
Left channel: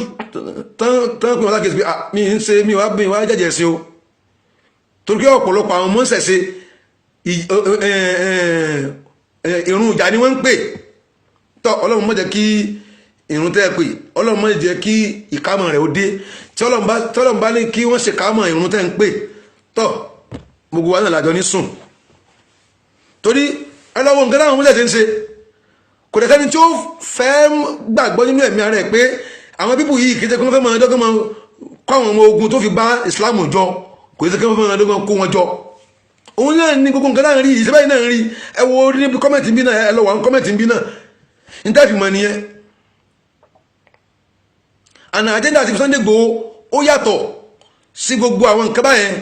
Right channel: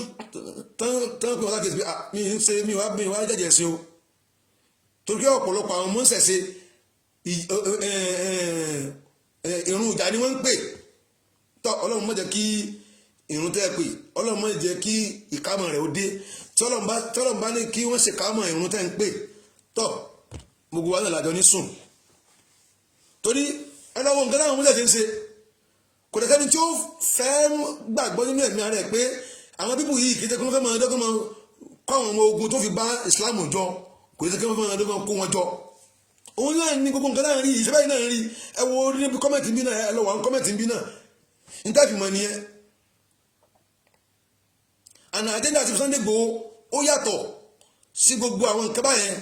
pè wọ́n lákèsí pé mi ń ṣe mi wá jẹ́jẹ́ sí o torí pé ọ̀pọ̀lọpọ̀ àwọn mọ́sẹ̀ṣe ìrun ìjà ni wọ́n ń pè tọ́ Ọlọ́run má jẹ́ kí ìrun tẹ́ pè Ọlọ́run má jẹ́ kí ìkámọ̀ rẹ̀ ó dé tí Ọlọ́run bá ní kí wọ́n ṣe kámọ̀ ìrun tẹ́ ń pè tọ́ gbogbo wa náà lájọ ní sùn torí ẹlọ́wọ́ nǹkan láwọn múlẹ̀ tí ń ṣe kò dẹ̀ sẹ́ni tí ó fẹ́ gbàgbọ́ nínú ẹ̀mí ara ẹ̀ pé àwọn bíbù yìí kìí ṣe kí wọ́n fẹ́ máa dọ́gbọ́n máa kọ́ àwọn ọmọ ogun tó fi bá Islam jọ kò ṣe kí wọ́n fẹ́ máa dọ́gbọ́n kó wọn jọ òun náà ní gbogbo nǹkan náà rí ìṣẹ́ báyìí náà rí ẹ wo ní kọ́mẹ̀tì bí náà ẹ lọ wà ní kọ́mẹ̀tì bí náà ní tẹ́ẹ̀fì mọ̀ nìyẹn àná àjẹ́ndà àti Sunday Igboho ó yàtọ̀ sí gbogbo àwọn nǹkan báyẹn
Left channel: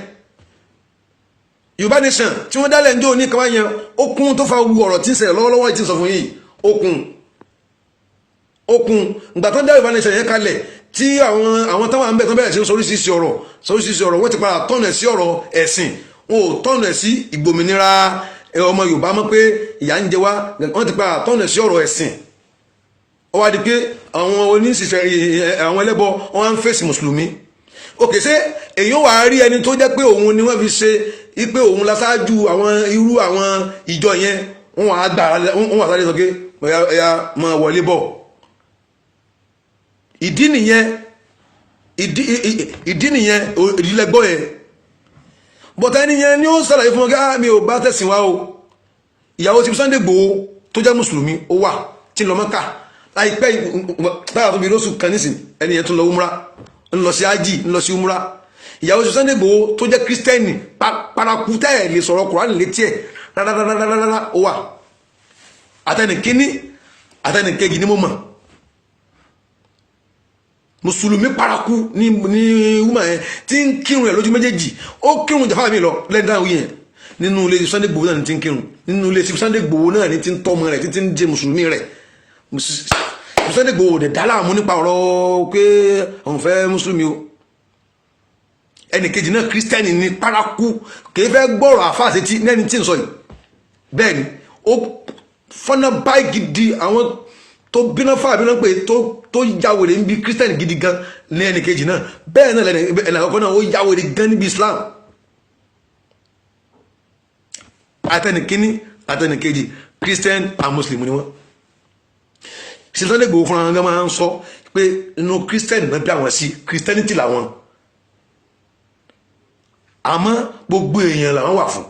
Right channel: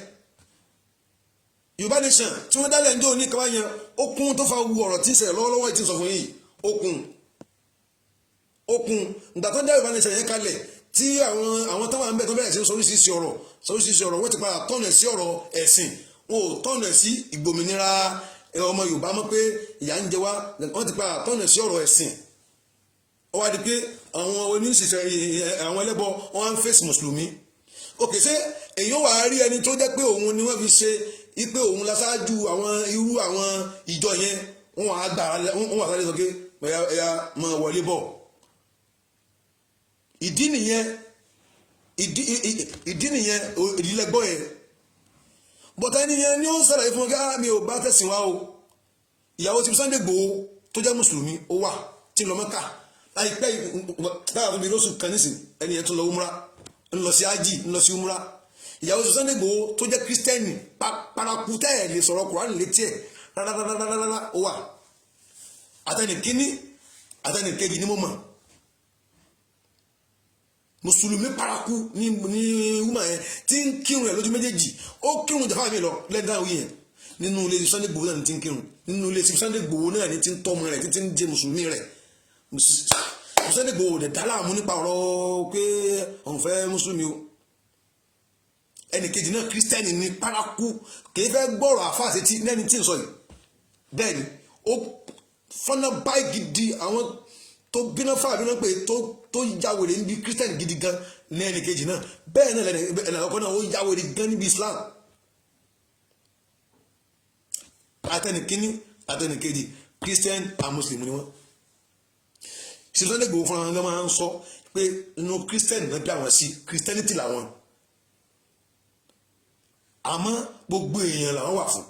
Yorùbá Nation tí wọ́n dálẹ̀ ní òní kaba yẹn okun tó fa wu ọ̀rọ̀ tí ń ṣẹlẹ̀ lọ́wọ́lọ́wọ́ tí ń sọ fún yìí okun ìgbà tó ń dá Yorùbá Nation yẹn kalẹ̀ tí àwọn táwọn àmbẹ̀ tó bẹ̀rẹ̀ sí sóríṣiríṣi ọ̀rọ̀ wọ́n ti padà tọ́nà sí ọ̀rọ̀ ẹ̀sìn wọn ò tọ́nà sí ìgbòmìnira ọmọ Yorùbá mọ́ pé ìyà ń jẹ wá wọ́n ti padà tọ́nà sí ọ̀rọ̀ ẹ̀sìn ó wá di pé àwọn oníṣìṣẹ́ àwọn ẹlẹ́bọ wọn á ń fèsì mùsùlùmí òkè ṣé èyí wà á rí ẹni tó jẹ́ pé òun ni wọ́n fi ṣe ipe òun lásáájú àwọn irú àwọn ìjọ yẹn wọ́n wà á gbà wọ́n wà sáré sọ pé ẹ̀yà máa wọlé bọ̀ ìdí nìyẹn ìdílẹ́gbọ́ yẹn bọ̀tá ẹni yẹn ni ó sàlàyé fún wọn mi ò bá tẹ̀sìn wá o ìyàwó ti Sunday Igboho tó jẹ́ mùsùlùmí ó wà tí ń lọ Mẹ́kà láìpẹ́ báyà tó bí lóṣù kan nísìn ẹni yẹn tó lọ umra ń lọ sí ájì ń lọ sí umra ìyàwó ti Sunday Igboho tó jẹ́ kírísítẹ́nì paraku tẹ́ ẹ̀ lè sọ̀rọ̀ Kùránì létí ẹ̀ rárá ó wà àtẹnìkíní àtẹnìkejì ní mo mọ̀ mùsùlùmí paraku ní wúmà yẹn tí ń kírun ẹ̀ lójú méjèèjì ó kírun jàfáà mi lọ lẹ́yìn dáhùn yẹn nínú ilé Sunday Igboho náà ní ti ń kírun nínú ilé Sunday Igboho náà ní ti ń tọ́mọ rẹ̀ títí ń jẹ mùsùlùmí rẹ̀ Sunday Igboho dẹ̀ dá láàmú nípa ọ̀rọ̀ pé òun fẹ́ mùsùlùmí o ẹnìkejì náà kírísítẹ́nì ní paraku kì í fẹ́ gbọ́rọ̀ àfáàṣe tí lẹ́ni tí ń sọ yìí bẹ́ẹ̀ ni ó fọ́nà báyìí gidi àwọn tó bínú fún àbínú pé tó yàwèrè níbi kírísítẹ́nì gidi gan ní ẹnìkejì náà bẹ́ẹ̀ náà ẹnì àkọ́kọ́ náà ó yàwèrè gan níbi Islam àtẹnìkíní àtẹnìkejì Christian and Muslim ni wọ́n ṣe Sunday Igboho fúnra wọn máa ń sọ pé inú Christian náà bí àwọn sí Christianity làwọn àmọ́ gbogbo èèyàn làwọn wà fún